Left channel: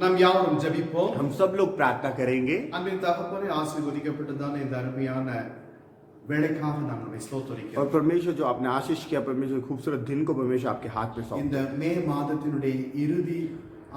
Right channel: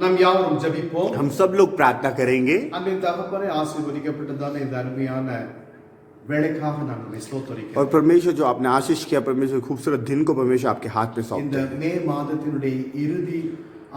நாம் யாவரும் ஜெபிப்போம். हम सब लोग प्रार्थना करेंगे। அன்பின் தகப்பனே, ஆசீர்வதிக்கப்பட்டதான இந்த அருமையான வேளைக்காக நான் உம்மை और ஸ்தோத்திரிக்கிறேன். परमेश्वर जो आपने आशीष किया, परमेश्वर खूबसूरत दिन को परमेश्वर आपके हाथ में सौंप இந்த மே மாதத்தினுடைய இறுதி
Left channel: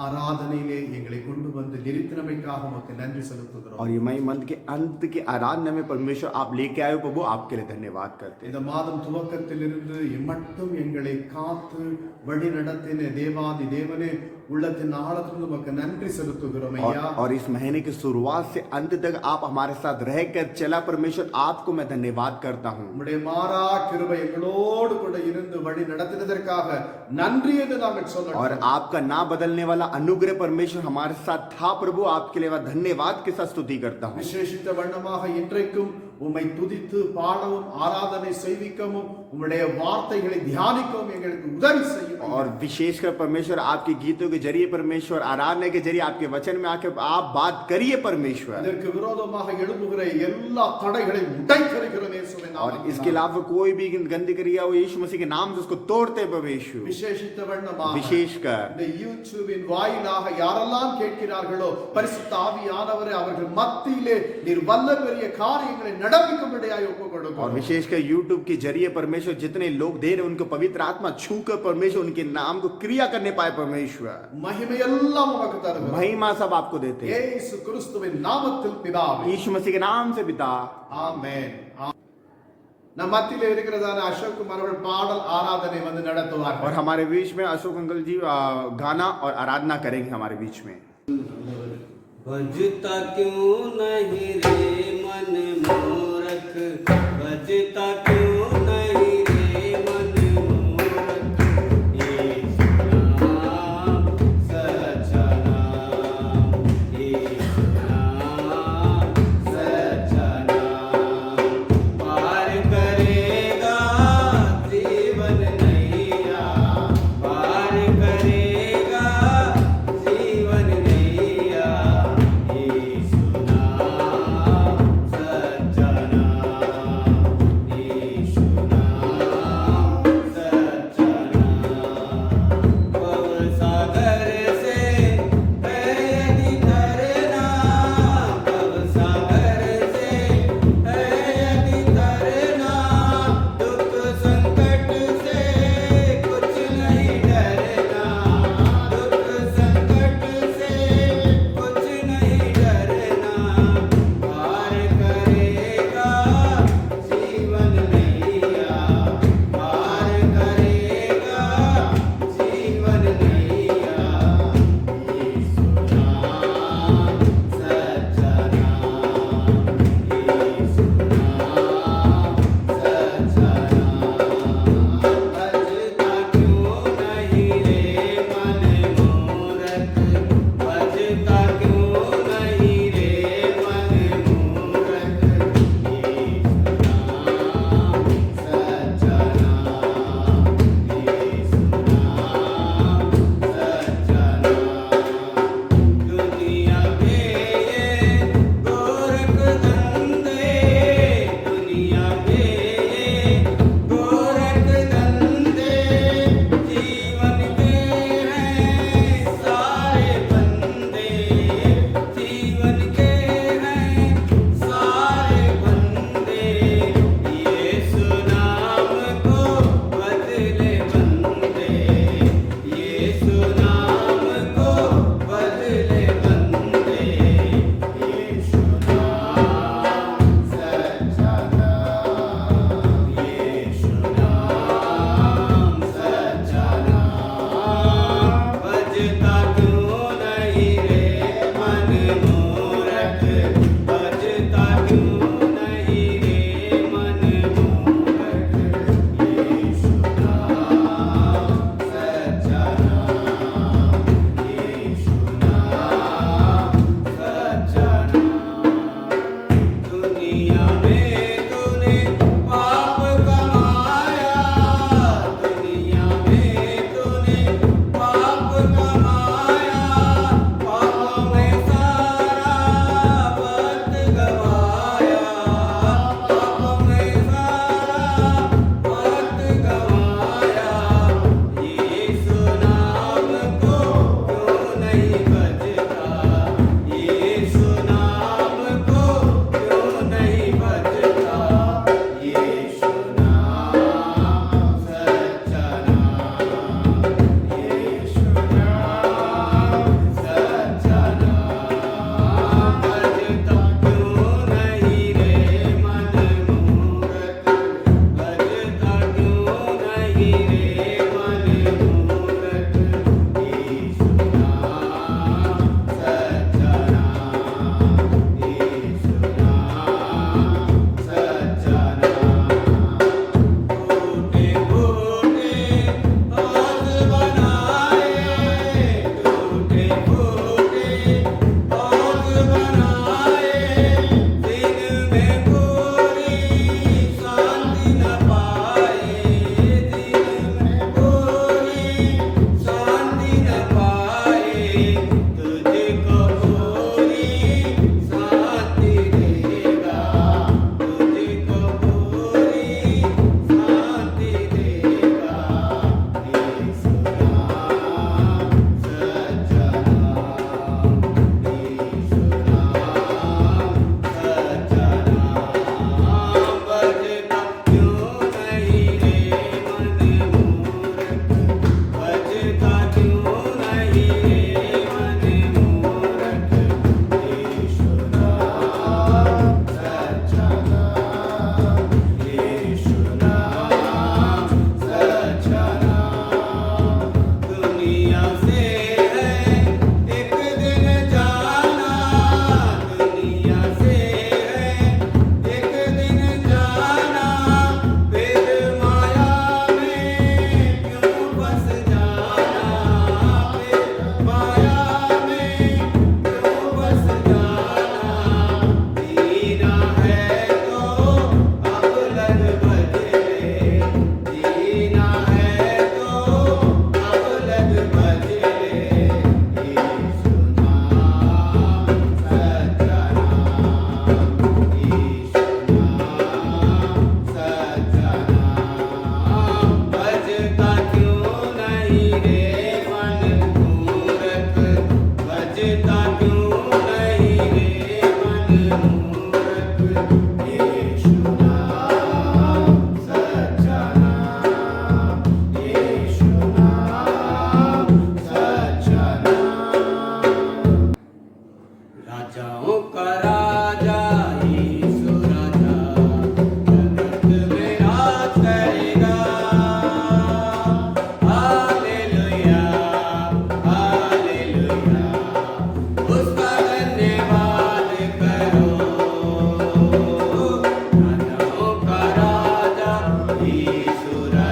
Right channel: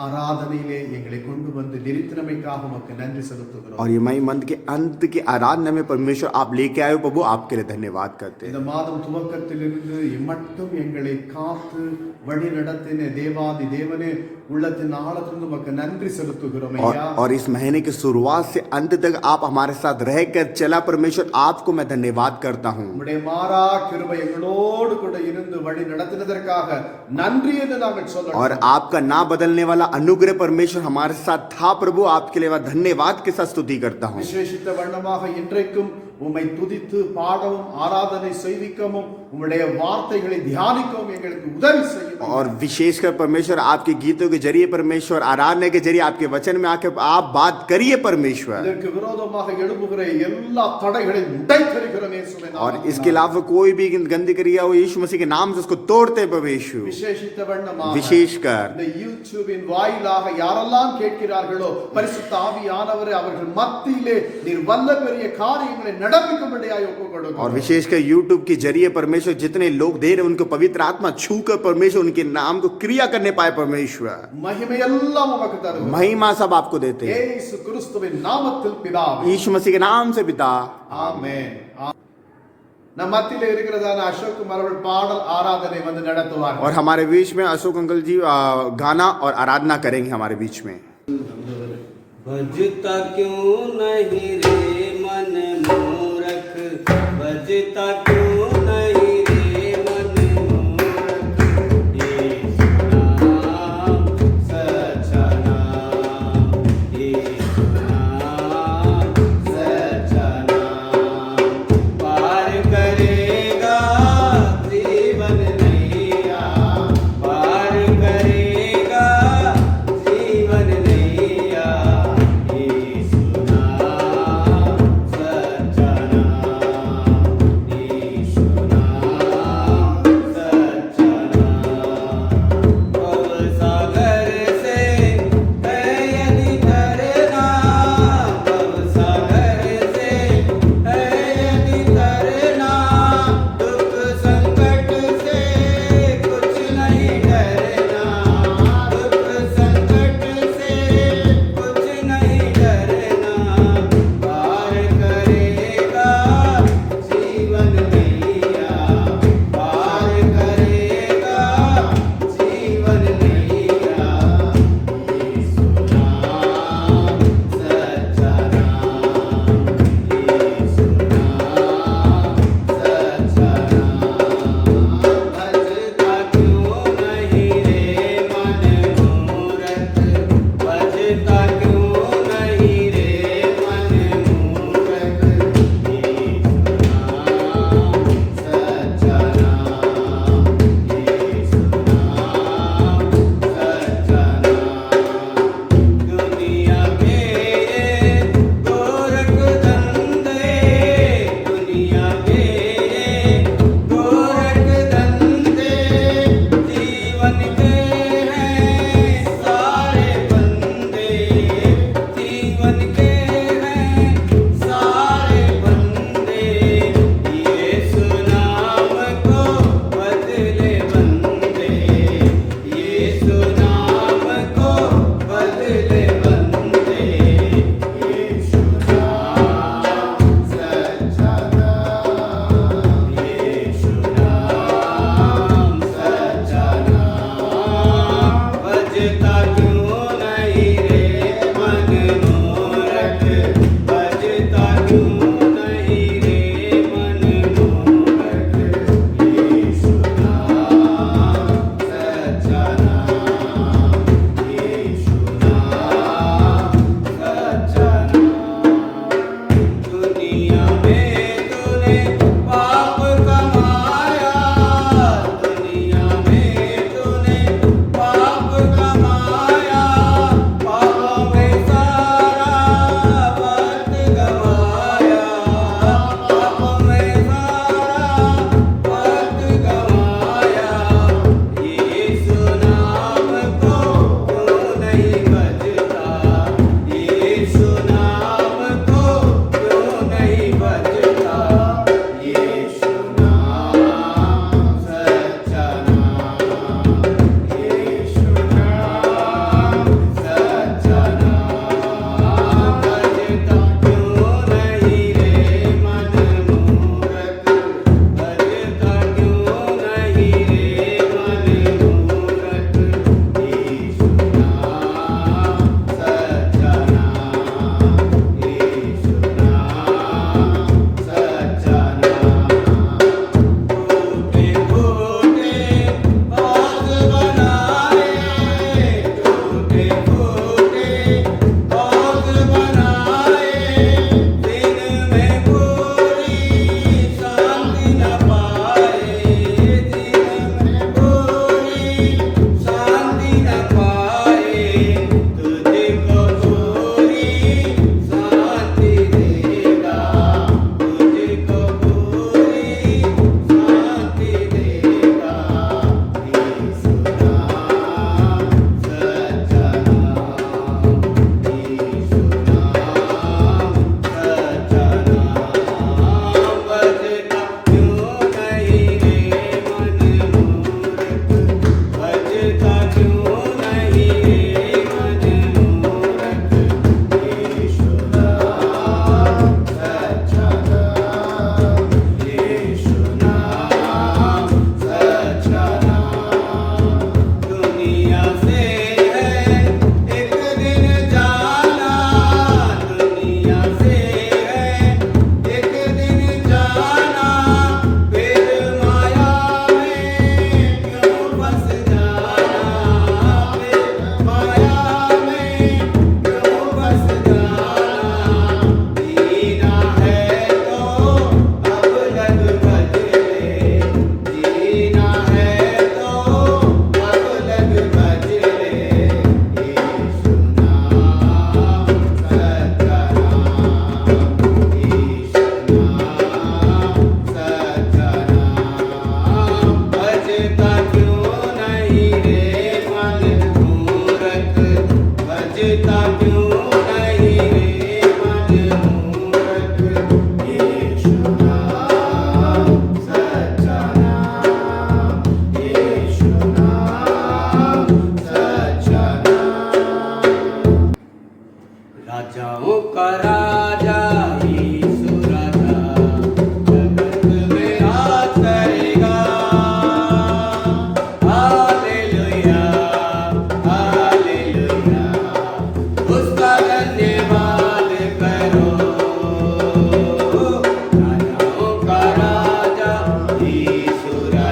ஆராதனையிலே எங்களை கொண்டு வந்து நிறுத்தினமைக்காக உமக்கு நன்றி செலுத்துகிறோம். और ये मई मंथ के अंत के आराधना में परमेश्वर आप लेके आए हो प्रभु, आपके लिए धन्यवाद करते हैं। இந்த மாதம் துவக்கத்திலிருந்து இம்மட்டும் எங்களை காத்து வழி நடத்தின தேவாதி தேவனே, உள்ளத்தின் ஆழத்திலிருந்து உமக்கு நன்றி செலுத்துகிறோம் ஐயா. और इस महीने की शुरुआत से अंत तक आप हमारे साथ रहकर चला, परमेश्वर आपको मैं धन्यवाद करता हूँ। உம்முடைய மாறா கிருபை எங்களோடு கூட இருந்து வழி நடத்தினதற்காக நன்றி என்று நாங்கள் சொல்லணும். और आपका ना बदलने वाला अनुग्रह परमेश्वर हमारे साथ था प्रभु, आपके लिए मैं धन्यवाद के साथ स्तुति करता हूँ। விசேஷித்த வண்ணமாக இன்றைக்கும் உம்மை துதித்து பாடவும் ஆராதனை செய்விக்கவும் உம்முடைய வார்த்தைகளை தியானிக்கவும் எங்களுக்கு உதவி செய்யும். और विशेषकर परमेश्वर आपके गीतों के जरिए, परमेश्वर आराधना के जरिए, आपके वचन में आके आप बात करिए परमेश्वर। இதற்கு விரோதமாக எழும்புகிற எல்லா தடைகளையும் உடைத்தெறிகிறோம் இயேசுவின் और நாமத்தினாலே. इसके अलावा कोई भी गंदी क्रिया हो, यीशु मसीह के नाम से उसको तोड़ते हैं परमेश्वर। விசேஷித்த வண்ணமாக विशेषकर இந்த யூடியூபின் வாயிலாக யாரெல்லாம் கேட்கிறார்களோ, பரிசுத்த ஆவியானவரே அவர்கள் மத்தியிலே நீர் வல்ல பெரிய காரியங்களை நடப்பிக்கும்படியாய் ஒப்புக் और கொடுக்கிறோம். विशेषकर यूट्यूब के जरिए परमेश्वर जितने लोग दे रहे उनको पवित्र आत्मा छूकर परमेश्वर उनके नाम को क्रिया करने पाए परमेश्वर। மகிமையெல்லாம் உமக்கு தருகிறோம். महिमा सब आपको देते हैं இயேசு கிறிஸ்துவின் நாமத்தில் பிதாவே, यीशु मसीह के नाम से पिता। ஆமென். நம் மத்தியிலே இருக்கிறதான அசோக் குமார் அவர்கள் பாடல் ஆராதனை வந்து நடத்துவார்கள். और हमारे बीच में अशोक अंकल जी गाना और आराधना करेंगे हमारे बीच में। बजता क्यों नहीं रे मन मूरख, बजता क्यों नहीं रे मन मूरख, यीशु नाम सच्चा नाम, यीशु नाम सच्चा नाम, पार करेगा जीवन नैया, पार करेगा जीवन नैया, यीशु नाम सच्चा नाम,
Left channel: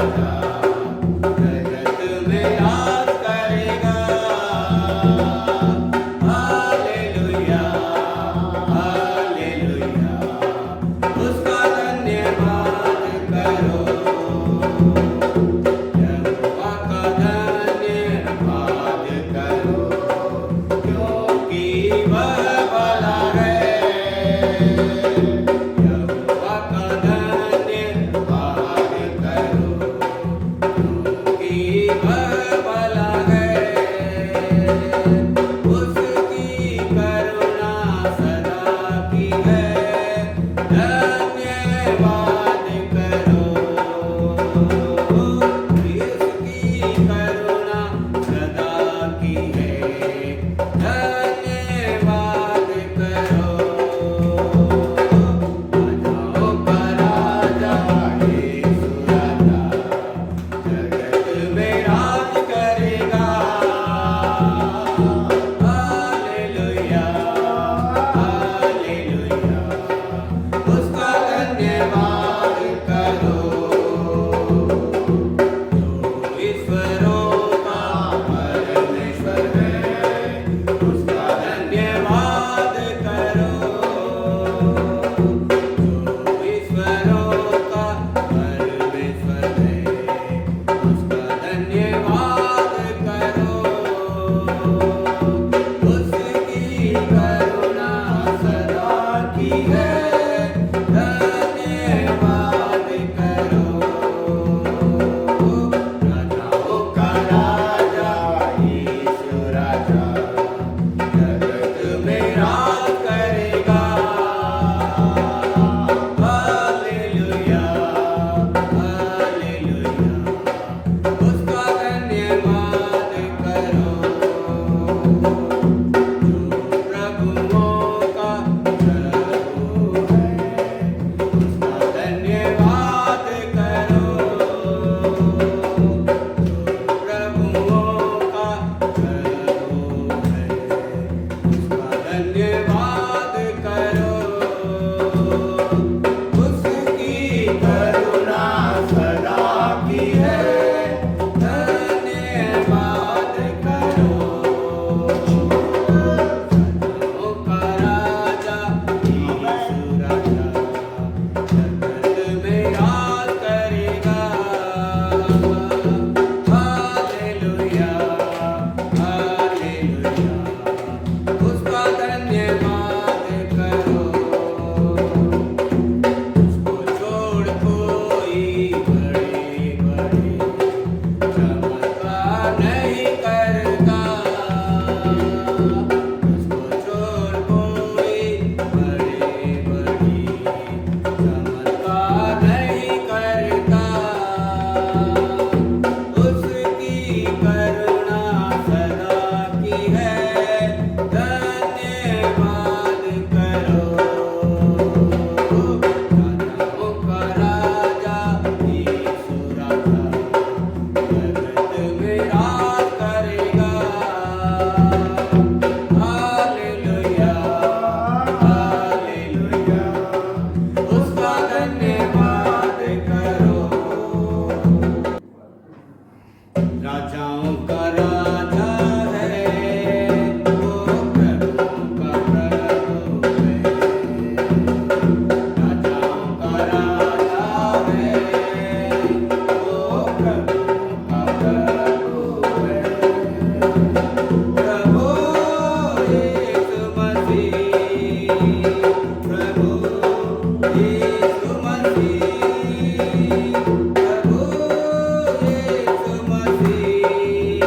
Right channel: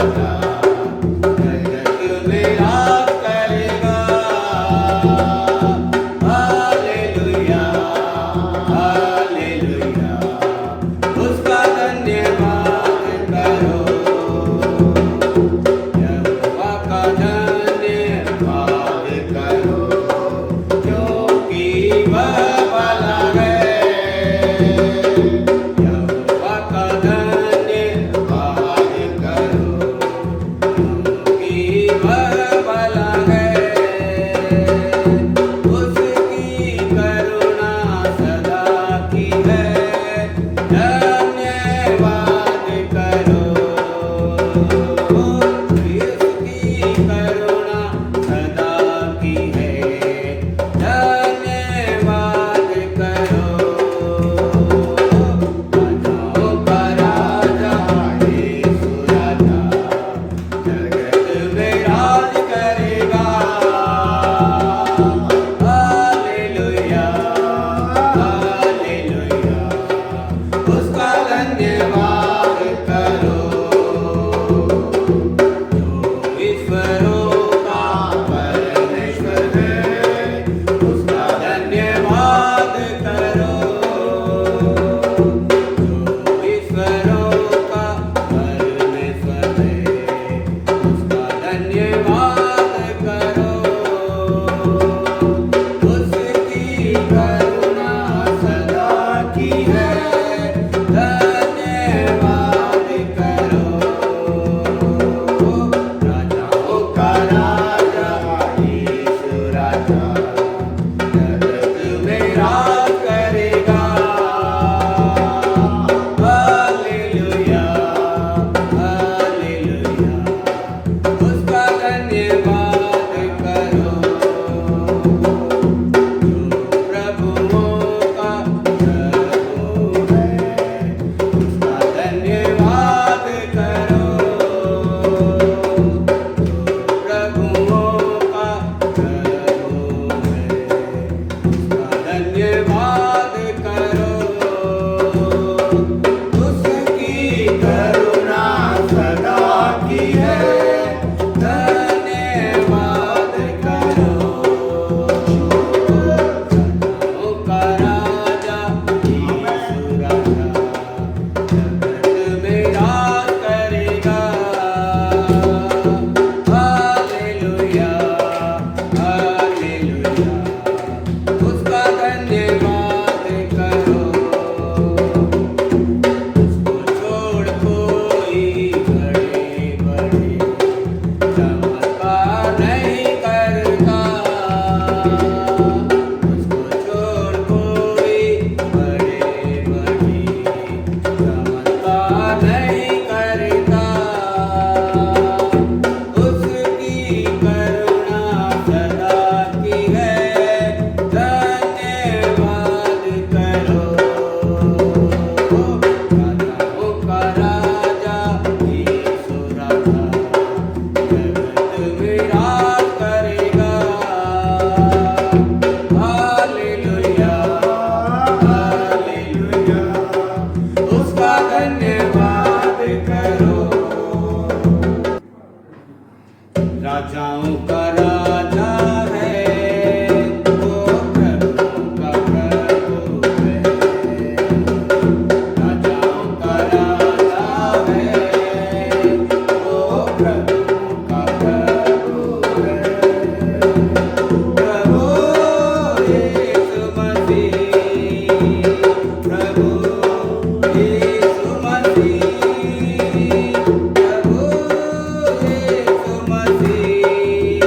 राजा जगत में राज करेगा। हालेलुया हालेलुया उसका धन्यवाद करो। यहोवा का धन्यवाद करो क्योंकि वह भला है। यहोवा का धन्यवाद करो क्योंकि वह भला है। उसकी करुणा सदा की है। धन्यवाद करो। उसकी करुणा सदा की है। धन्यवाद करो। राजाओं का राजा यीशु राजा जगत में राज करेगा। हालेलुया हालेलुया उसका धन्यवाद करो। जो ईश्वरों का परमेश्वर है उसका धन्यवाद करो। जो ईश्वरों का परमेश्वर है उसका धन्यवाद करो। उसकी करुणा सदा की है। धन्यवाद करो। राजाओं का राजा यीशु राजा जगत में राज करेगा। हालेलुया हालेलुया उसका धन्यवाद करो। जो प्रभुओं का प्रभु है उसका धन्यवाद करो। जो प्रभुओं का प्रभु है उसका धन्यवाद करो। उसकी करुणा सदा की है। धन्यवाद करो। राजाओं का राजा यीशु राजा जगत में राज करेगा। हालेलुया हालेलुया उसका धन्यवाद करो। उसको छोड़ कोई बड़े बड़े चमत्कार नहीं करता। उसको छोड़ कोई बड़े बड़े चमत्कार नहीं करता। उसकी करुणा सदा की है। धन्यवाद करो। राजाओं का राजा यीशु राजा जगत में राज करेगा। हालेलुया हालेलुया उसका धन्यवाद करो। राजाओं का राजा है वो प्रभुओं का प्रभु है। राजाओं का राजा है वो प्रभुओं का प्रभु है। प्रभु यीशु मसीह प्रभु यीशु मसीह प्रभु यीशु मसीह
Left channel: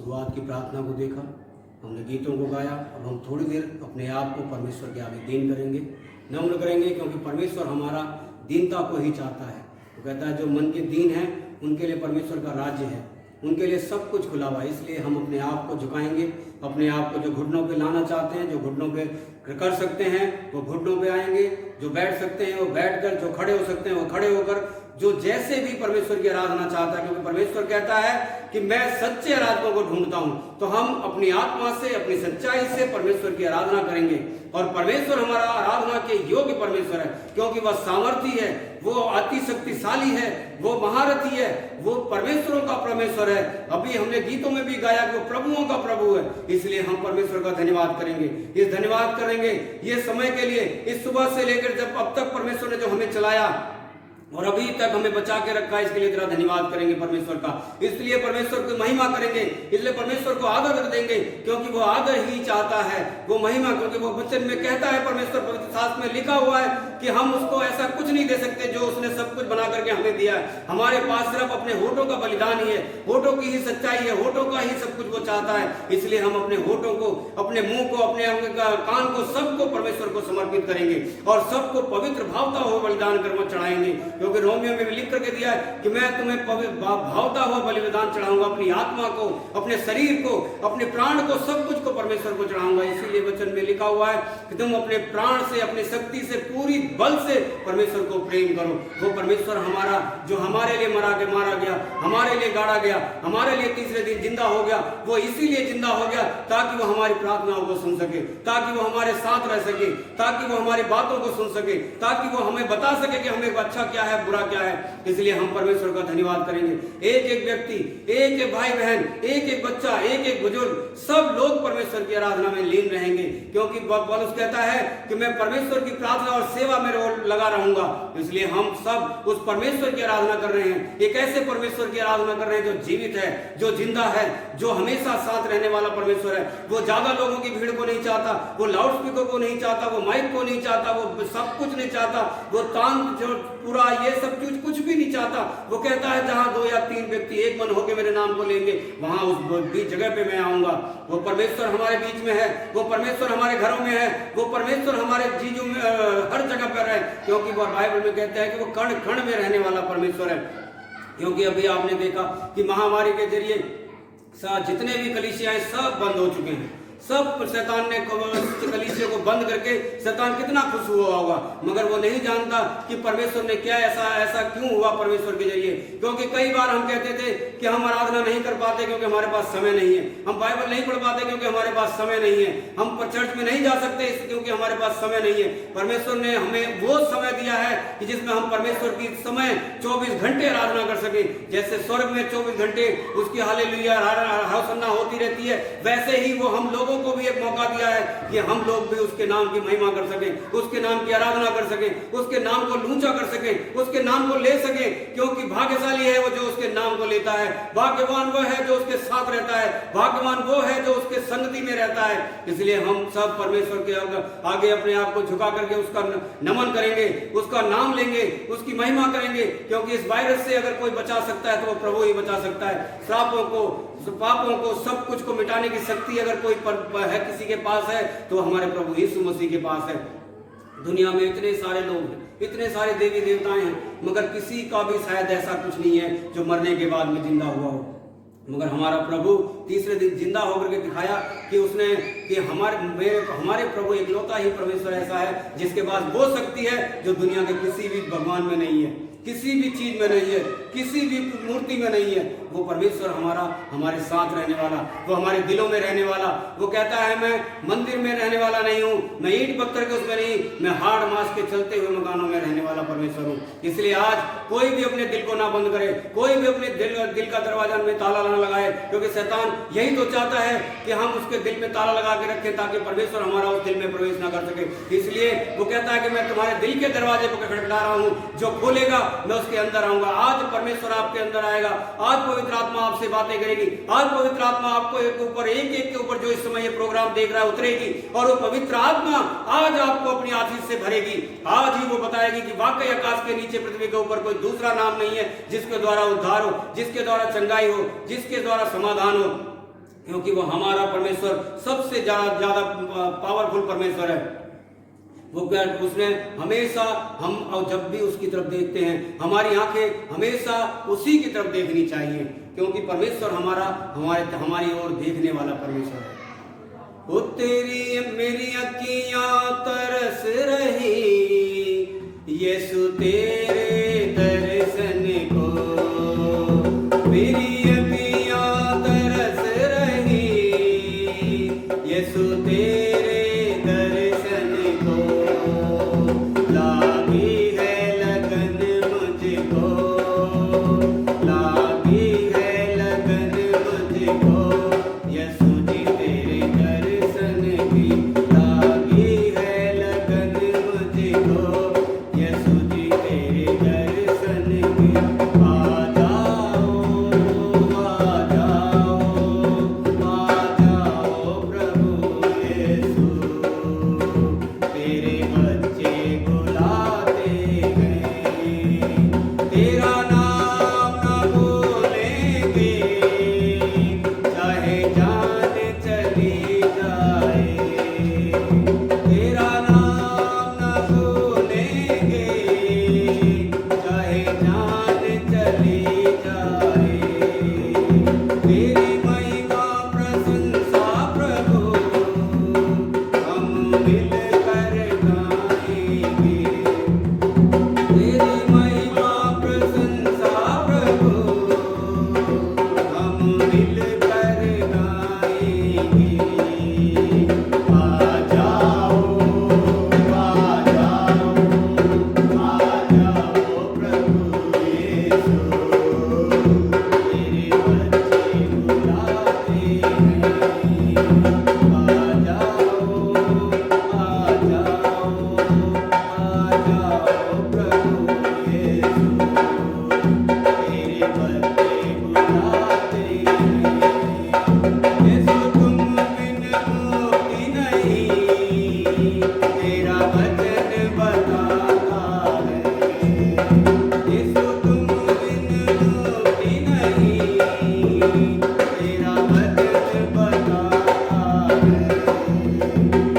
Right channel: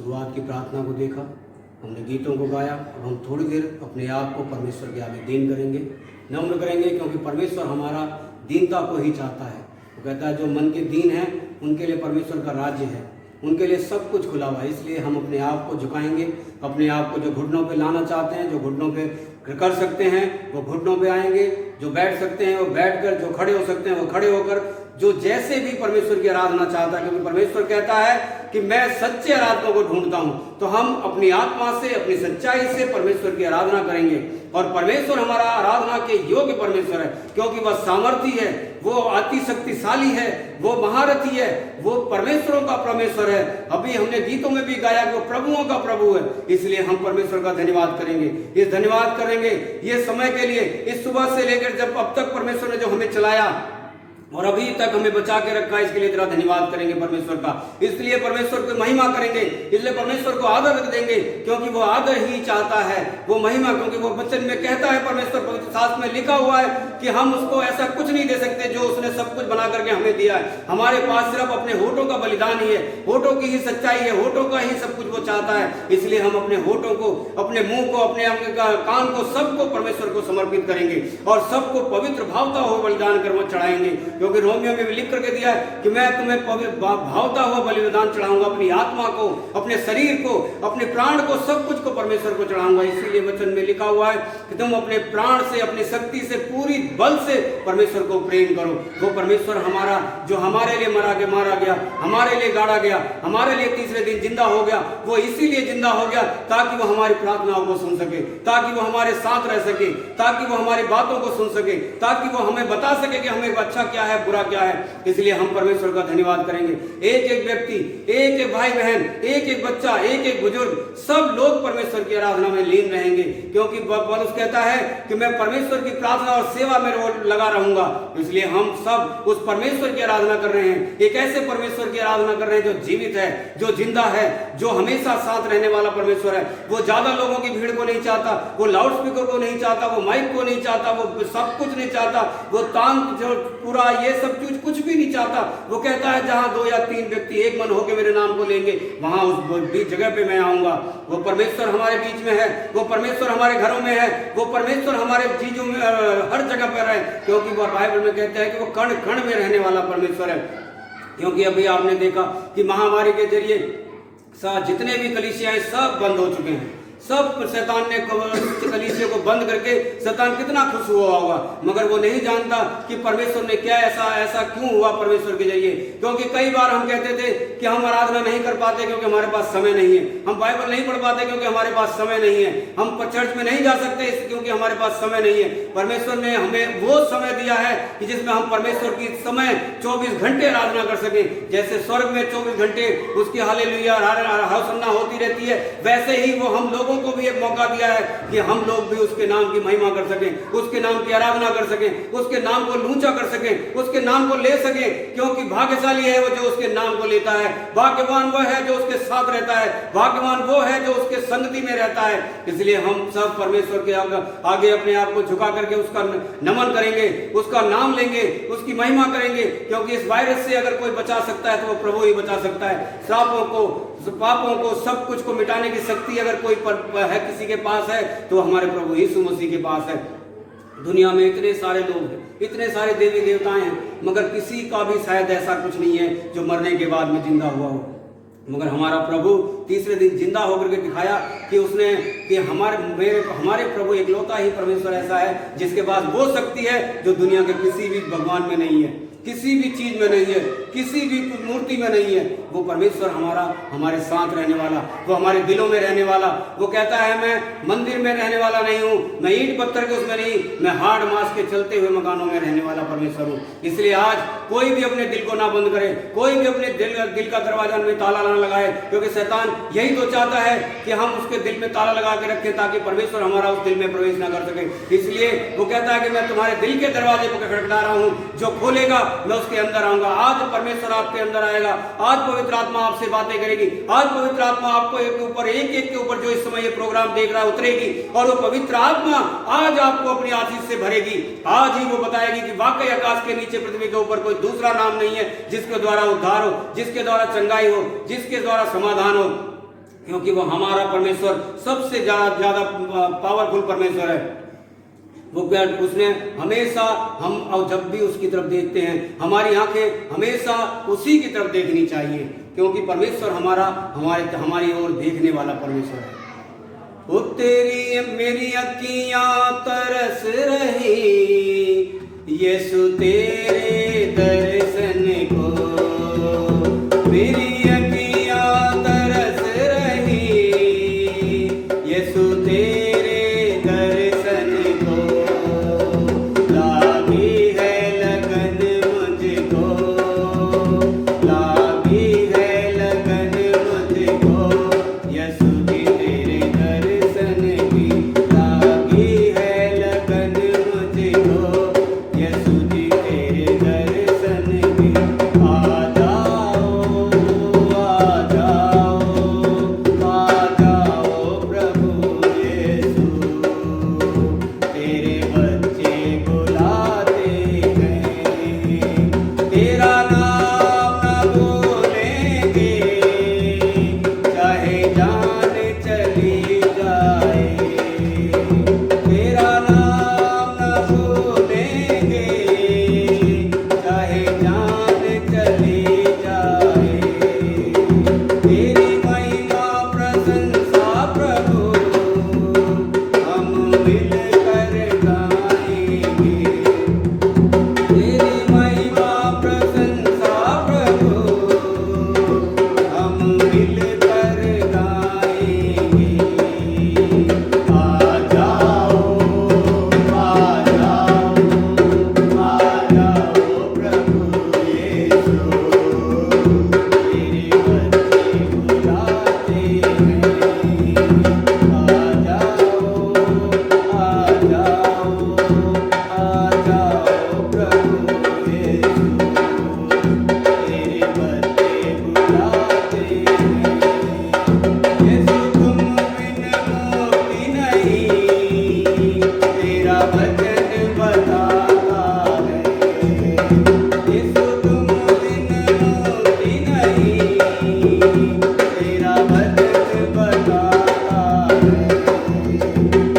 शुरुआत की प्रार्थना को देखा, हमने गीतों को गाया। अब हम थोड़ी देर अपने आप को परमेश्वर के आगे दीन करेंगे, नम्र करेंगे, क्योंकि परमेश्वर हमारा दीनता को ही चाहता है। वो कहता है जो मन के दीन हैं उनके लिए परमेश्वर का राज्य है, उनके लिए सब कुछ खुला हुआ है। इसलिए हम अपने आप को झुकाएंगे, अपने आप को जो घुटनों पे लाना चाहते हैं, जो घुटनों पे कर सकते हैं वो घुटनों पे आएंगे, जो बैठ सकते हैं वो बैठकर, जो खड़े हो सकते हैं वो खड़े होकर, जो जैसे भी परमेश्वर की आराधना चाहता है, क्योंकि परमेश्वर कहता है कि मैं सच्चे आराधकों को ढूंढता हूं। तो हम अपनी आत्मा से, अपनी सच्चाई से परमेश्वर की आराधना करेंगे। और परमेश्वर हमारा आराधना के योग्य परमेश्वर है, क्योंकि वह सामर्थी है, वो अति शक्तिशाली है, वो महारथी है, वो परमेश्वरों का परमेश्वर है। अभी हमने गीतों में भी गाया कि वो प्रभुओं का प्रभु है। इसलिए हम परमेश्वर का धन्यवाद करेंगे, इस धन्यवाद करेंगे ये समय के लिए, इस सुबह से लेकर जब अब तक परमेश्वर ने जो हमें चलाया और अभी तक हमें बचा के रखा है, इसके लिए तेरा धन्यवाद करेंगे परमेश्वर का। इसलिए परमेश्वर की महिमा करेंगे, इसलिए परमेश्वर को आदर देंगे, क्योंकि वो आदर ही चाहता है, वो महिमा। क्योंकि वो वचन में कहता है, परमेश्वर पवित्र शास्त्र में लिखा हुआ है कि हम उसको ऐसा कुछ नहीं दे सकते जो उसने सब कुछ बना करके हमें दिया है। हमारे पास सिर्फ अपने होठों का बलिदान ही है, होठों की ही सच्चाई है, होठों का ही सब कुछ वो चाहता है। इसलिए हम अपने होठों को, अपने मुंह को, अपने कान को, सबको परमेश्वर को समर्पित करेंगे और सबको पवित्र भावता हुआ बलिदान कर वो चढ़ाएंगे। क्योंकि रोमियो में भी लिख करके दिया है कि मैं तुम्हें भावता हुआ बलिदान चढ़ाऊंगा, अपनी आत्मा को, अपने शरीर को, अपने प्राण को, सब कुछ को परमेश्वर को चढ़ाऊंगा। इसीलिए वचन में लिखा हुआ है कि तुम अपने प्राण से, अपनी शक्ति से, पूरी बल से परमेश्वर को प्रेम करो। वो परमेश्वर हमारा जो हमारे लिए मारा गया, हमारे लिए गाड़ा गया, हमारे लिए तीसरे दिन जिंदा हो गया, वो इसीलिए जिंदा हो गया ताकि वो हमारी प्रार्थनाओं को सुन सके, ताकि वो हमारे साथ रह सके, ताकि वो हमारी बातों को सुन सके, ताकि वो हमें बता सके कि हमें अच्छा क्या है, बुरा क्या है। इसलिए हम परमेश्वर का धन्यवाद करेंगे। एक एक व्यक्ति, एक एक भाई बहन, एक एक बच्चा, एक एक बुजुर्ग, सब लोग परमेश्वर की आराधना में लीन रहेंगे, क्योंकि पौलुस कहता है कि मैं परमेश्वर की प्रार्थना और सेवा में लगा रहूंगा। इसलिए हम सब उस परमेश्वर की आराधना कर रहे हैं, एक ऐसे परमेश्वर की आराधना कर रहे हैं जो जीवित है, जो जिंदा है, जो हमेशा साथ रहने वाला परमेश्वर है। वो ज्यादा लोगों की भीड़ को नहीं चाहता, वो लाउड स्पीकर को नहीं चाहता, वो माइक को नहीं चाहता, वो सब कुछ नहीं चाहता, वो तान जो पूरा ये सब चीज कुछ भी नहीं चाहता। वो कहता है जहां 2 या 3 व्यक्ति एक मन होकर मेरे नाम को लेंगे, वहां उस जगह पे मैं आऊंगा। वो परमेश्वर हमारे बीच में है, वो परमेश्वर हमारे घरों में है, वो परमेश्वर हमारे चीजों में हर जगह पर है, क्योंकि वो बाइबल में कहता है कि वो कण कण में रहने वाला परमेश्वर है। क्योंकि अभी आपने देखा कि महामारी के जरिए जितने भी कलीसियां सब बंद हो चुके हैं, सब शैतान ने कलीसिया को बंद करके शैतान कितना खुश हुआ होगा, मगर वो नहीं जानता कि परमेश्वर ने क्या ऐसा क्यों हुआ परमेश्वर के जरिए। क्योंकि कई बार हम कहते थे कि हम आराधना नहीं कर पाते क्योंकि हमारे पास समय नहीं है, हम बाइबल नहीं पढ़ पाते क्योंकि हमारे पास समय नहीं है, हम चर्च में नहीं जा सकते क्योंकि हमारे पास समय नहीं है। परमेश्वर ने हमें वो समय दिया है कि जिसमें हम परमेश्वर की समय 24 घंटे आराधना कर सके। जैसे स्वर्ग में 24 घंटे उसकी हालेलुया होसन्ना होती रहती है, वैसे ही वो हम लोगों को भी एक मौका दिया है कि हम लोग भी उसके नाम की महिमा कर सकें, उसके नाम की आराधना कर सकें, उसके नाम को ऊंचा कर सकें, उसके नाम को ले सकें। क्योंकि भाग्यशाली है वो जो उसके नाम को लेता है, भाग्यवान वो है जो उसके साथ रहता है, भाग्यवान वो है जो उसके संगति में रहता है। इसलिए हम सब परमेश्वर के आगे अपने आप को झुका करके उसका नमन करेंगे, उसका नाम लेंगे, उसकी महिमा करेंगे। क्योंकि इस वायरस से अगर कोई बचा सकता है तो वो प्रभु ही बचा सकता है। श्रापों को, पापों को, सब कुछ को मिटाने की शक्ति अगर कोई है किसी के पास है तो हमारे प्रभु यीशु मसीह के पास है। दुनिया में इतने सारे लोग हैं, इतने सारे देवी देवताएं हैं, मगर किसी का भी शायद ऐसा कुछ नहीं है जो मरने के बाद में जिंदा हुआ हो। मगर हमारा प्रभु तीसरे दिन जिंदा होकर के दिखाया कि उसने कि हमारे प्रभु एकलौता ही परमेश्वर ऐसा है जिसके पास वो शक्ति है जो दुनिया के किसी भी भगवान में नहीं है, किसी भी चीज में नहीं है, किसी भी मूर्ति में नहीं है। वो परमेश्वर हमारे साथ रहने वाला, वो हमारे दिलों में रहने वाला। वो कहता है मैं मंदिर में रहने वाला नहीं हूँ, मैं ईंट पत्थर के उसमें नहीं, मैं हाड़ मांस के चलते हुए मकानों में रहने वाला परमेश्वर हूँ। इसलिए आज कोई भी अपने दिल को ना बंद करे, कोई भी अपने दिल का दरवाजा में ताला ना लगाए, क्योंकि शैतान यही तो चाहता है कि हम उसके दिल में ताला लगा के रखें ताकि परमेश्वर हमारा उस दिल में प्रवेश ना कर सके। इसलिए वो कहता है कि मैं तुम्हारे दिल के दरवाजे को खटखटा रहा हूँ, जो खोलेगा मैं उसके अंदर आऊंगा। आज परमेश्वर आपके अंदर आएगा, आज पवित्र आत्मा आपसे बातें करेगी, आज पवित्र आत्मा आपको एक के ऊपर जो इस समय ये प्रोग्राम देख रहा है उतरेगी, और वो पवित्र आत्मा आज आपको अपनी आशीष से भरेगी। आज ही वो बताएगी कि वाकई आकाश के नीचे पृथ्वी के ऊपर कोई दूसरा नाम नहीं है जिसके द्वारा उद्धार हो, जिसके द्वारा चंगाई हो, जिसके द्वारा समाधान हो। क्योंकि वो हमारा परमेश्वर सबसे ज्यादा पावरफुल परमेश्वर है। वो क्या, उसने हमेशा हम और जब भी उसकी तरफ देखते हैं हमारी आंखें हमेशा उसी की तरफ देखनी चाहिए, क्योंकि परमेश्वर हमारी ओर देखने वाला परमेश्वर है। ओ तेरी मेरी अखियां तरस रही यीशु तेरे दर्शन को, मेरी अखियां तरस रही यीशु तेरे दर्शन को, लागी है लगन मुझको, लागी है लगन मुझको यीशु जी तेरे दर्शन की, लागी है लगन मुझको यीशु जी तेरे दर्शन की। आ जाओ प्रभु यीशु, तेरे बच्चे बुलाते हैं, तेरा नाम न बोलेंगे चाहे जान चली जाए, तेरा नाम न बोलेंगे चाहे जान चली जाए, तेरी महिमा प्रशंसा प्रभु हम मिलकर गाएंगे, तेरी महिमा प्रशंसा प्रभु हम मिलकर गाएंगे। आ जाओ प्रभु यीशु, तेरे बच्चे बुलाते हैं। आ जाओ प्रभु यीशु, तेरे बच्चे बुलाते हैं। यीशु तुम बिन मुक्ति नहीं, तेरा वचन बताता है, यीशु तुम बिन मुक्ति नहीं, तेरा वचन बताता है।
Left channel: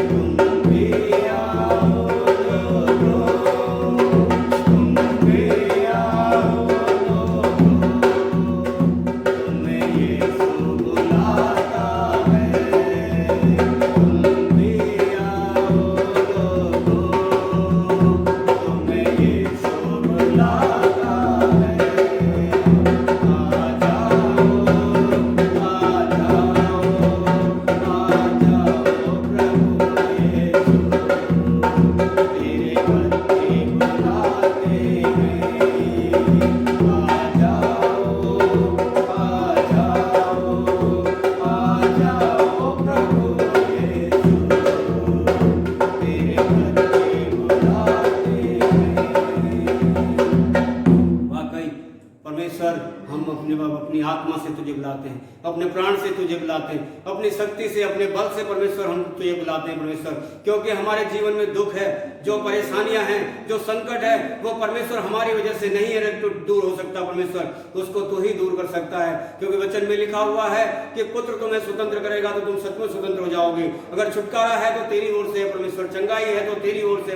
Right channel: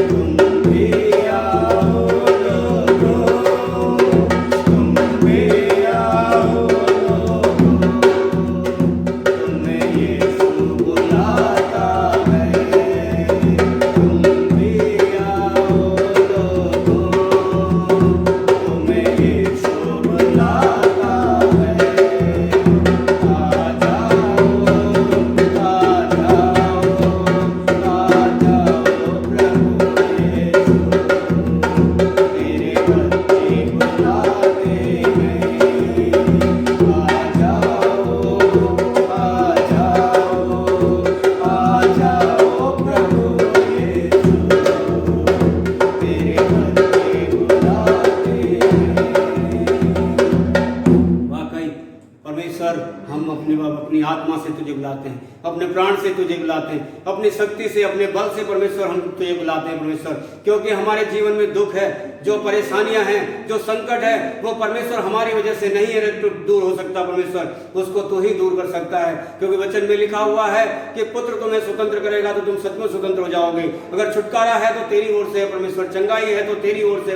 तुम भी आओ लोगों, तुम भी आओ लोगों, तुम्हें यीशु बुलाता है, तुम भी आओ लोगों, तुम्हें यीशु बुलाता है। आ जाओ प्रभु यीशु, तेरे बच्चे बुलाते हैं। आ जाओ प्रभु यीशु, तेरे बच्चे बुलाते हैं। वाकई परमेश्वर, हम अपनी आत्मा से तुझे बुलाते हैं, अपने प्राण से तुझे बुलाते हैं, अपनी शक्ति से अपने बल से परमेश्वर हम तुझे बुलाते हैं परमेश्वर, क्योंकि हमारे जीवन में दुख है, जो परेशानियां हैं, जो संकट है, वो परमेश्वर हमारी वजह से नहीं है तो दूर हो सकता परमेश्वर, उसको तू ही दूर कर सकता है। क्योंकि वचन में लिखा हुआ है कि पुत्र तुम्हें स्वतंत्र करेगा तो तुम सचमुच स्वतंत्र हो जाओगे। अगर छुटकारा है तो तेरी ओर से है परमेश्वर, चंगाई है तो तेरी ओर से,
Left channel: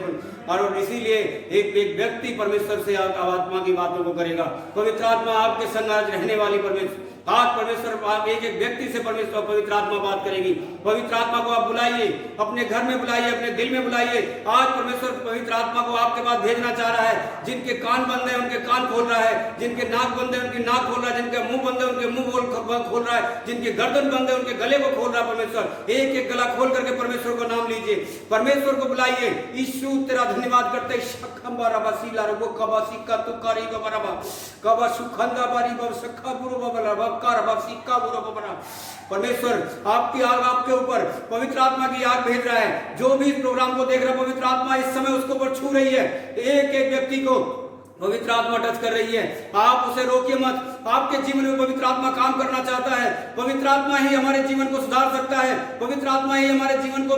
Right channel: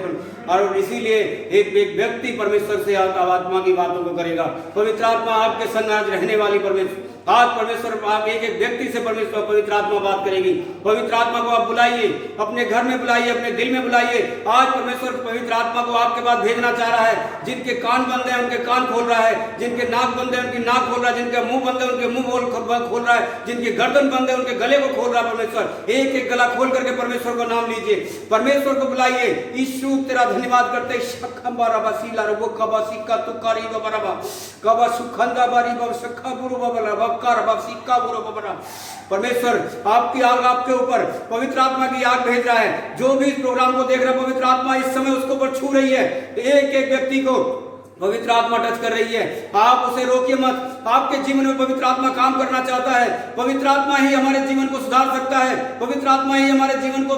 और इसीलिए एक व्यक्ति परमेश्वर से आत्मा की बातों को करेगा। पवित्र आत्मा आपके संग आज रहने वाली परमेश्वर, आज परमेश्वर आप एक व्यक्ति से परमेश्वर पवित्र आत्मा बात करेगी। पवित्र आत्मा को आप बुलाइए, अपने घर में बुलाइए, अपने दिल में बुलाइए। आज परमेश्वर पवित्र आत्मा को आपके पास भेजना चाह रहा है। जिनके कान बंद है उनके कान खोल रहा है, जिनके नाक बंद है उनकी नाक खोल रहा है, जिनके मुंह बंद है उनके मुंह खोल रहा है, जिनके गर्दन बंद है उनके गले को खोल रहा है परमेश्वर। एक एक गला खोल करके परमेश्वर का नाम लीजिए, परमेश्वर को बुलाइए। यीशु तेरा धन्यवाद करते परमेश्वर आपकी आग आपके ऊपर पवित्र आत्मा की आग भेज रहा है। जो भी इस प्रोग्राम को देख रहा है पवित्र आत्मा इस समय उसके ऊपर छू रही है। एक एक व्यक्ति को पवित्र आत्मा टच कर रही है, आप उसे रोकिए मत। आपके जीवन में पवित्र आत्मा काम करना चाहता है। पवित्र आत्मा ही हमारे जीवन को सुधार सकता है। पवित्र आत्मा ही हमारे जीवन को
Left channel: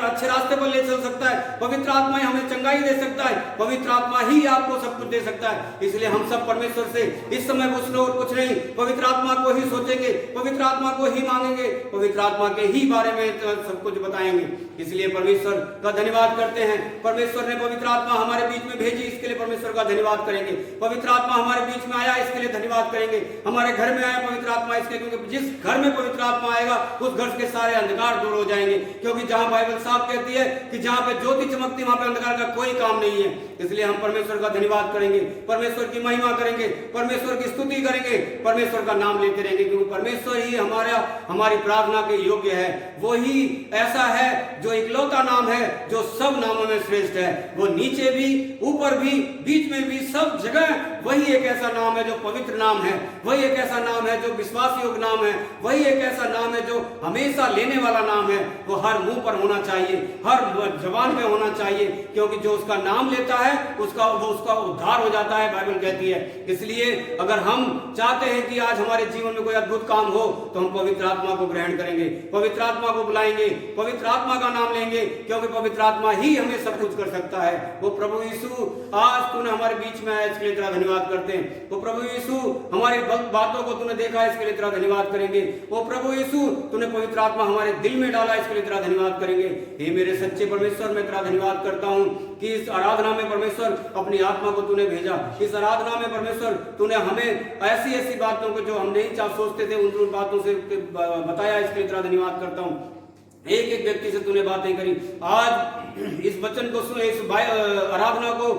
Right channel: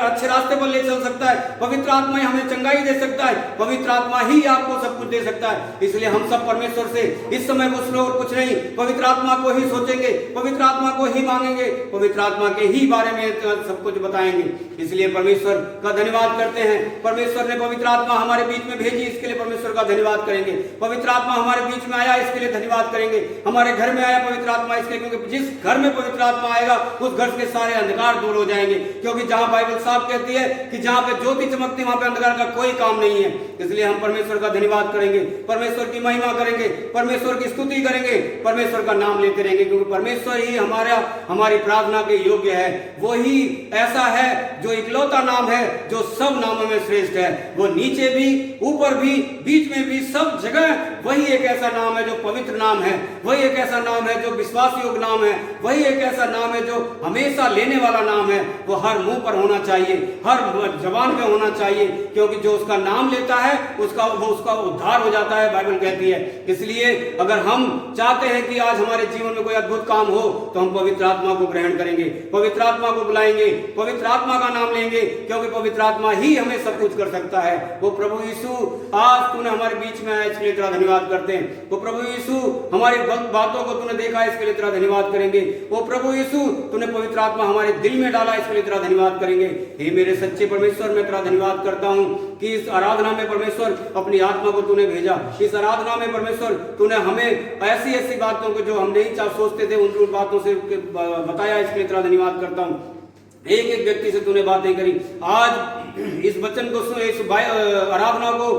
अच्छे रास्ते पर ले चल सकता है। पवित्र आत्मा ही हमें चंगाई दे सकता है। पवित्र आत्मा ही आपको सब कुछ दे सकता है। इसलिए हम सब परमेश्वर से इस समय कुछ नहीं, पवित्र आत्मा को ही सोचेंगे, पवित्र आत्मा को ही मांगेंगे, पवित्र आत्मा के ही बारे में सब कुछ बताएंगे। इसलिए परमेश्वर का धन्यवाद करते हैं। परमेश्वर ने पवित्र आत्मा हमारे बीच में भेजी, इसके लिए परमेश्वर का धन्यवाद करेंगे। पवित्र आत्मा हमारे बीच में आया, इसके लिए धन्यवाद करेंगे। हमारे घर में आया पवित्र आत्मा इसके लिए, क्योंकि जिस घर में पवित्र आत्मा आएगा उस घर के सारे अंधकार दूर हो जाएंगे। क्योंकि जहां बाइबल साफ कहती है कि जहां पे ज्योति चमकती वहां पे अंधकार का कोई काम नहीं है। इसलिए हम परमेश्वर का धन्यवाद करेंगे, परमेश्वर की महिमा करेंगे, परमेश्वर की स्तुति करेंगे, परमेश्वर का नाम लेते रहेंगे, क्योंकि परमेश्वर ही हमारी प्रार्थना के योग्य है। वो ही ऐसा है जो इकलौता नाम है जो सब नामों में श्रेष्ठ है। वो नीचे भी, ऊपर भी, बीच में भी, सब जगह वही एक ऐसा नाम है जो पवित्र नाम है। वही एक ऐसा नाम है जो विश्वास योग्य नाम है। वही एक ऐसा नाम है जो हमेशा लेने वाला नाम है। वो हर मुंह पर होना चाहिए, हर जबान पे होना चाहिए, क्योंकि जो उसका नाम लेता है उसका उद्धार हो जाता है, बाइबल कहती है। इसलिए अगर हम चाहते हैं कि आज हमारे जीवन में कोई अद्भुत काम हो तो हम पवित्र आत्मा को ग्रहण करेंगे, पवित्र आत्मा को बुलाएंगे, पवित्र आत्मा का नाम लेंगे, क्योंकि पवित्र आत्मा ही हमें सब कुछ कर सकता है। वो प्रभु यीशु, आज तूने हमारे बीच में आया, इसके लिए तेरा धन्यवाद करते हैं। वो प्रभु यीशु, हमारी बातों को तूने देखा, इसके लिए तेरा धन्यवाद करेंगे। वो प्रभु यीशु, तूने पवित्र आत्मा हमारे दिल में डाला, इसके लिए तेरा धन्यवाद करेंगे। हे मेरे सच्चे परमेश्वर, मैं तेरा धन्यवाद करता हूं कि इस आराधना में परमेश्वर अपनी आत्मा को तूने भेजा। इस आराधना में परमेश्वर तूने हमें ऐसी ऐसी बातों को जो हम नहीं सोचते थे उन बातों से बताया, इसके लिए तेरा धन्यवाद करता हूं। एक एक व्यक्ति से तूने बातें करी। आज इस वचन को, इस आराधना को,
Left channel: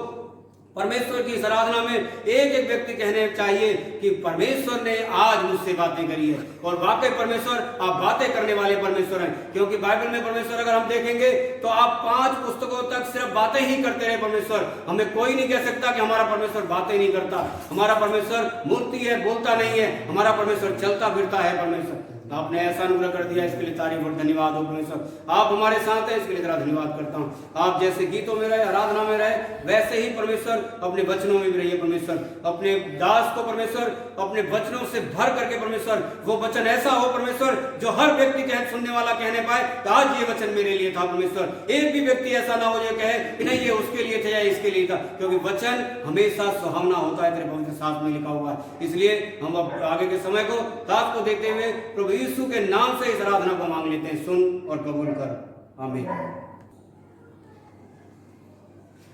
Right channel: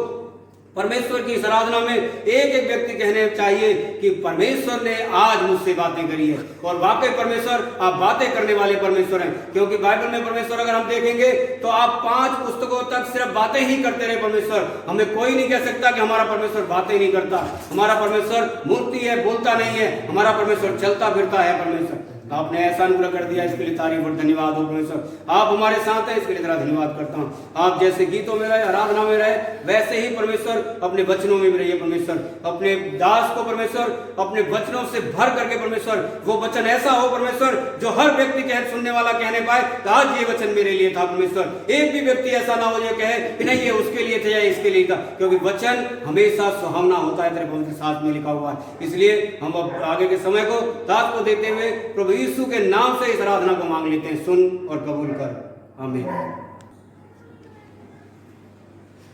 परमेश्वर की इस आराधना में एक एक व्यक्ति कहने चाहिए कि परमेश्वर ने आज मुझसे बातें करी है। और वाकई परमेश्वर, आप बातें करने वाले परमेश्वर हैं, क्योंकि बाइबल में परमेश्वर अगर हम देखेंगे तो आप 5 पुस्तकों तक सिर्फ बातें ही करते रहे परमेश्वर। हमें कोई नहीं कह सकता कि हमारा परमेश्वर बातें नहीं करता। हमारा परमेश्वर मूर्ति है, बोलता नहीं है। हमारा परमेश्वर चलता फिरता है। परमेश्वर, आपने ऐसा अनुग्रह कर दिया, इसके लिए तारीफ और धन्यवाद हो परमेश्वर। आप हमारे साथ हैं, इसके लिए तेरा धन्यवाद करता हूं। आप जैसे गीतों में रहे, आराधना में रहे, वैसे ही परमेश्वर अपने वचनों में भी रहिए परमेश्वर। अपने दास को परमेश्वर अपने वचनों से भर करके परमेश्वर, वो वचन ऐसा हो परमेश्वर जो हर व्यक्ति सुनने वाला कहने पाए तो आज ये वचन मेरे लिए था परमेश्वर। एक भी व्यक्ति ऐसा ना हो जो कहे कि नहीं ये उसके लिए था या इसके लिए था, क्योंकि वचन हमेशा सुहावना होता है, तेरे पवित्र शास्त्र में लिखा हुआ है। इसलिए हम अब आगे के समय को दास को देते हुए प्रभु यीशु के नाम से इस आराधना को मांग लेते हैं। सुन और कबूल कर, आमीन।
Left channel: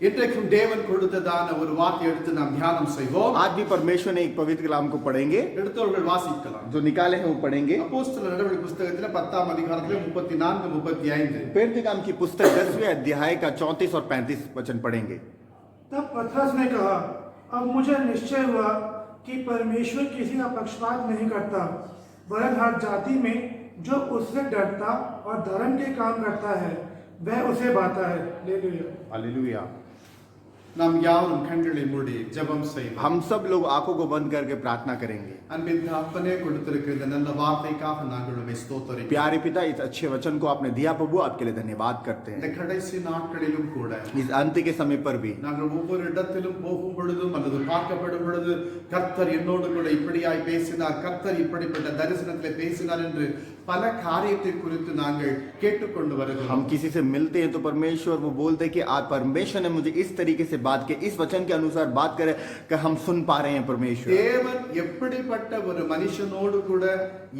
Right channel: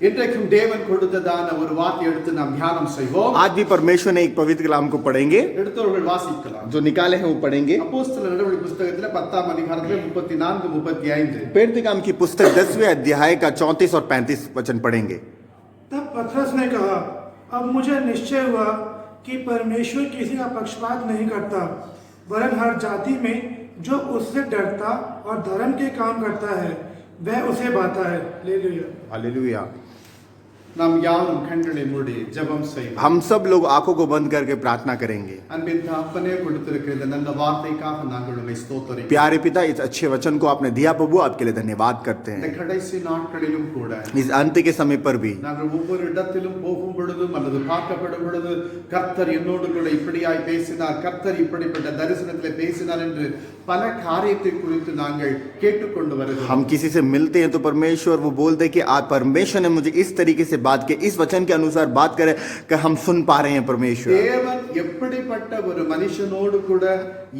இன்றைக்கும் தேவன் கொடுத்ததான ஒரு வார்த்தை எடுத்து நாம் தியானம் செய்வோம். आज भी परमेश्वर ने एक पवित्र कलाम को पढ़ेंगे, எடுத்தவர்கள் வாசிக்கலாம். जो निकाले हैं वो पढ़ेंगे। அப்போஸ்தலர் நடவடிக்கை புத்தகத்துல 10ஆம் அதிகாரத்துல 34 35 प्रेरित काम की पुस्तक 10वें अध्याय का 34 और 35 वचन पढ़ेंगे। तब पतरस ने कहा, अब मुझे निश्चय हुआ कि परमेश्वर किसी का पक्षपात नहीं करता, वरन हर जाति में जो उससे डरता और धर्म के काम करता है वह उसे बाता है। Hallelujah, hallelujah. நாம் யாவரும் கண்களை மூடி ஜெபம் செய்வோம். हम सब लोग आंखों को बंद करके प्रार्थना करेंगे। அன்பின் தகப்பனே, கொடுத்திருக்கிற இந்த நல்ல வார்த்தைக்காக நாங்கள் உம்மை ஸ்தோத்திரிக்கிறோம். प्यारे पिता, इस अच्छे वचन को आपने दिया प्रभु, आपके लिए धन्यवाद करते இந்த हैं। கடைசி நாட்களிலும் கூட इस अंत के समय पर भी நாங்கள் ஒவ்வொரு இடத்திலும் போகும் பொழுதும் அல்லது பார்க்கப்படும் பொழுது கர்த்தர் என்னோடு கூட இப்படியாய் பேசினார், கர்த்தர் இப்படிப்பட்ட தரிசனத்திலே பேசினார் என்று பல காரியத்தை குறித்து நாங்கள் கேட்டுக்கொண்டு வருகிறோம். हम किसी से मिलते हैं तो परमेश्वर वो बोलते हैं कि आज परमेश्वर ने मुझे इस तरीके से बात की, इस वचन के अनुसार बात करे कि हम सुन पा रहे हैं परमेश्वर। தேவன் எப்படிப்பட்ட ஒரு மனுஷனோடு கூட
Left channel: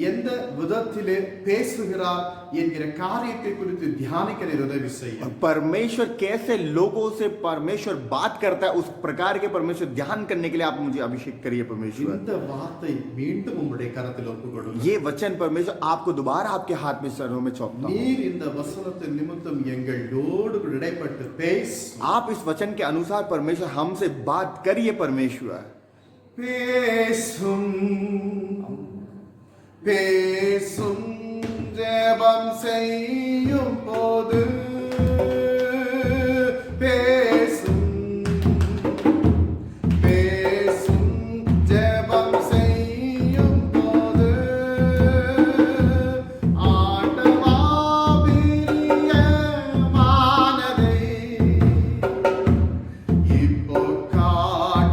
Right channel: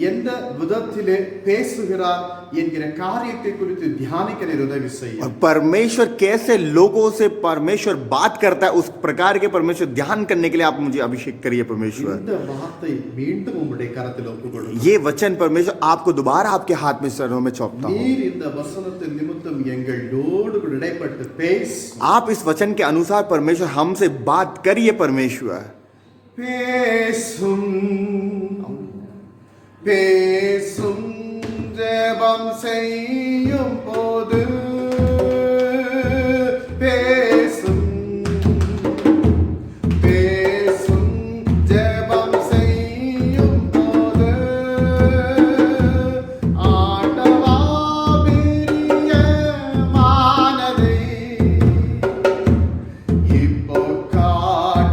எந்த விதத்திலே பேசுகிறார் என்கிற காரியத்தை குறித்து தியானிக்க உதவி செய்யும். परमेश्वर कैसे लोगों से परमेश्वर बात करता है, उस प्रकार के परमेश्वर ध्यान करने के लिए आप मुझे अभिषेक करिए परमेश्वर। இந்த வார்த்தை மீண்டும் உம்முடைய கரத்தில் ஒப்புக்கொடுக்கிறோம். ये वचन परमेश्वर आपको दोबारा आपके हाथ में चरणों में सौंपता हूं। நீர் இந்த வசனத்தின் நிமித்தம் எங்களோடு கூட இடைப்பட்டு பேசு. आप इस वचन के अनुसार परमेश्वर हमसे बात करिए परमेश्वर। பேசும் பேசும் ஜெபம் செய்யும் போது பேசும் பேசும் ஜெபம் செய்யும் போது ஆண்டவா பிரியமானதை இப்போ காண்கிறேன்.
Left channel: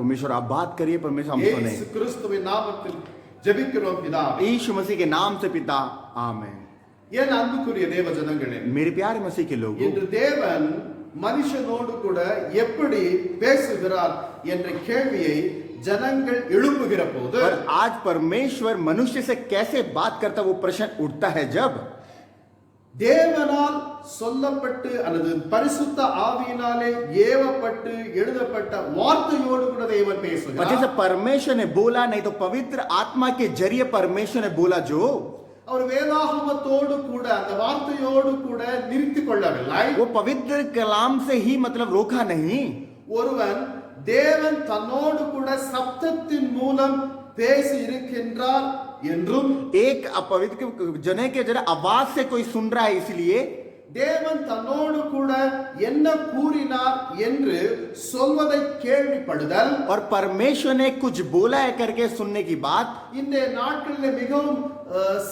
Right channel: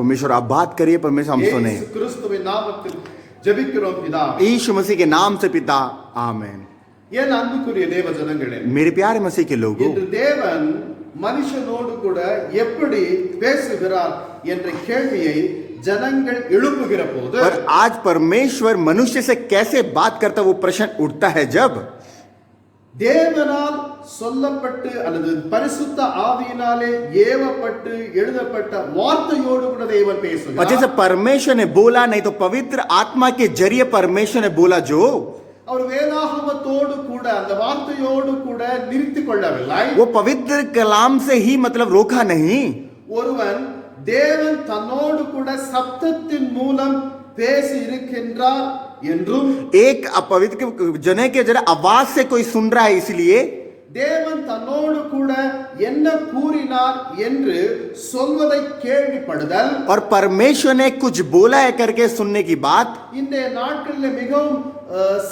परमेश्वर आप बात करिए, परमेश्वर हम सुने। இயேசு கிறிஸ்துவின் நாமத்தில் ஜெபிக்கிறோம் பிதாவே. यीशु मसीह के नाम से पिता, आमीन। என் அன்புக்குரிய தேவ ஜனங்களே, मेरे प्यारे मसीह के लोगों, இன்று தேவன் மனுஷனோடு கூட எப்படி பேசுகிறார் என்ற கேள்வியை ஜனங்கள் எழுப்புகிற போது, और आज परमेश्वर मनुष्य से कैसे बात करता वो प्रश्न उठता है जब தேவனால் சொல்லப்பட்டு அல்லது பரிசுத்த ஆவியினாலே ஏவப்பட்டு எழுதப்பட்ட வார்த்தையோடு கூட தேவன் और பேசுகிறார். जैसे परमेश्वर ने बोला, नहीं तो पवित्र आत्मा के जरिए परमेश्वर ने बोला जो, அவர் வேதாகமத்தோடு கூட அந்த வார்த்தையோடு கூட நிறுத்திக் கொள்ளவில்லை. वो पवित्र कलाम से ही मतलब रोका नहीं। ஒருவன் தேவன் தன்னோடு கூட சப்தத்தின் மூலம் பேசி இருக்கின்றார் என்றும், एक अपवित्र जने के जरा आवाज से कोई सुन रहा है इसलिए, தேவன் தன்னோடு கூட என்ன கூறினார் என்று சொல்வதை கேள்விப்படுதல் और परमेश्वर ने कुछ बोला है करके सुनने की बात, இன்றைய நாட்களில் மிகவும்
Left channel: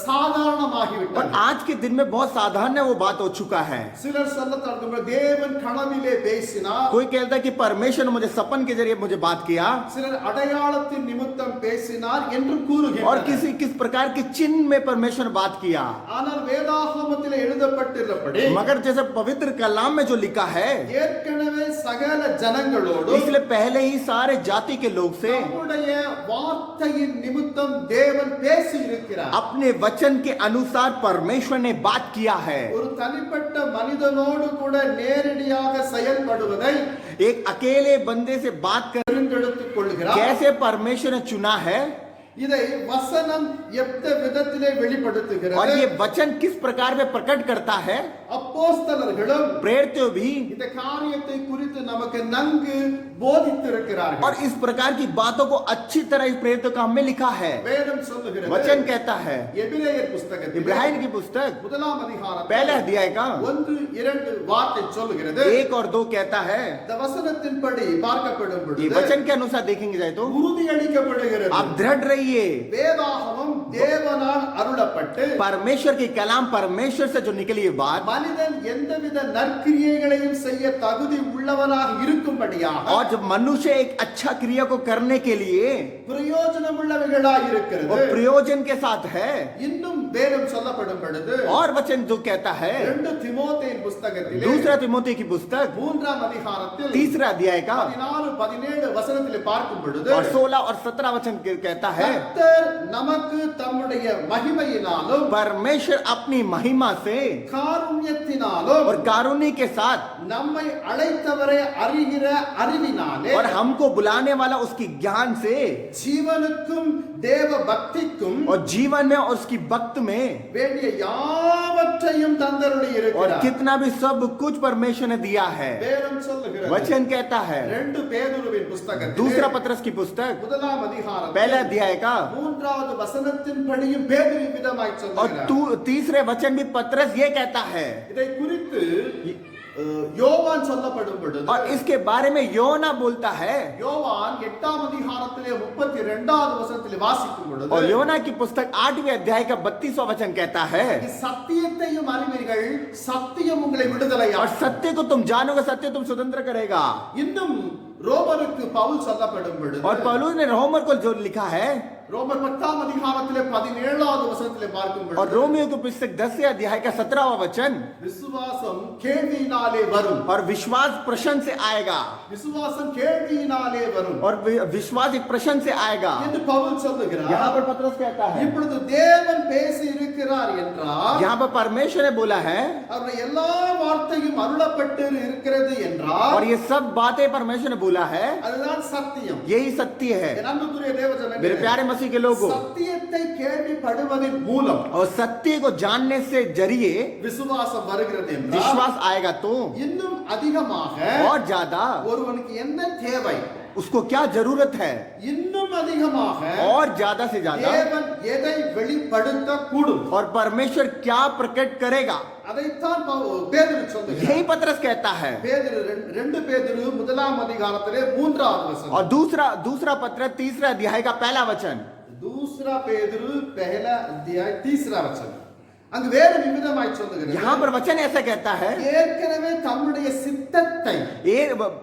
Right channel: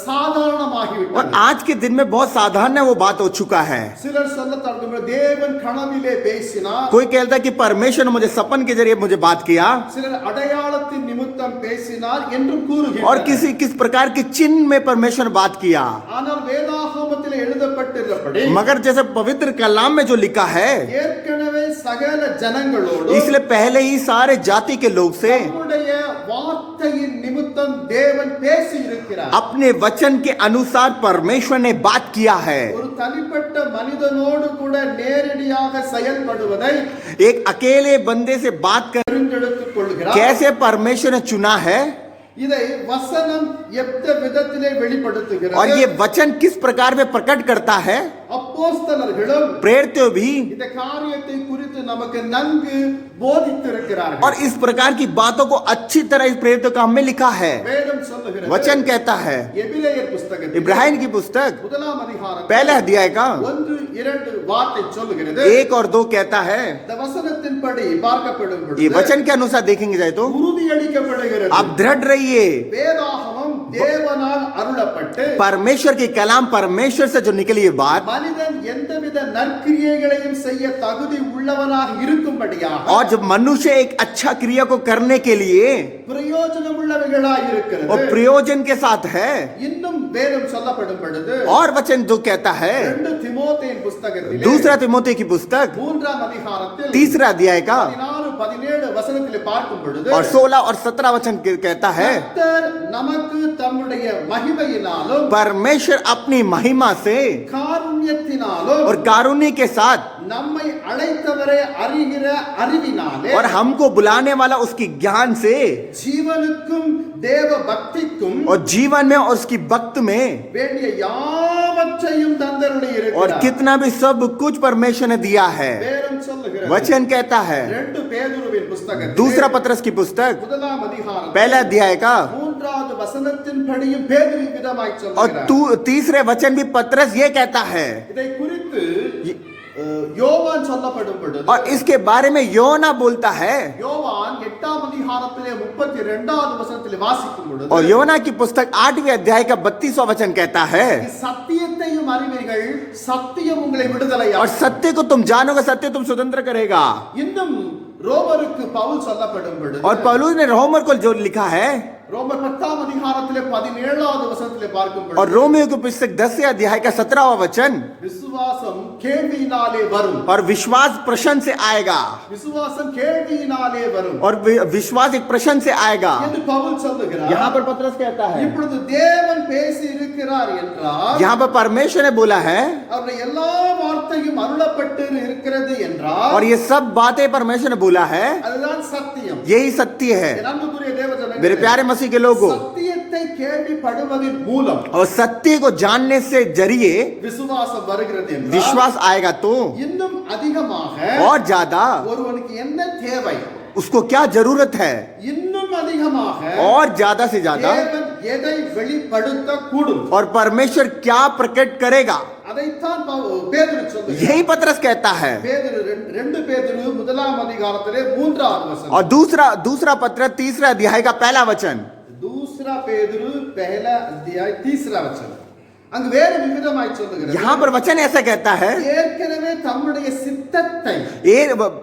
சாதாரணமாகிவிட்டது. और आज के दिन में बहुत साधारण है वो बात हो चुका है। சிலர் சொல்ல தொடங்குகிறார், தேவன் கனவிலே பேசினார். कोई कहता है कि परमेश्वर ने मुझे सपन के जरिए मुझे बात किया, சிலர் அடையாளத்தின் நிமித்தம் பேசினார் என்றும் और கூறுகிறார். किस प्रकार के चिन्ह में परमेश्वर ने बात किया। ஆனால் வேதாகமத்தில் எழுதப்பட்டிருப்படி मगर जैसे पवित्र कलाम में जो लिखा है, ஏற்கனவே சகல ஜனங்களோடு इसलिए पहले ही सारे जाति के लोग से நம்முடைய வார்த்தையின் நிமித்தம் தேவன் பேசி இருக்கிறார். अपने वचन के अनुसार परमेश्वर ने बात किया है। ஒரு தனிப்பட்ட மனிதனோடு கூட நேரடியாக செயல்படுவதை एक अकेले बंदे से बात कर தெரிந்தெடுத்துக் கொள்கிறார். कैसे परमेश्वर ने चुना है, இதை வசனம் எந்த விதத்திலே और வெளிப்படுத்துகிறது. ये वचन किस प्रकार में प्रकट करता है। அப்போஸ்தலர்களும் प्रेरित भी இந்த காரியத்தை குறித்து நமக்கு நன்கு போதித்திருக்கிறார்கள். और इस प्रकार की बातों को अच्छी तरह इस प्रेरित काम में लिखा है। வேதம் சொல்லுகிறது, वचन कहता है, எபிரேயர் புஸ்தகத்தில் इब्राहिम की पुस्तक முதலாம் அதிகாரம் पहला अध्याय का 1-2 வார்த்தை சொல்லுகிறது. 1 और 2 कहता है, இந்த வசனத்தின்படி பார்க்கப்படும் ये பொழுது वचन के अनुसार देखेंगे जाए तो உறுதியளிக்கப்படுகிறது. आप दृढ़ रहिए। வேதாகமம் தேவனால் அருளப்பட்டு परमेश्वर की कलाम परमेश्वर से जो निकली ये बात, மனிதன் எந்தவித நற்கிரியைகளையும் செய்ய தகுதி உள்ளவனாக இருக்கும்படியாக और जब मनुष्य एक अच्छा क्रिया को करने के लिए பிரயோஜனம் உள்ளவைகளாய் இருக்கிறது. और प्रयोजन के साथ है, இன்னும் வேதம் சொல்லப்படும் பொழுது और वचन जो कहता है 2 தீமோத்தேயின் புஸ்தகத்திலே दूसरा तिमोथी की पुस्तक 3ஆம் அதிகாரத்தில் 3 अध्याय का 16-17 வசனத்திலே பார்க்கும் பொழுது और 16 और 17 वचन कहता है, கர்த்தர் நமக்கு தம்முடைய மகிமையினாலும் परमेश्वर अपनी महिमा से காருண்யத்தினாலும் और कारुण्य के साथ நம்மை அழைத்தவரை அறிகிற அறிவினாலே और हमको बुलाने वाला उसकी ज्ञान से ஜீவனுக்கும் தேவ பக்திக்கும் और जीवन में और उसकी भक्त में வேண்டிய யாவற்றையும் தந்தருளி और இருக்கிறார். कितना भी सब कुछ परमेश्वर ने दिया है। வேதம் சொல்லுகிறது, वचन कहता है 2 பேதுருவின் புஸ்தகத்தில் दूसरा पत्रस की पुस्तक முதலாம் அதிகாரம் पहला अध्याय का 3வது வசனத்தின்படியும் பேதுரு விதமாய் और சொல்லுகிறார். तीसरे वचन भी पत्रस ये कहता है, இதை குறித்து யோவான் சொல்லப்படும் பொழுது और इसके बारे में योना बोलता है, யோவான் 8ஆம் அதிகாரத்திலே 32வது வசனத்திலே வாசிக்கும் பொழுது और योना की पुस्तक 8वें अध्याय का 32वां वचन कहता है, சத்தியத்தையும் அறிவீர்கள், சத்தியம் உங்களை விடுதலையாக்கும். और सत्य को तुम जानोगे, सत्य तुम स्वतंत्र करेगा। இன்னும் ரோமருக்கு பவுல் சொல்லப்படும் பொழுது और पौलुस ने रोमर को जो लिखा है, ரோமர் 10ஆம் அதிகாரத்திலே 17வது வசனத்திலே பார்க்கும் और பொழுது रोमियो की पुस्तक 10वें अध्याय का 17वां वचन, விசுவாசம் கேள்வியினாலே வரும், और विश्वास प्रश्न से आएगा, விசுவாசம் கேள்வியினாலே வரும் और विश्वास एक प्रश्न से आएगा। என்று பவுல் சொல்லுகிறார். यहाँ पर पत्रस कहता है, இப்பொழுது தேவன் பேசி இருக்கிறார் என்றால், यहाँ पर परमेश्वर ने बोला है, அவருடைய எல்லா வார்த்தையும் அருளப்பட்டு இருக்கிறது என்றால், और ये सब बातें परमेश्वर ने बोला है, அதுதான் சத்தியம். यही सत्य है। என் அன்புக்குரிய मेरे தேவஜனங்களே, प्यारे मसीह के लोगों, சத்தியத்தை கேள்விப்படுவதின் மூலம் और सत्य को जानने से जरिए விசுவாசம் வருகிறது என்றால், विश्वास आएगा तो இன்னும் அதிகமாக और ज्यादा ஒருவனுக்கு என்ன தேவை, उसको क्या जरूरत है, இன்னும் அதிகமாக और ज्यादा से ज्यादा தேவன் எதை வெளிப்படுத்த கூடும், और परमेश्वर क्या प्रकट करेगा, அதைத்தான் பேதுரு சொல்லுகிறார். यही पत्रस कहता है। பேதுரு 2 பேதுரு 1ஆம் அதிகாரத்திலே 3வது வசனம், और दूसरा पत्र 3रा अध्याय का पहला वचन, दूसरा பேதுரு पहला अध्याय 3रा वचन, அங்கு வேறு விதமாய் சொல்லுகிறது. यहाँ पर वचन ऐसा कहता है, ஏற்கனவே தம்முடைய சித்தத்தை ये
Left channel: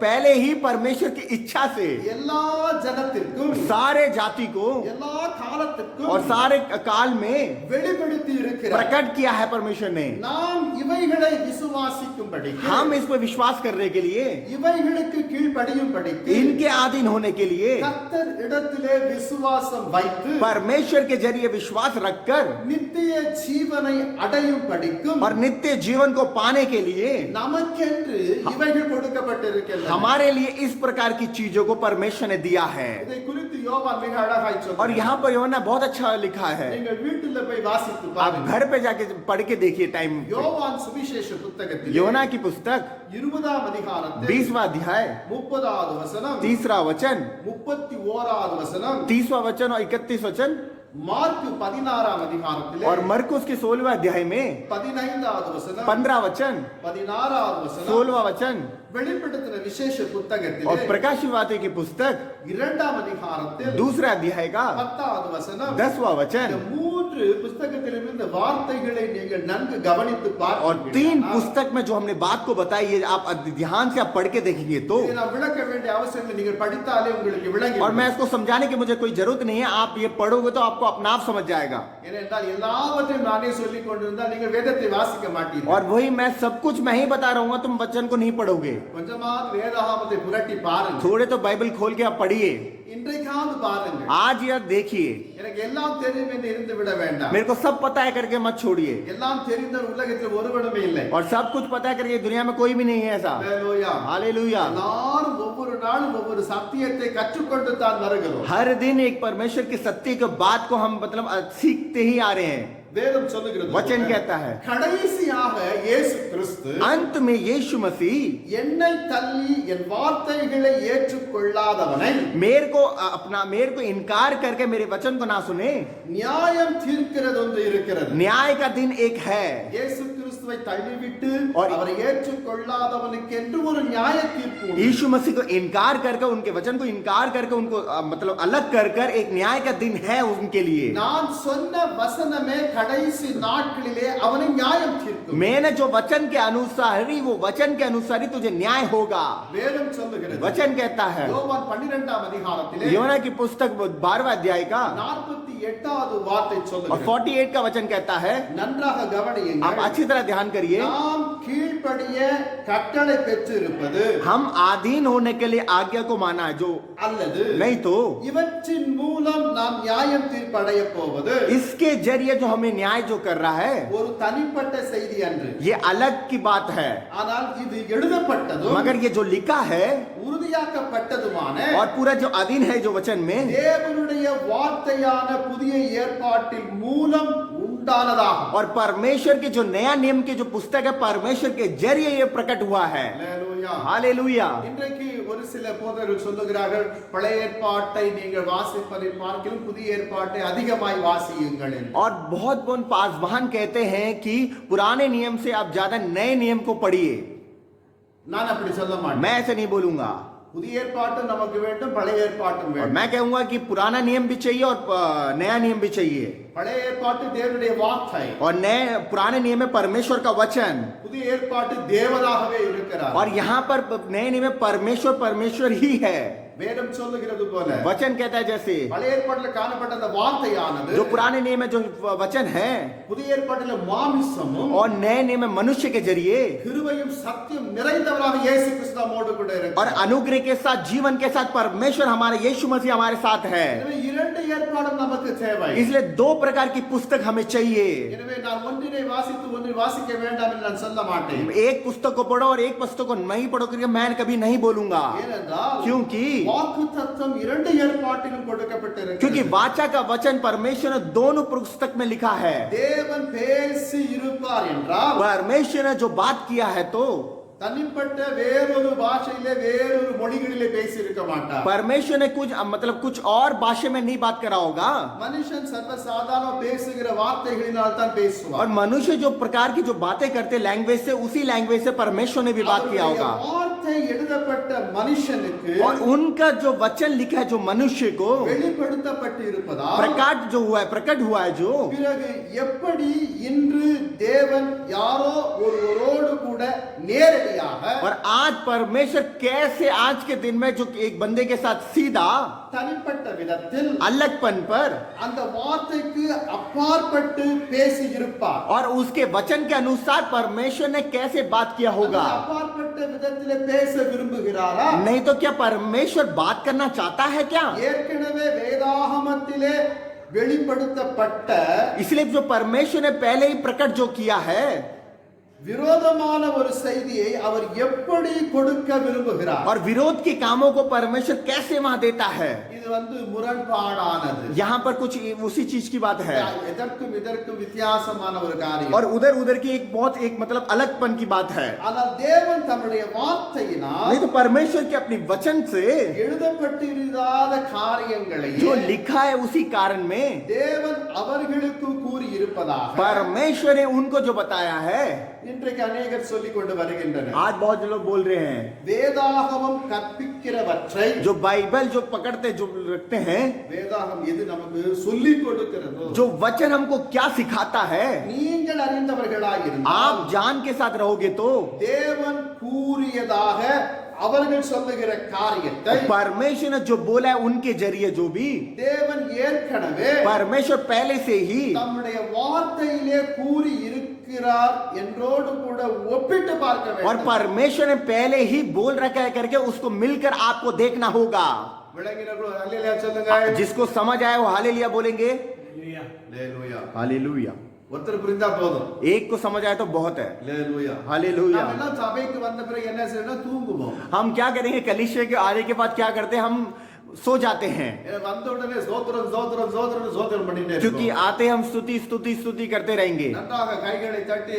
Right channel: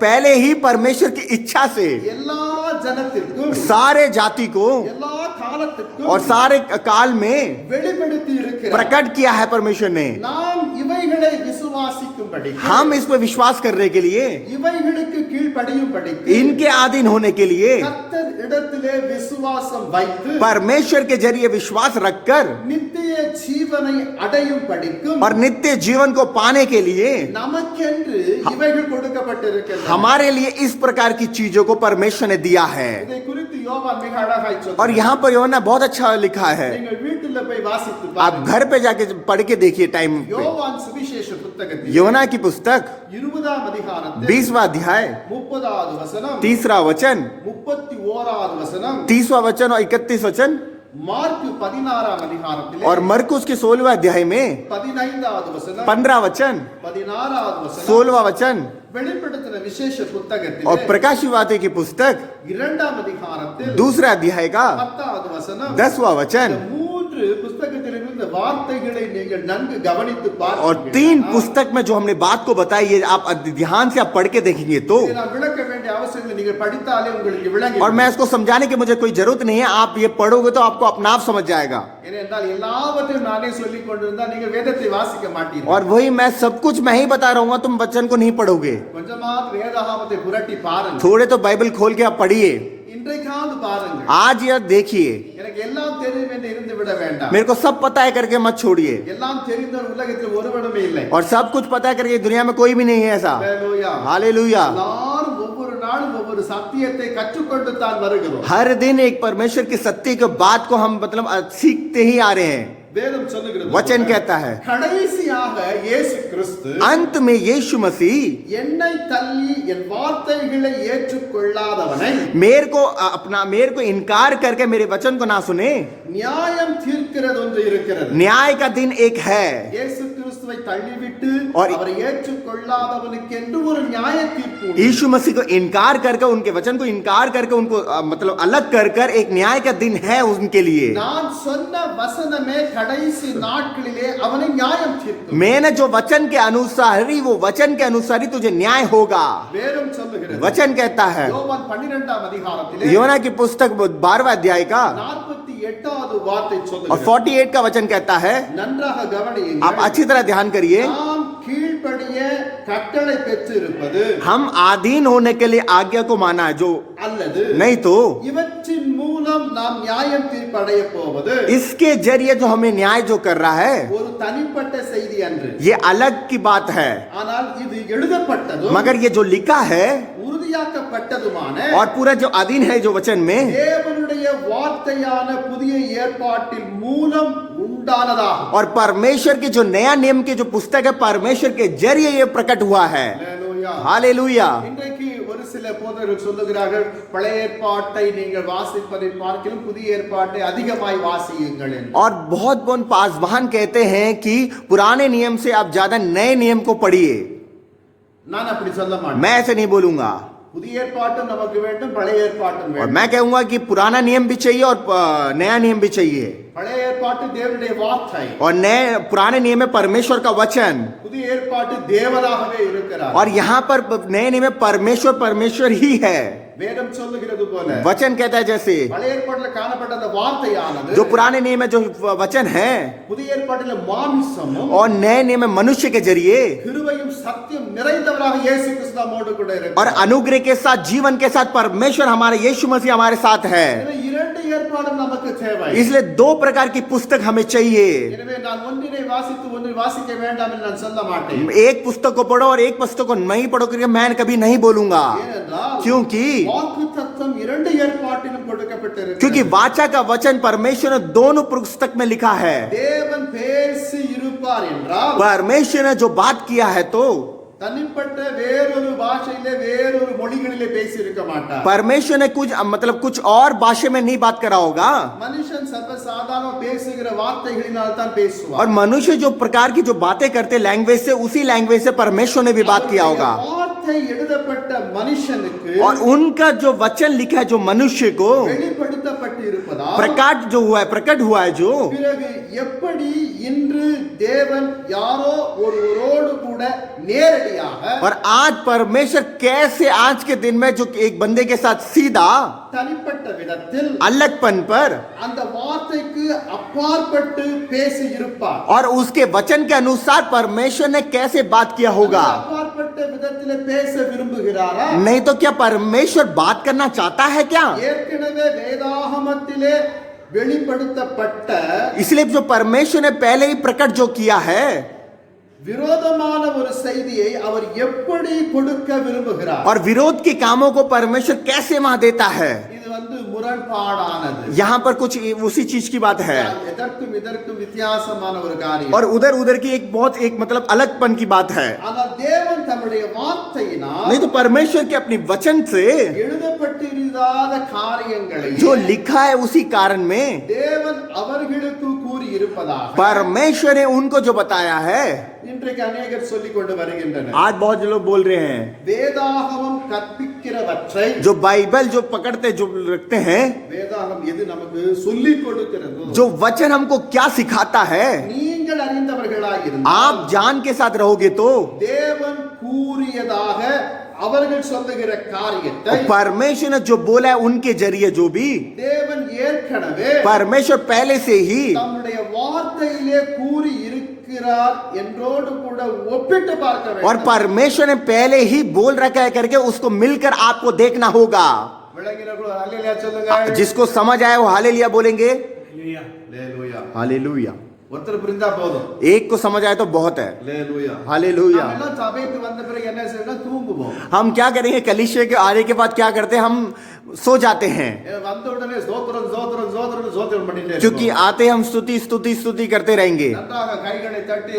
पहले ही परमेश्वर की इच्छा से எல்லா ஜனத்திற்கும் सारे जाति को எல்லா காலத்திற்கும் और सारे काल में வெளிப்படுத்தி இருக்கிறார். प्रकट किया है परमेश्वर ने। நாம் இவைகளை விசுவாசிக்கும்படி, हम इस पर विश्वास करने के लिए, இவைகளுக்கு கீழ்ப்படியும்படி इनके अधीन होने के लिए, கர்த்தர் இடத்திலே விசுவாசம் வைத்து परमेश्वर के जरिए विश्वास रखकर நித்திய ஜீவனை அடையும் படிக்கும் और नित्य जीवन को पाने के लिए நமக்கென்று இவைகள் கொடுக்கப்பட்டிருக்கின்றன. हमारे लिए इस प्रकार की चीजों को परमेश्वर ने दिया है। இதை குறித்து யோவான் மிக அழகாய் और சொல்றார். यहाँ पर யோவாन ने बहुत अच्छा लिखा है। நீங்கள் வீட்டில் போய் வாசித்து आप பாருங்க. घर पे जाके पढ़ के देखिए टाइम पे। யோவான் சுவிசேஷ புத்தகத்தில் योना की पुस्तक 20ஆம் அதிகாரத்தில் 20वां अध्याय 30வது வசனம், 30वां वचन, 31வது வசனம், 30वां वचन और 31 वचन, மார்க்கு 16ஆம் அதிகாரத்திலே और मरकुस के 16वें अध्याय में 15வது வசனம், 15 वचन, 16வது வசனம், 16वां वचन வெளிப்படுத்தின விசேஷ புத்தகத்திலே और प्रकाशित वार्ता की पुस्तक 2ஆம் அதிகாரத்தில் दूसरे अध्याय का 10வது வசனம், 10वां இந்த वचन 3 புத்தகத்திலிருந்து வார்த்தைகளை நீங்கள் நன்கு கவனித்து और பார்ப்பீர்கள். 3 पुस्तक में जो हमने बात को बताई, ये आप ध्यान से आप पढ़ के देखेंगे तो, இதை நான் விளக்க வேண்டிய அவசியம் இல்லை, நீங்கள் படித்தாலே உங்களுக்கு விளங்கி और मैं इसको समझाने की मुझे कोई जरूरत नहीं है, आप ये पढ़ोगे तो आपको अपना आप समझ जाएगा। ஏனென்றால் எல்லாவற்றையும் நானே சொல்லிக் கொண்டிருந்தால் நீங்கள் வேதத்தை வாசிக்க மாட்டீர்கள். और वही मैं सब कुछ मैं ही बता रहा हूँ, तुम वचन को नहीं पढ़ोगे। கொஞ்சமாவது வேதாகமத்தை புரட்டி பாருங்க. थोड़े तो बाइबल खोल के आप पढ़िए, இன்றைக்காவது பாருங்க. आज यह देखिए। எனக்கு எல்லாம் தெரியும் என்று இருந்து விட வேண்டாம். मेरे को सब पता है करके मत छोड़िए, எல்லாம் தெரிந்தவர் உலகத்தில் ஒருவனுமே இல்லை. और सब कुछ पता है करके दुनिया में कोई भी नहीं है ऐसा। ஹல்லேலூயா. हालेलुया। எல்லாரும் ஒவ்வொரு நாளும் ஒவ்வொரு சத்தியத்தை கற்றுக்கொண்டு தான் வருகிறோம். हर दिन एक परमेश्वर की सत्य के बात को हम मतलब सीखते ही आ रहे हैं। வேதம் சொல்லுகிறது, वचन कहता है கடைசியாக இயேசு கிறிஸ்து अंत में यीशु मसीह என்னை தள்ளி என் வார்த்தைகளை ஏற்றுக்கொள்ளாதவனை मेरे को इनकार करके मेरे वचन को ना सुने, நியாயம் தீர்க்கிறது ஒன்று இருக்கிறது. न्याय का दिन एक है। இயேசு கிறிஸ்துவை தள்ளிவிட்டு और- அவரை ஏற்றுக்கொள்ளாதவனுக்கு என்று ஒரு நியாய தீர்ப்பு உண்டு. यीशु मसीह को इनकार करके, उनके वचन को इनकार करके, उनको मतलब अलग कर कर एक न्याय का दिन है उनके लिए। நான் சொன்ன வசனமே கடைசி நாட்களிலே அவனை நியாயம் தீர்க்கும். मैंने जो वचन के अनुसार ही, वो वचन के अनुसार ही तुझे न्याय होगा। வேதம் சொல்லுகிறது, वचन कहता है, யோவான் 12ஆம் அதிகாரத்திலே योना की पुस्तक 12वां अध्याय का 48வது வார்த்தை और சொல்லுகிறது. 48 का वचन कहता है, நன்றாக आप கவனியுங்கள். अच्छी तरह ध्यान करिए, நாம் கீழ்ப்படிய கட்டளை பெற்றிருப்பது हम आधीन होने के लिए आज्ञा को माना है, जो அல்லது नहीं तो இவற்றின் மூலம் நாம் நியாயம் தீர்ப்படைய போவது इसके जरिए जो हमें न्याय जो कर रहा है, ஒரு தனிப்பட்ட செய்தி அன்று. ये अलग की बात है। ஆனால் இது எழுதப்பட்டதும் मगर ये जो लिखा है உறுதியாக்கப்பட்டதுமான और पूरा जो अधीन है जो वचन में, தேவனுடைய வார்த்தையான புதிய ஏற்பாட்டில் மூலம் உண்டானதாகும். और परमेश्वर की जो नया नियम की जो पुस्तक है, परमेश्वर के जरिए ये प्रकट हुआ है। அல்லேலூயா. हालेलुया। இன்றைக்கு ஒரு சில போதகர்கள் சொல்லுகிறார்கள், பழைய ஏற்பாட்டை நீங்கள் வாசிப்பதை பார்க்கிலும் புதிய ஏற்பாட்டை அதிகமாய் வாசியுங்கள் என்று. और बहुत पासवान कहते हैं कि पुराने नियम से आप ज्यादा नए नियम को पढ़िए। நான் அப்படி சொல்ல மாட்டேன். मैं ऐसे नहीं बोलूंगा, புதிய ஏற்பாட்டும் நமக்கு வேண்டும், பழைய ஏற்பாட்டும் और வேண்டும். मैं कहूंगा कि पुराना नियम भी चाहिए और नया नियम भी चाहिए। பழைய ஏற்பாட்டு தேவனுடைய வார்த்தை, और नए पुराने नियम में परमेश्वर का वचन, புதிய ஏற்பாட்டு தேவனாகவே இருக்கிறார். और यहाँ पर नए नियम में परमेश्वर ही है। வேதம் சொல்லுகிறது போல वचन कहता है जैसे பழைய ஏற்பாட்டில் காணப்பட்ட அந்த வார்த்தையானது जो पुराने नियम में जो वचन है, புதிய ஏற்பாட்டில் மாமிசமும் और नए नियम में मनुष्य के जरिए கிருபையும் சத்தியம் நிறைந்தவராக இயேசு கிறிஸ்து நம்மோடு கூட और இருக்கிறார். अनुग्रह के साथ, जीवन के साथ परमेश्वर हमारे यीशु मसीह हमारे साथ है। எனவே இரண்டு ஏற்பாடும் நமக்கு தேவை. इसलिए 2 प्रकार की पुस्तक हमें चाहिए। எனவே நான் ஒன்றினை வாசித்து ஒன்றை வாசிக்க வேண்டாம் என்று நான் சொல்ல மாட்டேன். एक पुस्तक को पढ़ो और एक पुस्तक को नहीं पढ़ो करके मैं कभी नहीं बोलूंगा, ஏனென்றால் क्योंकि வாக்குத்தத்தம் இரண்டு ஏற்பாட்டிலும் கொடுக்கப்பட்டிருக்கிறது. क्योंकि वाचा का वचन परमेश्वर ने दोनों पुस्तक में लिखा है। தேவன் பேசி இருப்பார் என்றால் परमेश्वर ने जो बात किया है तो தனிப்பட்ட வேறொரு பாஷையிலே வேறொரு மொழிகளிலே பேசி இருக்க மாட்டார். परमेश्वर ने कुछ मतलब कुछ और भाषा में नहीं बात करा होगा, மனுஷன் சர்வசாதாரண பேசுகிற வார்த்தைகளினால் தான் பேசுவார். और मनुष्य जो प्रकार की जो बातें करते लैंग्वेज से, उसी लैंग्वेज से परमेश्वर ने भी बात किया होगा। வார்த்தை எழுதப்பட்ட மனுஷனுக்கு और उनका जो वचन लिखा है जो मनुष्य को வெளிப்படுத்தப்பட்டு இருப்பதால் प्रकट हुआ है जो பிறகு எப்படி இன்று தேவன் யாரோ ஒருவரோடு கூட நேரடியாக நேரடியாக और आज परमेश्वर कैसे आज के दिन में जो एक बंदे के साथ सीधा தனிப்பட்ட விதத்தில் अलगपन पर அந்த வார்த்தைக்கு அப்பாற்பட்டு பேசி இருப்பார். और उसके वचन के अनुसार परमेश्वर ने कैसे बात किया होगा. அப்பாற்பட்ட விதத்திலே பேச விரும்புகிறாரா? नहीं तो क्या परमेश्वर बात करना चाहता है क्या? ஏற்கனவே வேதாகமத்திலே வெளிப்படுத்தப்பட்ட इसलिए जो परमेश्वर ने पहले ही प्रकट जो किया है விரோதமான ஒரு செய்தியை அவர் எப்படி கொடுக்க விரும்புகிறார்? और विरोध के कामों को परमेश्वर कैसे वहां देता है. இது முரண்பாடானது. यहाँ पर कुछ उसी चीज की बात है எதற்கும் இதற்கும் வித்தியாசமான ஒரு காரியம். और उधर उधर की एक बहुत एक मतलब अलगपन की बात है. ஆனால் தேவன் தம்முடைய வார்த்தையினால் नहीं तो परमेश्वर के अपनी वचन से எழுதப்பட்டிருந்த காரியங்களை जो लिखा है उसी कारण में தேவன் அவர்களுக்கு கூறி இருப்பதாக परमेश्वर ने उनको जो बताया है. இன்றைக்கு अनेகர் சொல்லிக் கொண்டு வருகின்றனர். आज बहुत लोग बोल रहे हैं வேதாகமம் கற்பிக்கிறவற்றை जो बाइबल जो पकड़ते जो रखते हैं வேதாகம் எது நமக்கு சொல்லிக் கொடுக்கிறதோ जो वचन हमको क्या सिखाता है நீங்கள் அறிந்தவர்களாய் இருந்தால் आप जान के साथ रहोगे तो தேவன் கூறியதாக அவர்கள் சொல்லுகிற காரியத்தை परमेश्वर ने जो बोला है उनके जरिए जो भी தேவன் ஏற்கனவே परमेश्वर पहले से ही தம்முடைய வார்த்தையிலே கூறி இருக்கிறார் என்றோடு கூட ஒப்பிட்டு பார்க்க और வேண்டும். परमेश्वर ने पहले ही बोल रखा है करके उसको मिलकर आपको देखना होगा. விளங்கினவர்களோ அல்லேலூயா சொல்லுங்க. जिसको समझ आए वो हालेलुया बोलेंगे. அல்லேலூயா. हालेलुया. ஒருத்தர் புரிந்தா போதும். एक को समझ आए तो बहुत है. அல்லேலூயா. हालेलुया. நாம் எல்லாம் சபைக்கு வந்த பிறகு என்ன செய்யணும்? தூங்குவோம். हम क्या करेंगे कलीसिया के आने के बाद क्या करते हैं हम सो जाते हैं வந்த உடனே ஸ்தோத்திரம் ஸ்தோத்திரம் ஸ்தோத்திரம் ஸ்தோத்திரம் பண்ணிட்டே क्योंकि இருக்கோம். आते हम स्तुति स्तुति स्तुति करते रहेंगे நன்றாக கைகளை தட்டி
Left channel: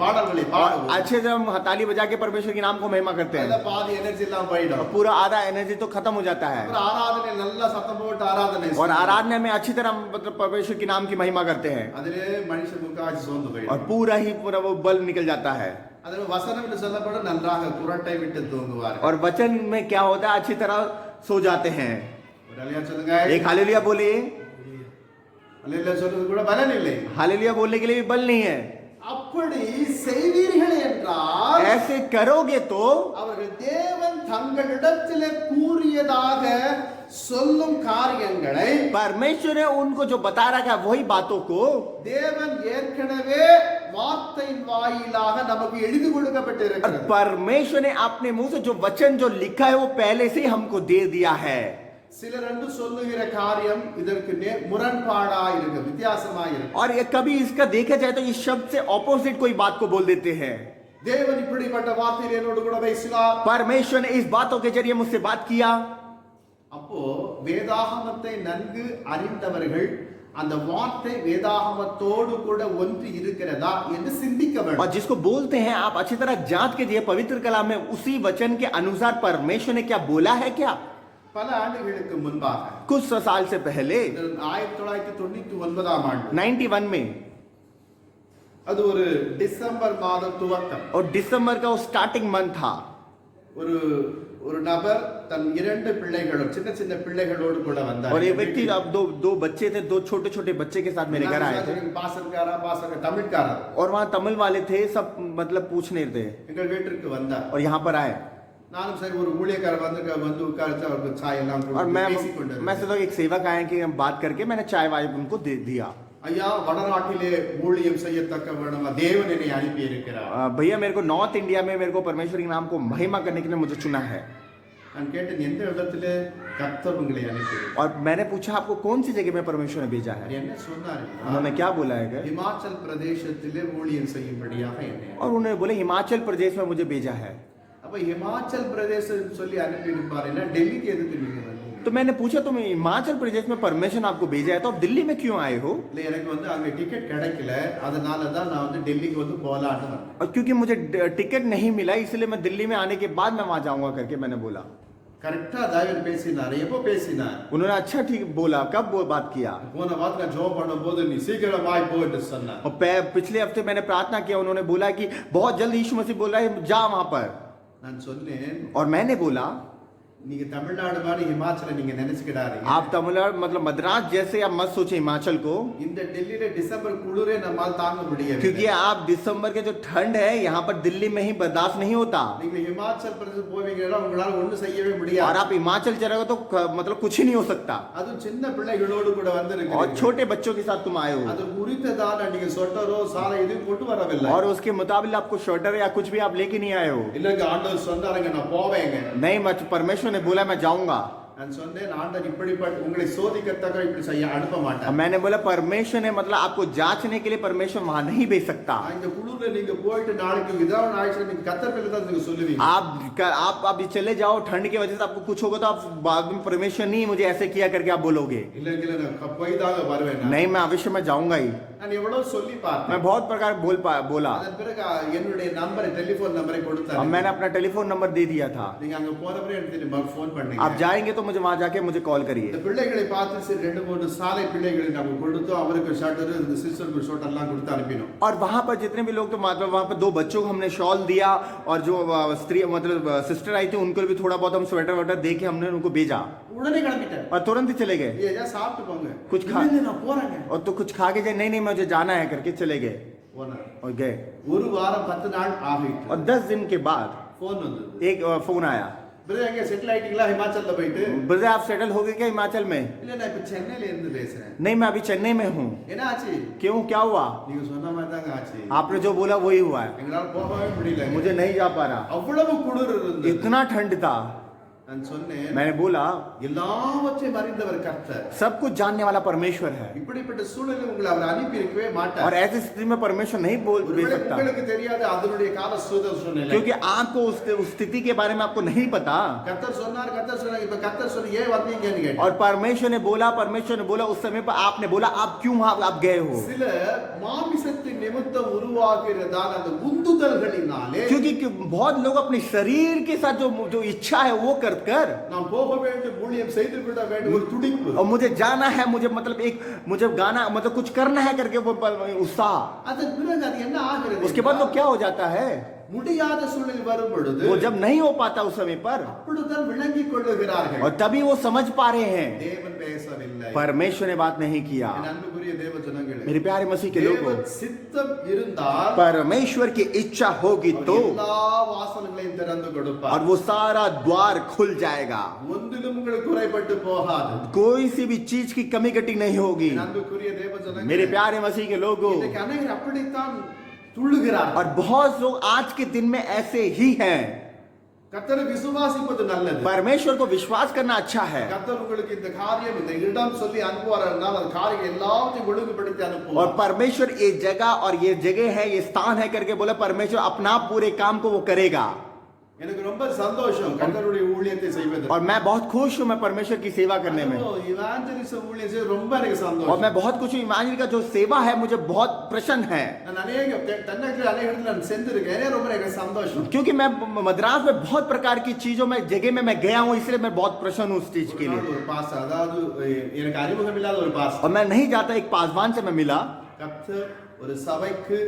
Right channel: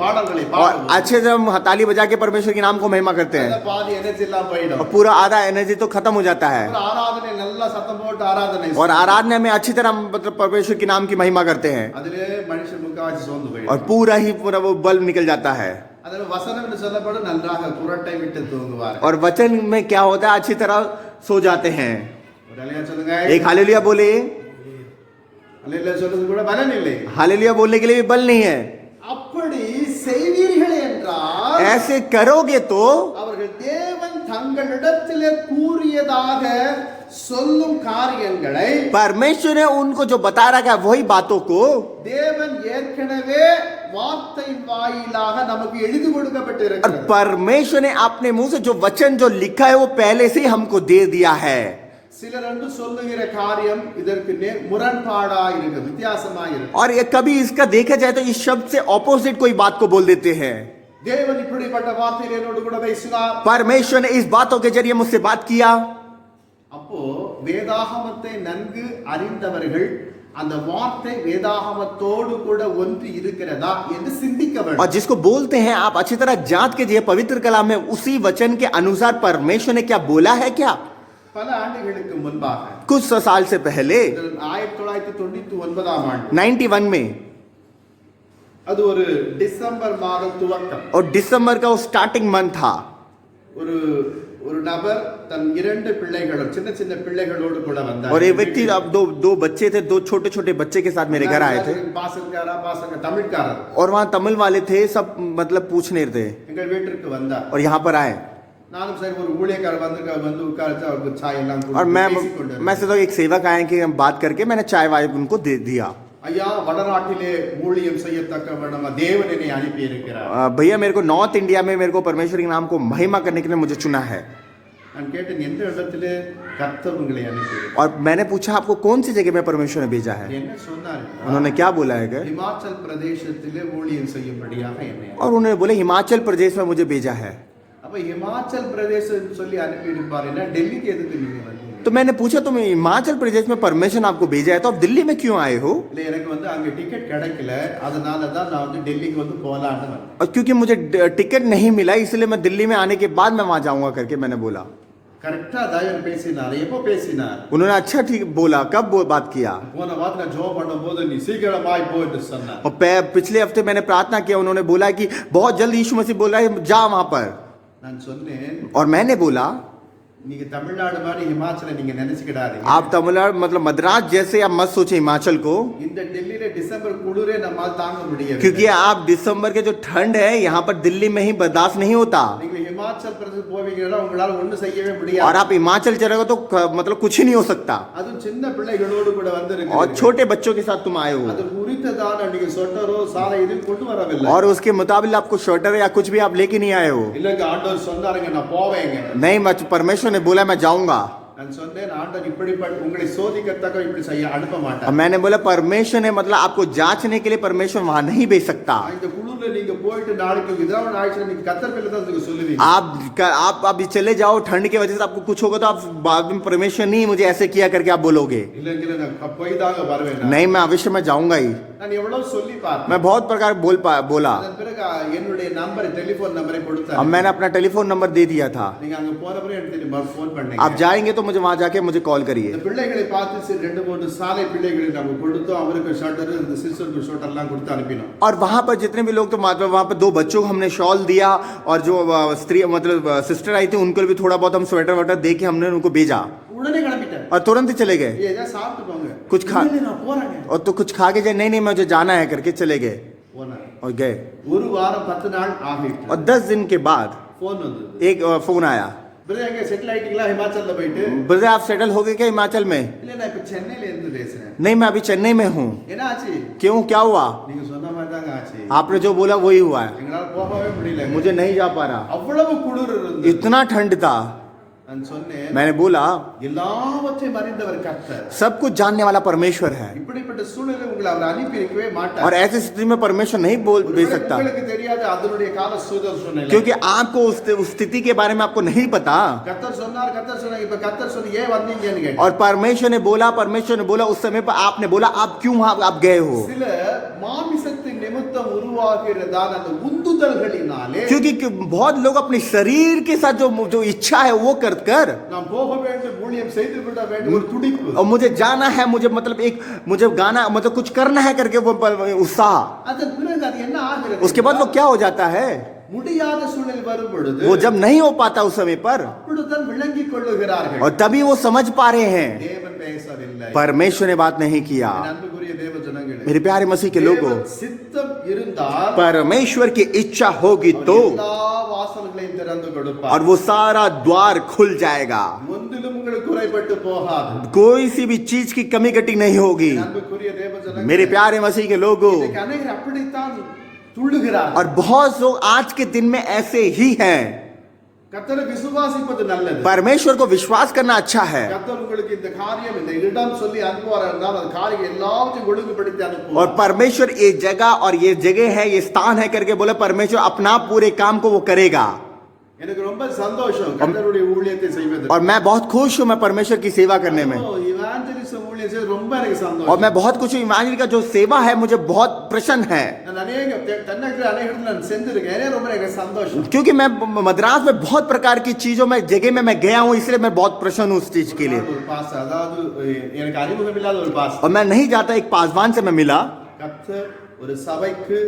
பாடல்களை और பாடுவோம். अच्छे से हम ताली बजा के परमेश्वर के नाम को महिमा करते அந்த हैं பாதி எனர்ஜி எல்லாம் போயிடும். और पूरा आधा एनर्जी तो खत्म हो जाता है அப்புறம் ஆராதனை நல்லா சத்தம் போட்டு ஆராதனை और आराधना में अच्छी तरह मतलब परमेश्वर के नाम की महिमा करते हैं அதிலே மனுஷன் முக்காவாசி சோர்ந்து और போயிடும். पूरा वो बल निकल जाता है அதில் வசனம் என்று சொல்லப்படும் நன்றாக குரட்டை விட்டு தூங்குவார். और वचन में क्या होता है अच्छी तरह सो जाते हैं. ஒரு அல்லேலூயா சொல்லுங்க. एक हालेलुया बोले. அல்லேலூயா சொல்றது கூட பலன் இல்லை. हालेलुया बोलने के लिए भी बल नहीं है. அப்படி செய்வீர்கள் என்றால் ऐसे करोगे तो அவர்கள் தேவன் தங்களிடத்திலே கூறியதாக சொல்லும் காரியங்களை परमेश्वर ने उनको जो बता रखा है वही बातों को தேவன் ஏற்கனவே வார்த்தையின் வாயிலாக நமக்கு எழுதி और கொடுக்கப்பட்டிருக்கிறது. परमेश्वर ने अपने मुंह से जो वचन जो लिखा है वो पहले से ही हमको दे दिया है. சிலர் என்று சொல்லுகிற காரியம் இதற்கு முரண்பாடா இருக்கு, வித்தியாசமா இருக்கு. और ये कभी इसका देखा जाए तो इस शब्द से ऑपोजिट कोई बात को बोल देते हैं. தேவன் இப்படிப்பட்ட வார்த்தையில் என்னோடு கூட பேசினார். परमेश्वर ने इस बातों के जरिए मुझसे बात किया. அப்போ வேதாகமத்தை நன்கு அறிந்தவர்கள் அந்த வார்த்தை வேதாகமத்தோடு கூட ஒன்று இருக்கிறதா என்று சிந்திக்க और வேண்டும். जिसको बोलते हैं आप अच्छी तरह जांच कीजिए पवित्र कलाम में उसी वचन के अनुसार परमेश्वर ने क्या बोला है क्या. பல ஆண்டுகளுக்கு முன்பாக कुछ 100 साल से पहले 1999 ஆண்டு 91 में அது ஒரு டிசம்பர் மாதம் துவக்கம். और दिसंबर का वो स्टार्टिंग मंथ था. ஒரு ஒரு நபர் தன் இரண்டு பிள்ளைகளோடு சின்ன சின்ன பிள்ளைகளோடு கூட வந்தார். और एक व्यक्ति अब दो बच्चे थे दो छोटे छोटे बच्चे के साथ मेरे घर आए थे பாசக்காரா தமிழ்காரர் और वहाँ तमिल वाले थे सब मतलब पूछने थे எங்கள் வீட்டிற்கு வந்தார். और यहाँ पर आए நானும் சரி ஒரு ஊழியக்காரர் வந்து உட்கார்ந்து அவருக்கு சாய் எல்லாம் और கொடுத்து मैं பேசிக்கொண்டிருந்தேன். सोचा एक सेवक आए कि हम बात करके मैंने चाय वाय उनको दे दिया. ஐயா வடநாட்டிலே ஊழியம் செய்யத்தக்க நம்ம தேவன் என்னை அனுப்பி இருக்கிறார். भैया मेरे को नॉर्थ इंडिया में मेरे को परमेश्वर के नाम को महिमा करने के लिए मुझे चुना है. நான் கேட்டேன் எந்த இடத்திலே கர்த்தர் உங்களை அனுப்பி और मैंने पूछा आपको कौन सी जगह में परमेश्वर ने भेजा है. என்ன சொன்னார் என்றால், उन्होंने क्या बोला है இமாச்சல் பிரதேசத்திலே ஊழியம் செய்யும்படியாக என்னை और उन्होंने बोले हिमाचल प्रदेश में मुझे भेजा है. அப்ப இமாச்சல் பிரதேசம் சொல்லி அனுப்பி இருப்பாருன்னா டெல்லிக்கு எதுக்கு நீங்க வந்தீங்க? तो मैंने पूछा तुम हिमाचल प्रदेश में परमेश्वर आपको भेजा है तो आप दिल्ली में क्यों आए हो. இல்ல எனக்கு அங்க டிக்கெட் கிடைக்கல, அதனால தான் நான் டெல்லிக்கு போலான்னு வந்தேன். और क्योंकि मुझे टिकट नहीं मिला इसलिए मैं दिल्ली में आने के बाद मैं वहां जाऊंगा करके मैंने बोला. கரெக்டா தாயன் பேசினார். எப்போ பேசினார்? उन्होंने अच्छा ठीक बोला. कब बात किया. போன வாரம் நான் ஜெபம் பண்ணும்போது நீ சீக்கிரமாய் போ என்று சொன்னார். और पिछले हफ्ते मैंने प्रार्थना किया उन्होंने बोला कि बहुत जल्द यीशु मसीह बोल रहा है जा वहां पर. நான் சொன்னேன் और मैंने बोला நீங்க தமிழ்நாடு மாதிரி ஹிமாச்சலை நீங்க நினைச்சுக்கிடாதீங்க. आप तमिलनाडु मतलब मद्रास जैसे आप मत सोचे हिमाचल को, இந்த டெல்லியில டிசம்பர் குளிரே நம்மால் தாங்க முடியவில்லை. क्योंकि आप दिसंबर के जो ठंड है यहाँ पर दिल्ली में ही बर्दाश्त नहीं होता। நீங்க ஹிமாச்சல் பிரதேசம் போவீங்கன்னா உங்களால ஒண்ணும் செய்யவே और முடியாது. आप हिमाचल चले गए तो मतलब कुछ ही नहीं हो सकता। அதுவும் சின்ன பிள்ளைகளோடு கூட और வந்திருக்கீங்க. छोटे बच्चों के साथ तुम आए हो, அது குறித்ததான நீங்க சொட்டரோ சாலை எதுவும் கொண்டு வரவில்லை. और उसके मुताबिक आपको स्वेटर या कुछ भी आप लेके नहीं आए हो। இல்லங்க ஆண்டவர் சொன்னாருங்க நான் போவேங்க. नहीं, परमेश्वर ने बोला मैं जाऊंगा। நான் சொன்னேன் ஆண்டவர் இப்படிப்பட்ட உங்களை சோதிக்கத்தக்க இப்படி செய்ய அனுப்ப और மாட்டார். मैंने बोला परमेश्वर ने मतलब आपको जांचने के लिए परमेश्वर वहां नहीं भेज सकता। இந்த குளிர்ல நீங்க போயிட்டு நாளைக்கு ஏதாவது ஆயிடுச்சுன்னா நீங்க கத்தர் பேர்ல தான் நீங்க சொல்லுவீங்க. आप अभी चले जाओ, ठंड की वजह से आपको कुछ होगा तो आप बाद में परमेश्वर नहीं मुझे ऐसे किया करके आप बोलोगे। இல்லங்க நான் போய் தாங்க வருவேன். नहीं, मैं अवश्य मैं जाऊंगा ही। நான் எவ்வளவு சொல்லி பார்த்தேன். मैं बहुत प्रकार बोला। அதன் பிறகு என்னுடைய நம்பர் டெலிபோன் நம்பரை अब கொடுத்தாரு. मैंने अपना टेलीफोन नंबर दे दिया था। நீங்க அங்க போன பிறகு எனக்கு திரும்ப ஃபோன் பண்ணீங்க. आप जाएंगे तो मुझे वहां जाके मुझे कॉल करिए। இந்த பிள்ளைகளை பார்த்து சரி 2-3 சாலை பிள்ளைகளை நம்ம கொடுத்தோம். அவருக்கு ஷர்ட்டர் இந்த சிஸ்டருக்கு ஷர்ட்டர்லாம் கொடுத்து அனுப்பினோம். और वहां पर जितने भी लोग तो मतलब वहां पर 2 बच्चों को हमने शॉल दिया, और जो स्त्री मतलब सिस्टर आई थी उनको भी थोड़ा बहुत हम स्वेटर वेटर दे के हमने उनको भेजा, உடனே கிளம்பிட்டாரு. और तुरंत ही चले गए। ஏதா சாப்பிட்டு போங்க. कुछ खा இல்ல நான் போறேங்க. और तो कुछ खा के जाए, नहीं मुझे जाना है करके चले गए போனார். और गए। ஒரு வாரம் 10 நாள் ஆகிட்டு और 10 दिन के बाद ஃபோன் வந்தது. एक फोन आया, பிரதர் எங்க செட்டில் ஆயிட்டீங்களா ஹிமாச்சல்ல போயிட்டு? ब्रदर आप सेटल हो गए क्या हिमाचल में? இல்ல நான் இப்ப சென்னையில இருந்து பேசுறேன். नहीं, मैं अभी चेन्नई में हूँ। என்ன ஆச்சு? क्यों, क्या हुआ? நீங்க சொன்ன மாதிரி தாங்க ஆச்சு. आपने जो बोला वही हुआ है। எங்களால போகவே முடியல. मुझे नहीं जा पा रहा, அவ்வளவு குளிர் இருந்தது. इतना ठंड था। நான் சொன்னேன் मैंने बोला எல்லாவற்றையும் அறிந்தவர் கர்த்தர். सब कुछ जानने वाला परमेश्वर है, இப்படிப்பட்ட சூழ்நிலையில் உங்களை அவர் அனுப்பி இருக்கவே மாட்டார். और ऐसी स्थिति में परमेश्वर नहीं बोल दे ஒருவேளை सकता, உங்களுக்கு தெரியாது அதனுடைய கால சூழ்நிலை. क्योंकि आपको उस स्थिति के बारे में आपको नहीं पता। கர்த்தர் சொன்னார் இப்ப கர்த்தர் சொன்ன ஏன் வந்தீங்கன்னு கேட்டார். और परमेश्वर ने बोला उस समय पर आपने बोला आप क्यों आप गए हो? சில மாமிசத்தின் நிமித்தம் உருவாகிறதான அந்த உந்துதல்களினாலே, क्योंकि बहुत लोग अपने शरीर के साथ जो इच्छा है वो कर நாம் போக வேண்டும் ஊழியம் செய்து விட வேண்டும் ஒரு துடிப்பு. और मुझे जाना है, मुझे मतलब मुझे गाना मतलब कुछ करना है करके वो उत्साह, அதன் பிறகு அது என்ன ஆகிறது? उसके बाद वो क्या हो जाता है? முடியாத சூழ்நிலை வரும் பொழுது वो जब नहीं हो पाता उस समय पर, அப்படிதான் விளங்கிக் கொள்ளுகிறார்கள். और तभी वो समझ पा रहे हैं தேவன் பேசவில்லை. परमेश्वर ने बात नहीं किया। என் அன்புக்குரிய தேவ ஜனங்களே, मेरे प्यारे मसीह के लोगों, தேவ சித்தம் இருந்தால் परमेश्वर की इच्छा होगी तो எல்லா வாசல்களையும் திறந்து கொடுப்பார். और वो सारा द्वार खुल जाएगा, ஒன்றிலும் உங்களுக்கு குறைபட்டு போகாது. कोई सी भी चीज की कमी घटी नहीं होगी। என் அன்புக்குரிய தேவ ஜனங்களே, मेरे प्यारे मसीह के लोगों, இன்னைக்கு அநேகர் அப்படித்தான் துள்ளுகிறார்கள். और बहुत लोग आज के दिन में ऐसे ही हैं। கர்த்தரை விசுவாசிப்பது நல்லது. परमेश्वर को विश्वास करना अच्छा है, கர்த்தர் உங்களுக்கு இந்த காரியம் இந்த இடம் சொல்லி அனுப்புவார் என்றால் அந்த காரியம் எல்லாவற்றையும் ஒழுங்குபடுத்தி और அனுப்புவார். परमेश्वर ये जगह और ये जगह है, ये स्थान है करके बोले परमेश्वर अपना पूरे काम को वो करेगा। எனக்கு ரொம்ப சந்தோஷம் கர்த்தருடைய ஊழியத்தை செய்வது. और मैं बहुत खुश हूं मैं परमेश्वर की सेवा करने में, இவாஞ்சலிசம் ஊழியம் செய்வது ரொம்ப எனக்கு और சந்தோஷம். मैं बहुत कुछ इमानियल का जो सेवा है मुझे बहुत प्रसन्न है, நான் அநேக தென்னகத்தில் அநேக இடத்துல நான் செஞ்சிருக்கேன். எனக்கு ரொம்ப எனக்கு சந்தோஷம். क्योंकि मैं मद्रास में बहुत प्रकार की चीजों में जगह में मैं गया हूं, इसलिए मैं बहुत प्रसन्न हूं उस चीज के लिए। ஒரு பாஸ்டர், அதாவது எனக்கு அறிமுகம் இல்லாத ஒரு பாஸ்டர், और मैं नहीं जाता, एक पासवान से मैं मिला, கர்த்தர் ஒரு சபைக்கு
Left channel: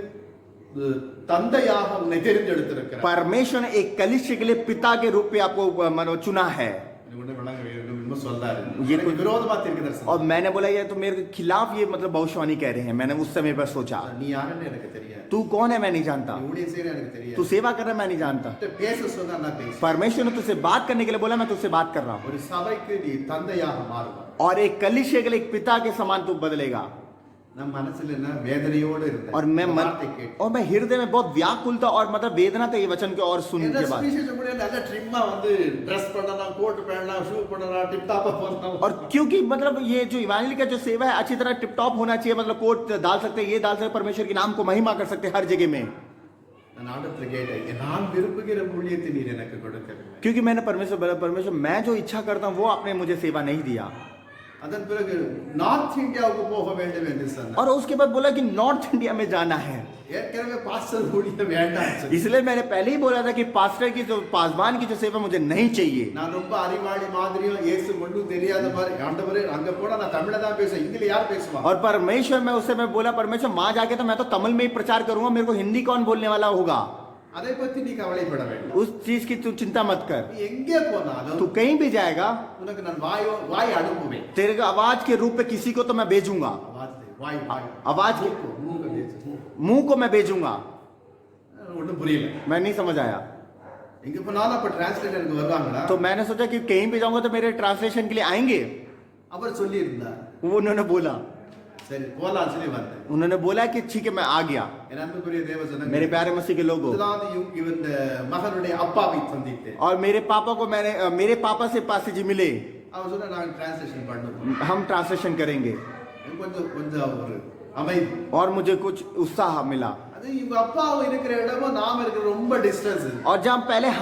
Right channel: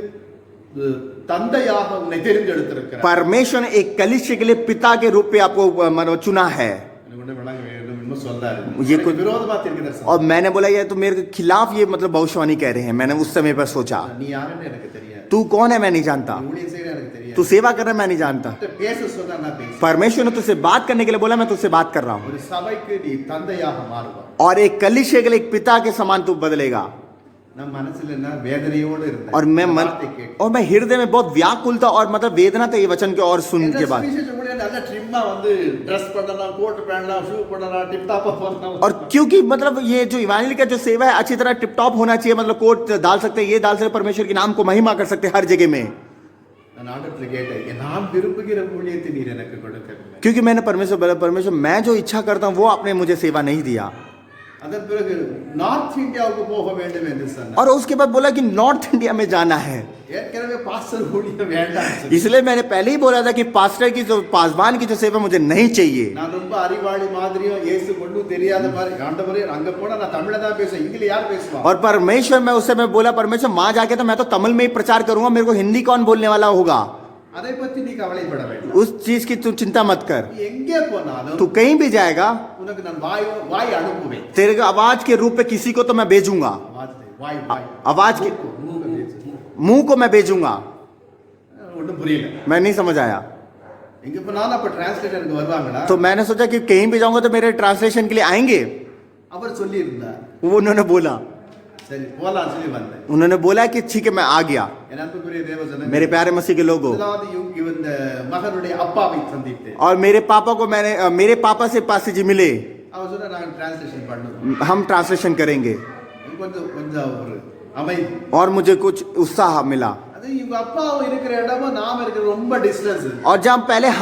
தந்தையாக உன்னை தெரிந்தெடுத்திருக்கிறார். परमेश्वर ने एक कलीसिया के लिए पिता के रूप में आपको चुना है। எனக்கு ஒண்ணு விளங்க வேண்டும் இன்னும் சொல்லாரு. ये எனக்கு कोई- விரோதமா தீர்க்கதரிசனம். और मैंने बोला ये तो मेरे खिलाफ ये मतलब भविष्यवाणी कह रहे हैं। मैंने उस समय पर सोचा நீ யாருன்னு எனக்கு தெரியாது. तू कौन है मैं नहीं जानता, நீ ஊழியம் செய்யற எனக்கு தெரியாது. तू सेवा कर रहा है मैं नहीं जानता। பேச சொன்னா நான் பேச. परमेश्वर ने तुझसे बात करने के लिए बोला, मैं तुझसे बात कर रहा हूँ। ஒரு சபைக்கு நீ தந்தையாக மாறுவாய். और एक कलीसिया के लिए एक पिता के समान तू बदलेगा। நம்ம மனசுல என்ன வேதனையோடு இருந்தேன். और मैं இந்த வார்த்தை கேட்டு. और मैं हृदय में बहुत व्याकुल था और मतलब वेदना था ये वचन के और सुन என்ன के बाद। சுவிசேஷம் ஊழியம் நல்ல ட்ரிம்மா வந்து ட்ரெஸ் பண்ணலாம், கோட் பண்ணலாம், ஷூ பண்ணலாம், டிப் டாப்பா பண்ணலாம். और क्योंकि मतलब ये जो इवांजलिस्ट का जो सेवा है अच्छी तरह टिप टॉप होना चाहिए, मतलब कोट डाल सकते हैं, ये डाल सकते हैं, परमेश्वर के नाम को महिमा कर सकते हैं हर जगह में। நான் ஆண்டவர்கிட்ட கேட்டேன், நான் விரும்புகிற ஊழியத்தை நீர் எனக்கு கொடுக்கவில்லை. क्योंकि मैंने परमेश्वर मैं जो इच्छा करता हूँ वो आपने मुझे सेवा नहीं दिया। அதன் பிறகு நார்த் இந்தியாவுக்கு போக வேண்டும் என்று சொன்னார். और उसके बाद बोला कि नॉर्थ इंडिया में जाना है। ஏற்கனவே பாஸ்டர் ஊழியம் வேண்டாம். इसलिए मैंने पहले ही बोला था कि पास्टर की जो पासवान की जो सेवा मुझे नहीं चाहिए। நான் ரொம்ப அறிவாளி மாதிரியும் இயேசு ஒன்றும் தெரியாத மாதிரி ஆண்டவரே அங்க போனா நான் தமிழ்ல தான் பேசுவேன், இங்கிலீஷ் யார் பேசுவா? और परमेश्वर मैं उस समय बोला परमेश्वर वहां जाके तो मैं तो तमिल में ही प्रचार करूंगा, मेरे को हिंदी कौन बोलने वाला होगा? அதை பத்தி நீ கவலைப்பட வேண்டாம். उस चीज की तू चिंता मत कर. நீ எங்கே போனாலும் तू कहीं भी जाएगा, உனக்கு நான் வாய் அனுப்புவேன். तेरे आवाज के रूप में किसी को तो मैं भेजूंगा. आवाज दे, வாய் आवाज के மூக்க பேசு. मुंह को मैं भेजूंगा. ஒன்றும் புரியல. मैं नहीं समझ आया. எங்க போனாலும் அப்ப டிரான்ஸ்லேட்டருக்கு வருவாங்களா? तो मैंने सोचा कि कहीं भी जाऊंगा तो मेरे ट्रांसलेशन के लिए आएंगे. அவர் சொல்லி இருந்தார். वो उन्होंने बोला, சரி போலாம் சொல்லி வந்தேன். उन्होंने बोला कि ठीक है मैं आ गया. என் அன்புக்குரிய தேவஜனங்களே, मेरे प्यारे मसीह के लोगों, முதலாவது இந்த மகனுடைய அப்பாவை சந்தித்தேன். और मेरे पापा को मैंने मेरे पापा से पास जी मिले. அவர் சொன்னா நான் டிரான்ஸ்லேஷன் பண்ணணும். हम ट्रांसलेशन करेंगे. கொஞ்சம் கொஞ்சம் ஒரு அமைதி. और मुझे कुछ उत्साह मिला. அது இவங்க அப்பா இருக்கிற இடமும் நாம இருக்கிற ரொம்ப டிஸ்டன்ஸ். और जब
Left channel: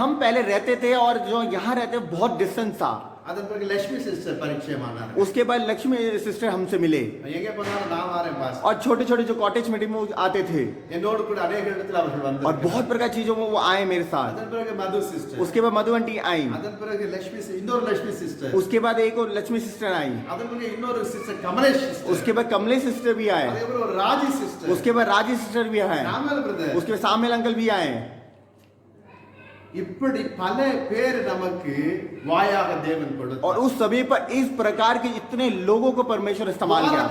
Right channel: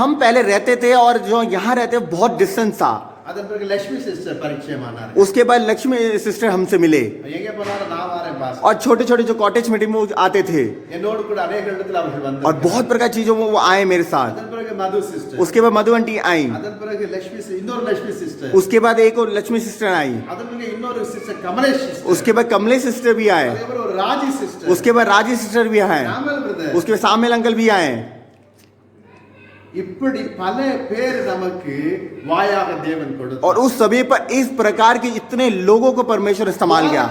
हम पहले रहते थे और जो यहाँ रहते बहुत डिस्टेंस था. அதன் பிறகு லட்சுமி சிஸ்டர் பரிச்சயமானார். उसके बाद लक्ष्मी सिस्टर हमसे मिले. எங்க போனாலும் நான் வரேன் பாஸ். और छोटे छोटे जो कॉटेज मीटिंग में आते थे, என்னோடு கூட अनेक இடத்துல அவர்கள் வந்தார்கள். और बहुत प्रकार चीजों में वो आए मेरे साथ. அதன் பிறகு மது சிஸ்டர். उसके बाद मधु आंटी आई. அதன் பிறகு இன்னொரு லட்சுமி சிஸ்டர். उसके बाद एक और लक्ष्मी सिस्टर आई. அதன் பிறகு இன்னொரு சிஸ்டர் கமலேஷ் சிஸ்டர். उसके बाद कमलेश सिस्टर भी आए. அதுக்கப்புறம் ஒரு ராஜி சிஸ்டர். उसके बाद राजी सिस्टर भी आए. ராமல் பிரதர். उसके बाद सामिल अंकल भी आए. இப்படி பல பேர் நமக்கு வாயாக தேவன் கொடுத்தார். और उस सभी पर इस प्रकार के इतने लोगों को परमेश्वर इस्तेमाल किया.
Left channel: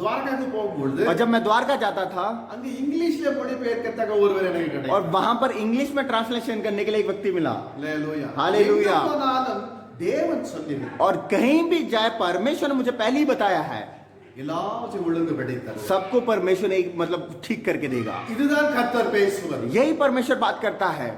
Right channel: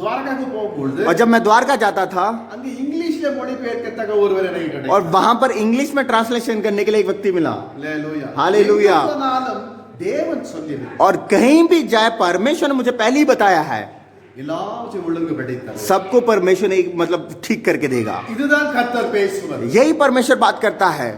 द्वारकाக்கு போகும்போது और जब मैं द्वारका जाता था, அங்க இங்கிலீஷ்ல மொழிபெயர்க்கத்தக்க ஒருவர் எனக்கு கிடைத்தார். और वहां पर इंग्लिश में ट्रांसलेशन करने के लिए एक व्यक्ति मिला. हालेलुया. हालेलुया. எங்க போனாலும் தேவன் சொல்லினார். और कहीं भी जाए परमेश्वर ने मुझे पहले ही बताया है, எல்லாவற்றையும் ஒழுங்குபடுத்தார். सबको परमेश्वर ने मतलब ठीक करके देगा. இதுதான் கர்த்தர் பேசுவது. यही परमेश्वर बात करता है.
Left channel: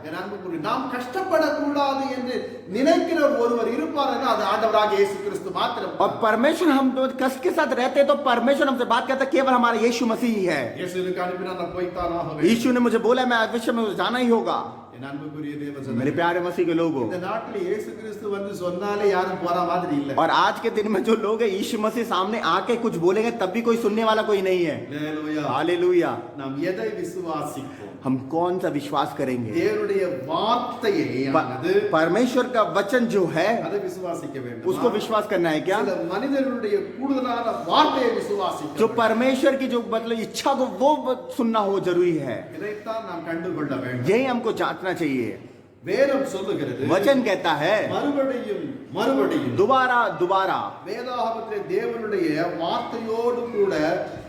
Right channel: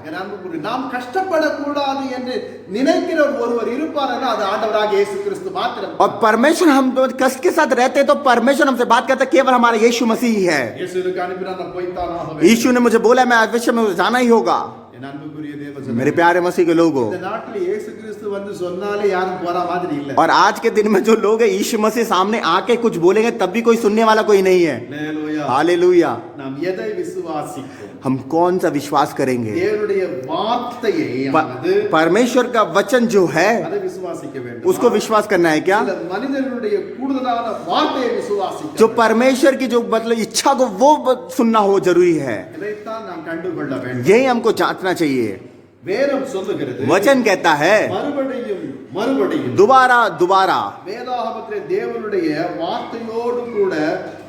நாம் கஷ்டப்படக்கூடாது என்று நினைக்கிற ஒருவர் இருப்பார், அது ஆண்டவராக இயேசு கிறிஸ்து மாத்திரம். और परमेश्वर हम कष्ट के साथ रहते हैं तो परमेश्वर हमसे बात करता है, केवल हमारा यीशु मसीह ही है. இயேசு எனக்கு அனுப்பினார், நான் போய்த்தான் ஆக வேண்டும். यीशु ने मुझे बोला मैं अवश्य में जाना ही होगा. என் அன்புக்குரிய தேவஜனங்களே, मेरे प्यारे मसीह के लोगों, இந்த நாட்டில் இயேசு கிறிஸ்து வந்து சொன்னாலே யாரும் போற மாதிரி இல்ல. और आज के दिन में जो लोग हैं यीशु मसीह सामने आके कुछ बोलेंगे तब भी कोई सुनने वाला कोई नहीं है. ஹalleluya. हालेलुया. நாம் எதை விசுவாசிப்போம்? हम कौन सा विश्वास करेंगे? தேவனுடைய வார்த்தையை ஆனது परमेश्वर का वचन जो है அதை விசுவாசிக்க வேண்டும். उसको विश्वास करना है क्या? சில மனிதர்களுடைய கூடுதலான வார்த்தையை விசுவாசிக்க जो வேண்டும். परमेश्वर की जो मतलब इच्छा को वो सुनना हो जरूरी है. இதைத்தான் நாம் கண்டுகொள்ள வேண்டும். यही हमको जांचना चाहिए. வேதம் சொல்லுகிறது, वचन कहता है மறுபடியும் மறுபடியும் दोबारा दोबारा வேதாகமத்திலே தேவனுடைய வார்த்தையோடு கூட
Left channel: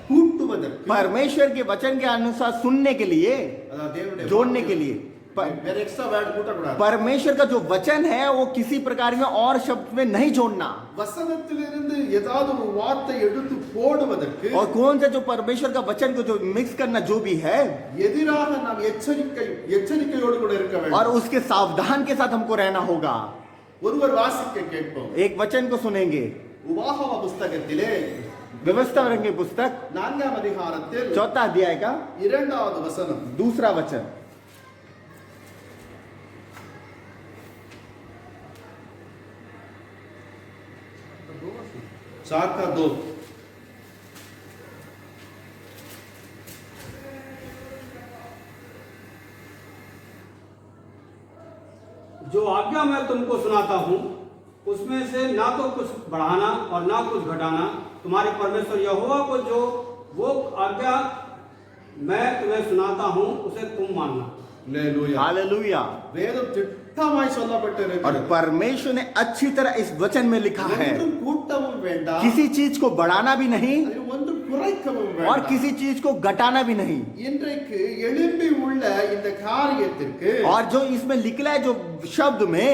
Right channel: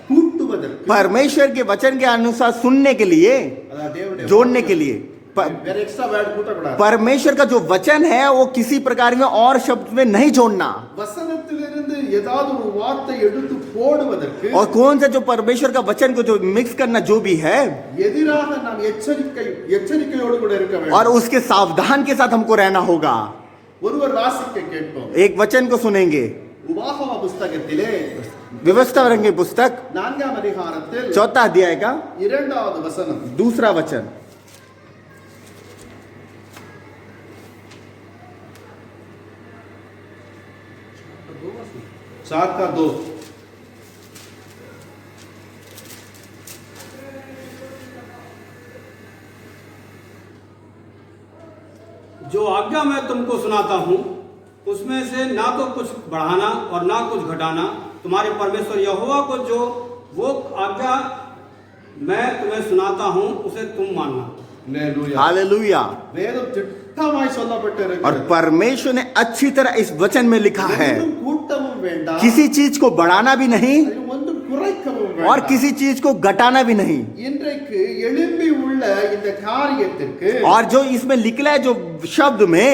கூட்டுவதற்கு, परमेश्वर के वचन के अनुसार सुनने के लिए, அதாவது தேவனுடைய जोड़ने के लिए வேற எக்ஸ்ட்ரா வேர்ட் கூட்டக்கூடாது. परमेश्वर का जो वचन है वो किसी प्रकार में और शब्द में नहीं जोड़ना. வசனத்திலிருந்து ஏதாவது ஒரு வார்த்தை எடுத்து போடுவதற்கு, और कौन सा जो परमेश्वर का वचन को जो मिक्स करना जो भी है, எதிராக நாம் எச்சரிக்கையோடு கூட இருக்க வேண்டும். और उसके सावधान के साथ हमको रहना होगा. ஒருவர் வாசிக்க கேட்போம். एक वचन को सुनेंगे. உபாகம புஸ்தகத்திலே व्यवस्था रंगे पुस्तक 4ஆம் அதிகாரத்தில் 4 अध्याय का 2வது वचனம். 2 वचन. चार का 2. जो आज्ञा मैं तुमको सुनाता हूँ उसमें से ना तो कुछ बढ़ाना और ना कुछ घटाना, तुम्हारे परमेश्वर यहोवा को जो वो आज्ञा मैं तुम्हें सुनाता हूँ उसे तुम मानना. हालेलुया. हालेलुया. வேதம் திட்டமாய் और சொல்லப்பட்டிருக்கிறது. परमेश्वर ने अच्छी तरह इस वचन में लिखा है, ஒன்றும் கூட்டவும் வேண்டாம், किसी चीज को बढ़ाना भी नहीं அதில் ஒன்றும் குறைக்கவும் और வேண்டாம். किसी चीज को घटाना भी नहीं. இன்றைக்கு எழும்பி உள்ள இந்த காரியத்திற்கு और जो इसमें निकला है जो शब्द में,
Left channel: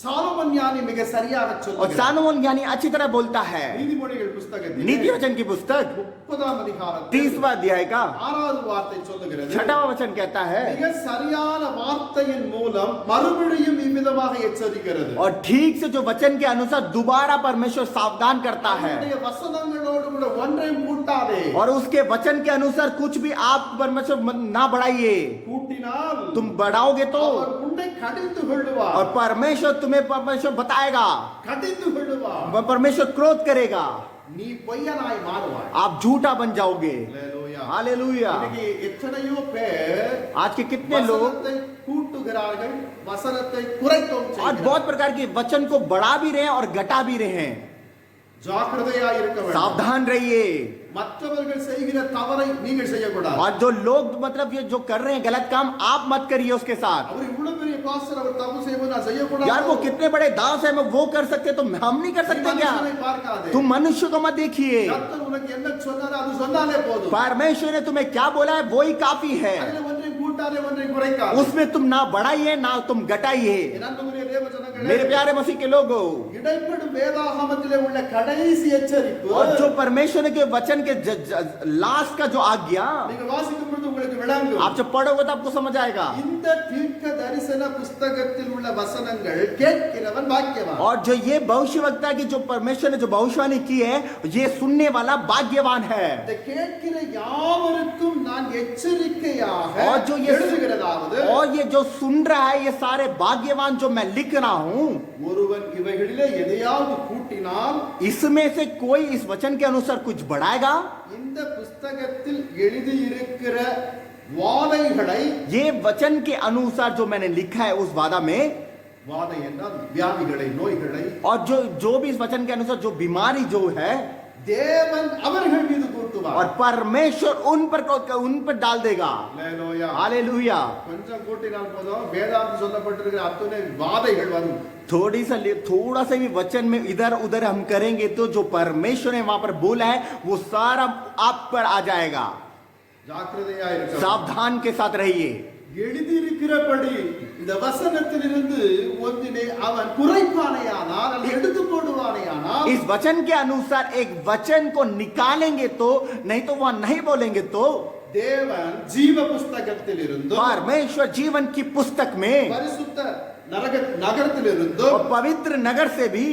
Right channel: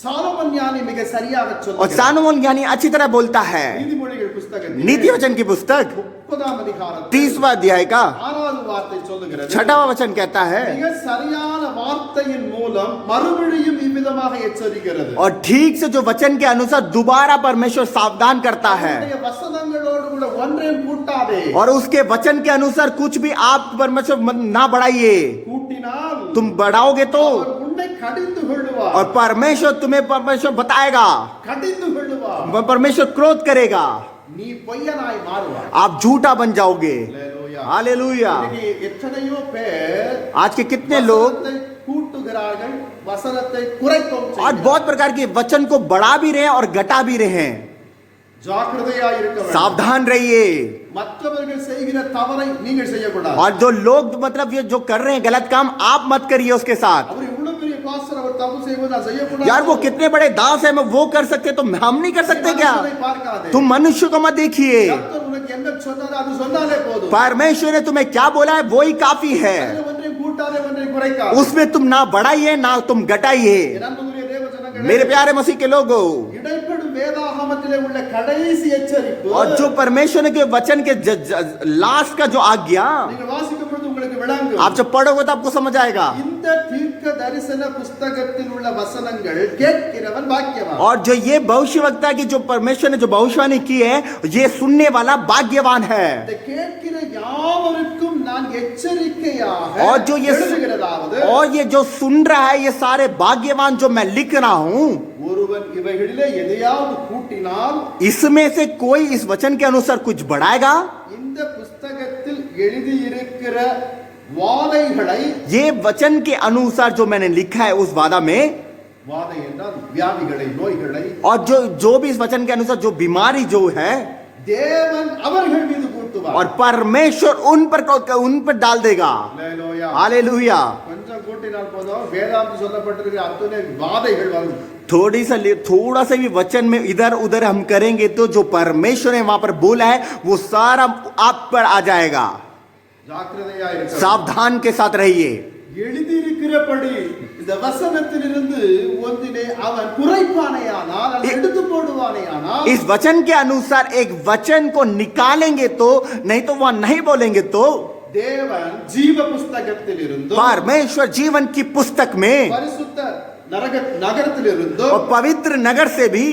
சாலமன் ஞானி மிக சரியாக और சொல்லுகிறார். सालोमन ज्ञानी अच्छी तरह बोलता है. நீதிமொழிகள் புஸ்தகத்தில் नीति वचन की पुस्तक 30ஆம் அதிகாரத்தில் 30वां अध्याय का 6வது வார்த்தை சொல்லுகிறது, 6वां वचन कहता है, மிக சரியான வார்த்தையின் மூலம் மறுபடியும் இவ்விதமாக எச்சரிக்கிறது. और ठीक से जो वचन के अनुसार दोबारा परमेश्वर सावधान करता है. அவருடைய வசனங்களோடு கூட ஒன்றையும் கூட்டாதே. और उसके वचन के अनुसार कुछ भी आप परमेश्वर ना बढ़ाइए. கூட்டினால் तुम बढ़ाओगे तो அவர் உன்னை கடிந்து கொள்ளுவார். और परमेश्वर तुम्हें परमेश्वर बताएगा, கடிந்து கொள்ளுவார். परमेश्वर क्रोध करेगा, நீ பொய்யனாய் மாறுவாய். आप झूठा बन जाओगे. ஹalleluya. हालेलुया. இன்னைக்கு எத்தனையோ பேர் आज के कितने लोग வசனத்தை கூட்டுகிறார்கள், வசனத்தை குறைக்கவும் और செய்கிறார்கள். बहुत प्रकार के वचन को बढ़ा भी रहे हैं और घटा भी रहे हैं. ஜாக்கிரதையா இருக்க வேண்டும். सावधान रहिए। மற்றவர்கள் செய்கிற தவறை நீங்கள் செய்யக்கூடாது. और जो लोग मतलब ये जो कर रहे हैं गलत काम, आप मत करिए उसके साथ। அவர் இவ்வளவு பெரிய பாஸ்டர், அவர் தப்பு செய்வது நான் செய்யக்கூடாது. यार वो कितने बड़े दास है, मैं वो कर सकते तो हम नहीं कर सकते क्या? மனுஷனை பார்க்காதே. तुम मनुष्य को मत देखिए। கர்த்தர் உனக்கு என்ன சொன்னாரோ அது சொன்னாலே போதும். परमेश्वर ने तुम्हें क्या बोला है वो ही काफी है। அதிலே ஒன்றையும் கூட்டாதே, ஒன்றையும் குறைக்காதே. उसमें तुम ना बढ़ाइए ना तुम घटाइए। என் अன்புக்குரிய தேவ ஜனங்களே, मेरे प्यारे मसीह के लोगों, இடைப்படும் வேதாகமத்திலே உள்ள கடைசி எச்சரிப்பு, और जो परमेश्वर के वचन के लास्ट का जो आज्ञा நீங்கள் வாசிக்கும் பொழுது உங்களுக்கு விளங்கும். आप जब पढ़ोगे तो आपको समझ आएगा। இந்த தீர்க்க தரிசன புஸ்தகத்தில் உள்ள வசனங்கள் கேட்கிறவன் பாக்கியவான். और जो ये भविष्यवक्ता की जो परमेश्वर ने जो भविष्यवाणी की है, ये सुनने वाला भाग्यवान है। இந்த கேட்கிற யாவருக்கும் நான் எச்சரிக்கையாக और जो ये எழுதுகிறதாவது, और ये जो सुन रहा है, ये सारे भाग्यवान जो मैं लिख रहा हूं, ஒருவன் இவைகளிலே எதையாவது கூட்டினால் इसमें से कोई इस वचन के अनुसार कुछ बढ़ाएगा, இந்த புஸ்தகத்தில் எழுதியிருக்கிற வாதைகளை, ये वचन के अनुसार जो मैंने लिखा है उस वादा में, வாதை என்றால் வியாதிகளை, நோய்களை और जो भी इस वचन के अनुसार जो बीमारी जो है, தேவன் அவர்கள் மீது கூட்டுவார். और परमेश्वर उन पर डाल देगा। அல்லேலூயா. हालेलुया। கொஞ்சம் கூட்டினால் போதும், வேதாந்தம் சொல்லப்பட்டிருக்கிற அத்தனை வாதைகள் வரும். थोड़ा सा भी वचन में इधर उधर हम करेंगे तो जो परमेश्वर ने वहां पर बोला है वो सारा आप पर आ जाएगा। ஜாக்கிரதையா இருக்க. सावधान के साथ रहिए। எழுதியிருக்கிறபடி இந்த வசனத்திலிருந்து ஒன்றிலே அவன் குறைப்பானையானால் அல்லது எடுத்து போடுவானையானால், इस वचन के अनुसार एक वचन को निकालेंगे तो, नहीं तो वह नहीं बोलेंगे तो, தேவன் ஜீவ புஸ்தகத்திலிருந்து, परमेश्वर जीवन की पुस्तक में பரிசுத்த நகரத்திலிருந்து, और पवित्र नगर से भी,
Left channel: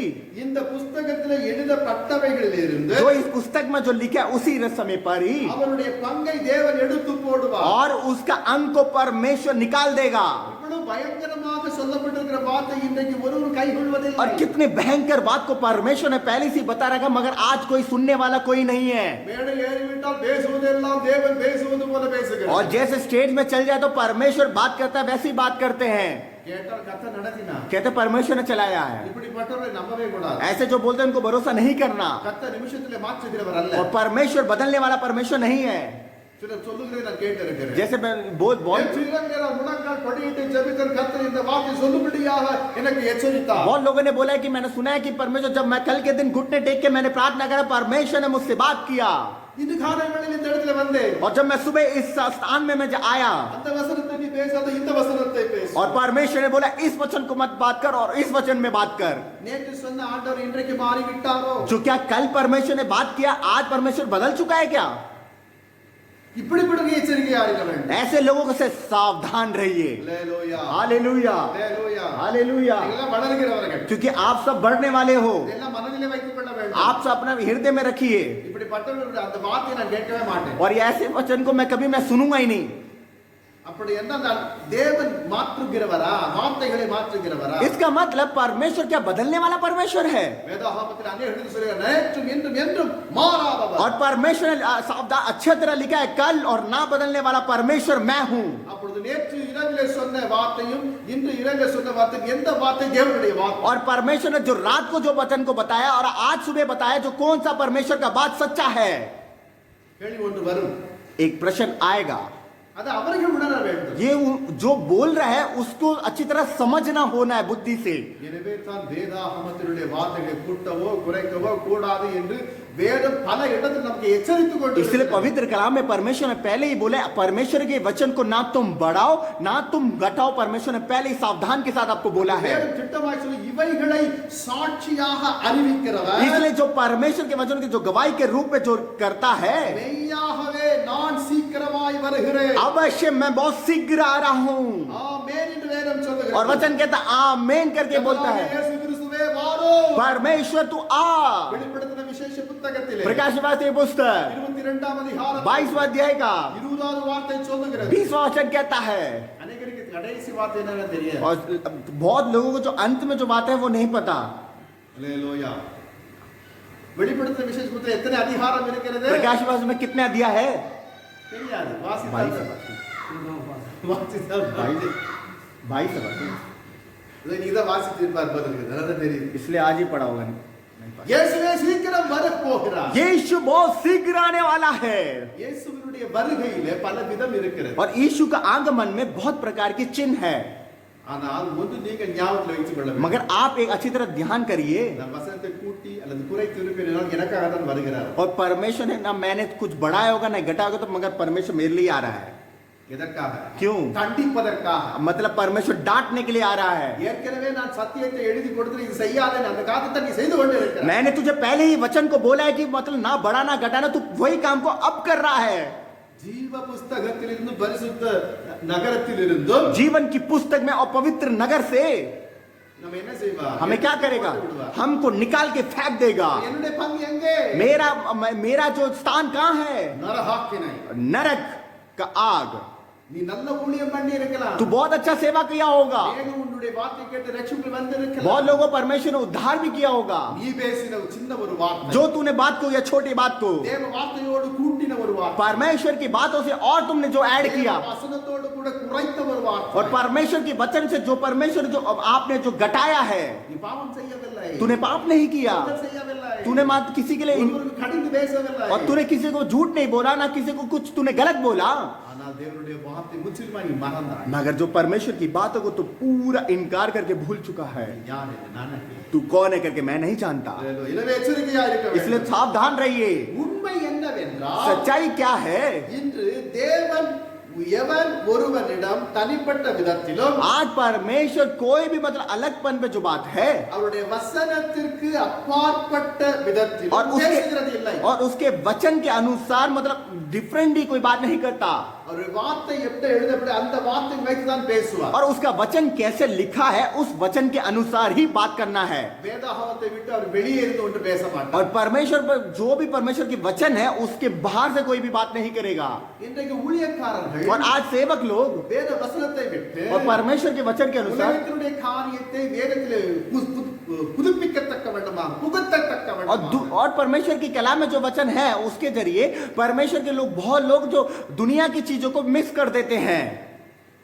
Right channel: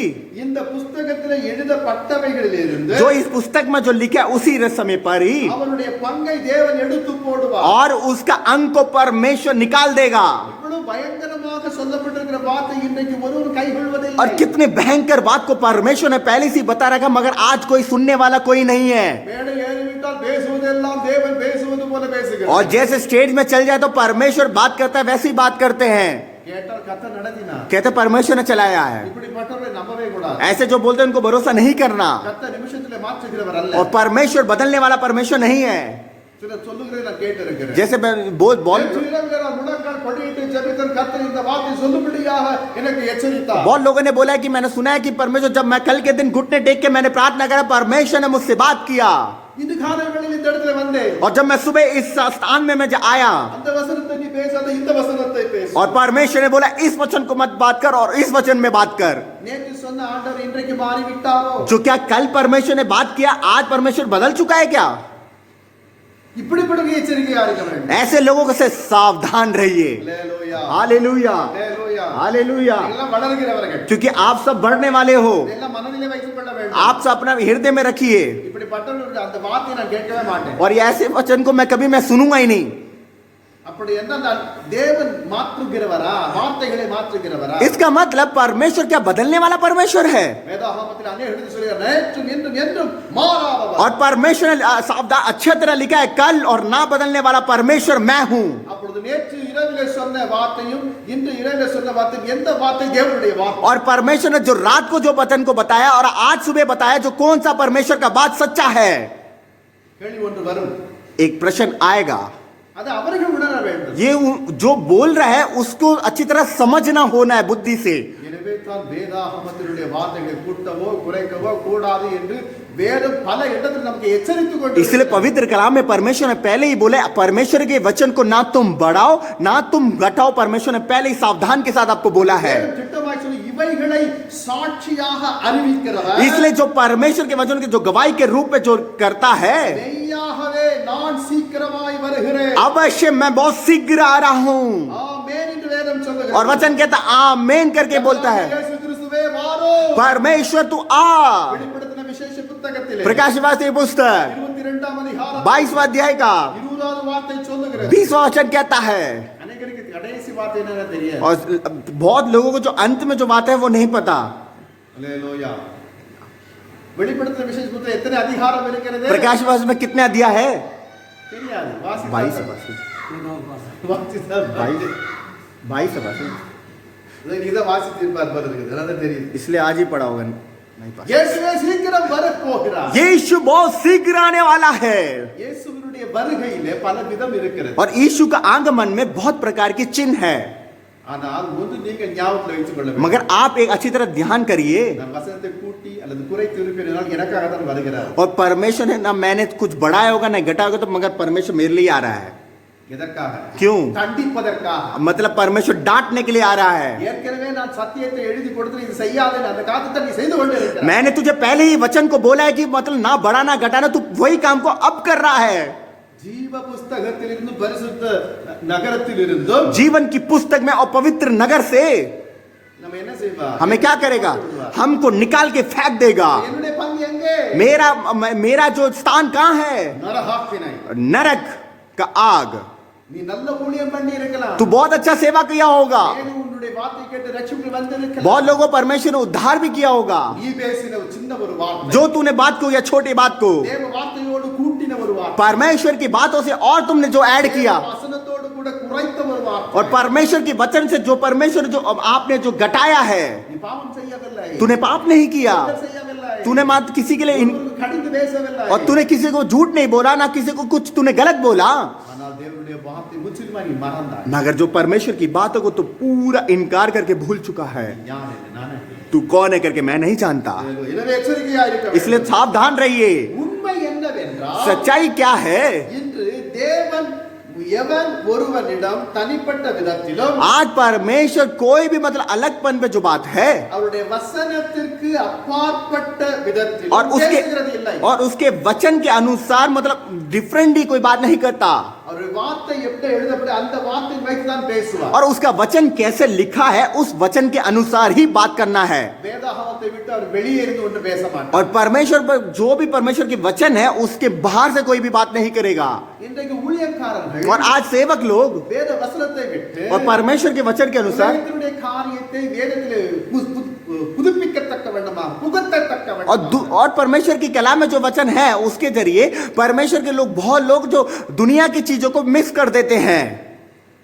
இந்த புஸ்தகத்தில் எழுதப்பட்டவைகளிலிருந்து जो इस पुस्तक में जो लिखा है उसी समय पर ही, அவருடைய பங்கை தேவன் எடுத்து போடுவார். और उसका अंक को परमेश्वर निकाल देगा। இவ்வளவு பயங்கரமாக சொல்லப்பட்டிருக்கிற வார்த்தை இன்றைக்கு ஒருவரும் கைகொள்வதில்லை. और कितने भयंकर बात को परमेश्वर ने पहले से बता रखा, मगर आज कोई सुनने वाला कोई नहीं है। மேடை ஏறிவிட்டால் பேசுவதெல்லாம் தேவன் பேசுவது போல பேசுகிறார். और जैसे स्टेज में चल जाए तो परमेश्वर बात करता है वैसी बात करते हैं। கேட்டால் கர்த்தர் நடத்தினார். कहते परमेश्वर ने चलाया है। இப்படிப்பட்டவரை நம்பவே கூடாது. ऐसे जो बोलते हैं उनको भरोसा नहीं करना। கர்த்தர் நிமிஷத்திலே மாற்றுகிறவர் அல்ல. और परमेश्वर बदलने वाला परमेश्वर नहीं है। சிலர் சொல்லுகிறதை நான் கேட்டிருக்கிறேன். जैसे बहुत நேற்று இரவிலே நான் முழங்கால் படியிட்டு ஜெபித்தேன். கர்த்தர் இந்த வார்த்தை சொல்லும்படியாக எனக்கு எச்சரித்தார். बहुत लोगों ने बोला है कि मैंने सुना है कि परमेश्वर, जब मैं कल के दिन घुटने टेक के मैंने प्रार्थना करा, परमेश्वर ने मुझसे बात किया। இந்த காலை வேளையில் இந்த இடத்துல வந்தேன். और जब मैं सुबह इस स्थान में मैं आया, அந்த வசனத்தை நீ பேசாத, இந்த வசனத்தை பேசு. और परमेश्वर ने बोला इस वचन को मत बात कर और इस वचन में बात कर। நேற்று சொன்ன ஆண்டவர் இன்றைக்கு மாறி விட்டாரோ? जो क्या कल परमेश्वर ने बात किया, आज परमेश्वर बदल चुका है क्या? இப்படிப்பட்ட எச்சரிக்கையா இருக்க வேண்டும். ऐसे लोगों से सावधान रहिए। அல்லேலூயா. हालेलुया, அல்லேலூயா. हालेलुया। எல்லாம் வளர்கிறவர்கள். क्योंकि आप सब बढ़ने वाले हो, இதெல்லாம் மனதிலே வைத்துக் கொள்ள வேண்டும். आप सब अपना हृदय में रखिए। இப்படிப்பட்டவர்களுடைய அந்த வார்த்தையை நான் கேட்கவே மாட்டேன். और ये ऐसे वचन को मैं कभी सुनूंगा ही नहीं। அப்படி என்றால் தேவன் மாற்றுகிறவரா? வார்த்தைகளை மாற்றுகிறவரா? इसका मतलब परमेश्वर क्या बदलने वाला परमेश्वर है? வேதாகமத்தில் अनेक இடத்தில் சொல்கிறார், நேற்றும் இன்றும் என்றும் மாறாதவர். और परमेश्वर ने सावधान अच्छी तरह लिखा है, कल और ना बदलने वाला परमेश्वर मैं हूँ। அப்பொழுது நேற்று இரவிலே சொன்ன வார்த்தையும் இன்று இரவிலே சொன்ன வார்த்தையும் எந்த வார்த்தை? தேவனுடைய வார்த்தை. और परमेश्वर ने जो रात को जो वचन को बताया और आज सुबह बताया, जो कौन सा परमेश्वर का बात सच्चा है? கேள்வி ஒன்று வரும். एक प्रश्न आएगा। அது அவர்கள் உணர வேண்டும். ये जो बोल रहा है उसको अच्छी तरह समझना होना है बुद्धि से। எனவே தான் வேதாகமத்தினுடைய வார்த்தைகளை கூட்டவோ குறைக்கவோ கூடாது என்று வேதம் பல இடத்தில் நமக்கு எச்சரித்துக் கொண்டு इसलिए पवित्र कलाम में परमेश्वर ने पहले ही बोले, परमेश्वर के वचन को ना तुम बढ़ाओ ना तुम घटाओ। परमेश्वर ने पहले ही सावधान के साथ आपको बोला है। வேதம் திட்டமாய் சொல்லி இவைகளை சாட்சியாக அறிவிக்கிறவர், इसलिए जो परमेश्वर के वचन की जो गवाही के रूप में जो करता है, மெய்யாகவே நான் சீக்கிரமாய் வருகிறேன், अवश्य मैं बहुत शीघ्र आ रहा हूँ। ஆமென் என்று வேதம் சொல்லுகிறது. और वचन कहता आमेन करके बोलता है, இயேசு கிறிஸ்துவே வாரும். परमेश्वर तू आ। வெளிப்படுத்தின விசேஷ புத்தகத்திலே प्रकाशवासी पुस्तक 22ஆம் அதிகாரம் 22वां अध्याय का 20வது வார்த்தை சொல்லுகிறது. 20वां वचन कहता है। அநேகருக்கு கடைசி வார்த்தை என்னன்னு தெரியாது. और बहुत लोगों को जो अंत में जो बात है वो नहीं पता। அல்லேலூயா. வெளிப்படுத்தின விசேஷ புத்தகம் எத்தனை அதிகாரம் இருக்கிறது? प्रकाशवासी में कितने अध्याय है? தெரியாது. 22 இதை வாசித்திருப்பார் போல இருக்குது. அதான் தெரியுது. इसलिए आज ही पढ़ा होगा। இயேசுவே சீக்கிரம் வரப்போகிறார். यीशु बहुत शीघ्र आने वाला है இயேசுவினுடைய வருகையிலே பல விதம் இருக்கிறது. और यीशु का आगमन में बहुत प्रकार के चिन्ह है ஆனால் ஒன்று நீங்க ஞாபகத்தில் வைத்துக் கொள்ள வேண்டும். मगर आप एक अच्छी तरह ध्यान करिए நான் வசனத்தை கூட்டி அல்லது குறைத்து இருப்பேனால் எனக்காக தான் வருகிறார். और परमेश्वर है ना मैंने कुछ बढ़ाया होगा ना घटाया होगा तो मगर परमेश्वर मेरे लिए आ रहा है எதற்காக? क्यों கண்டிப்பதற்காக. मतलब परमेश्वर डांटने के लिए आ रहा है ஏற்கனவே நான் சத்தியத்தை எழுதி கொடுத்து இது செய்யாதே அந்த காரியத்தை நீ செய்து கொண்டு இருக்கிறாய். मैंने तुझे पहले ही वचन को बोला है कि मतलब ना बढ़ाना घटाना तू वही काम को अब कर रहा है ஜீவ புஸ்தகத்திலிருந்து பரிசுத்த நகரத்திலிருந்தும் जीवन की पुस्तक में और पवित्र नगर से நம்ம என்ன செய்வார்? हमें क्या करेगा हमको निकाल के फेंक देगा என்னுடைய பங்கு எங்கே? मेरा जो स्थान कहाँ है நரகாக்கினை. नरक का आग நீ நல்ல ஊழியம் பண்ணி இருக்கலாம். तू बहुत अच्छा सेवा किया होगा தேவன் உன்னுடைய வார்த்தை கேட்டு ரட்சிப்பு வந்திருக்கலாம். बहुत लोगों को परमेश्वर ने उद्धार भी किया होगा நீ பேசின ஒரு சின்ன ஒரு வார்த்தை जो तूने बात को या छोटी बात को தேவ வார்த்தையோடு கூட்டின ஒரு வார்த்தை परमेश्वर की बातों से और तुमने जो ऐड किया தேவ வசனத்தோடு கூட குறைத்த ஒரு வார்த்தை और परमेश्वर के वचन से जो परमेश्वर जो अब आपने जो घटाया है நீ பாவம் செய்யவில்லை. तूने पाप नहीं किया குற்றம் செய்யவில்லை. तूने मात्र किसी के लिए ஒருவருக்கு கடிந்து பேசவில்லை. और तूने किसी को झूठ नहीं बोला ना किसी को कुछ तूने गलत बोला ஆனால் தேவனுடைய வார்த்தை முற்றிலுமா நீ மறந்தாய். मगर जो परमेश्वर की बातों को तो पूरा इनकार करके भूल चुका है யார் என்று நானே. तू कौन है करके मैं नहीं जानता எனவே எச்சரிக்கையா இருக்க வேண்டும். इसलिए सावधान रहिए உண்மை என்னவென்றால் सच्चाई क्या है இன்று தேவன் எவன் ஒருவனிடம் தனிப்பட்ட விதத்திலும் आज परमेश्वर कोई भी मतलब अलगपन पे जो बात है அவருடைய வசனத்திற்கு அப்பாற்பட்ட விதத்திலும் और उसके பேசுகிறது இல்லை. और उसके वचन के अनुसार मतलब डिफरेंट ही कोई बात नहीं करता அவருடைய வார்த்தை எப்படி எழுதப்பட அந்த வார்த்தை வைத்து தான் பேசுவார். और उसका वचन कैसे लिखा है उस वचन के अनुसार ही बात करना है வேதாகமத்தை விட்டு அவர் வெளியே இருந்து ஒன்று பேச மாட்டார். और परमेश्वर पर जो भी परमेश्वर के वचन है उसके बाहर से कोई भी बात नहीं करेगा இன்றைக்கு ஊழியக்காரர்கள் और आज सेवक लोग வேத வசனத்தை விட்டு और परमेश्वर के वचन के अनुसार உலகத்தினுடைய காரியத்தை வேதத்திலே புதுப்பிக்கத்தக்க வேண்டுமா புகுத்தத்தக்க வேண்டுமா और परमेश्वर की कलाम में जो वचन है उसके जरिए परमेश्वर के लोग बहुत लोग जो दुनिया की चीजों को मिक्स कर देते हैं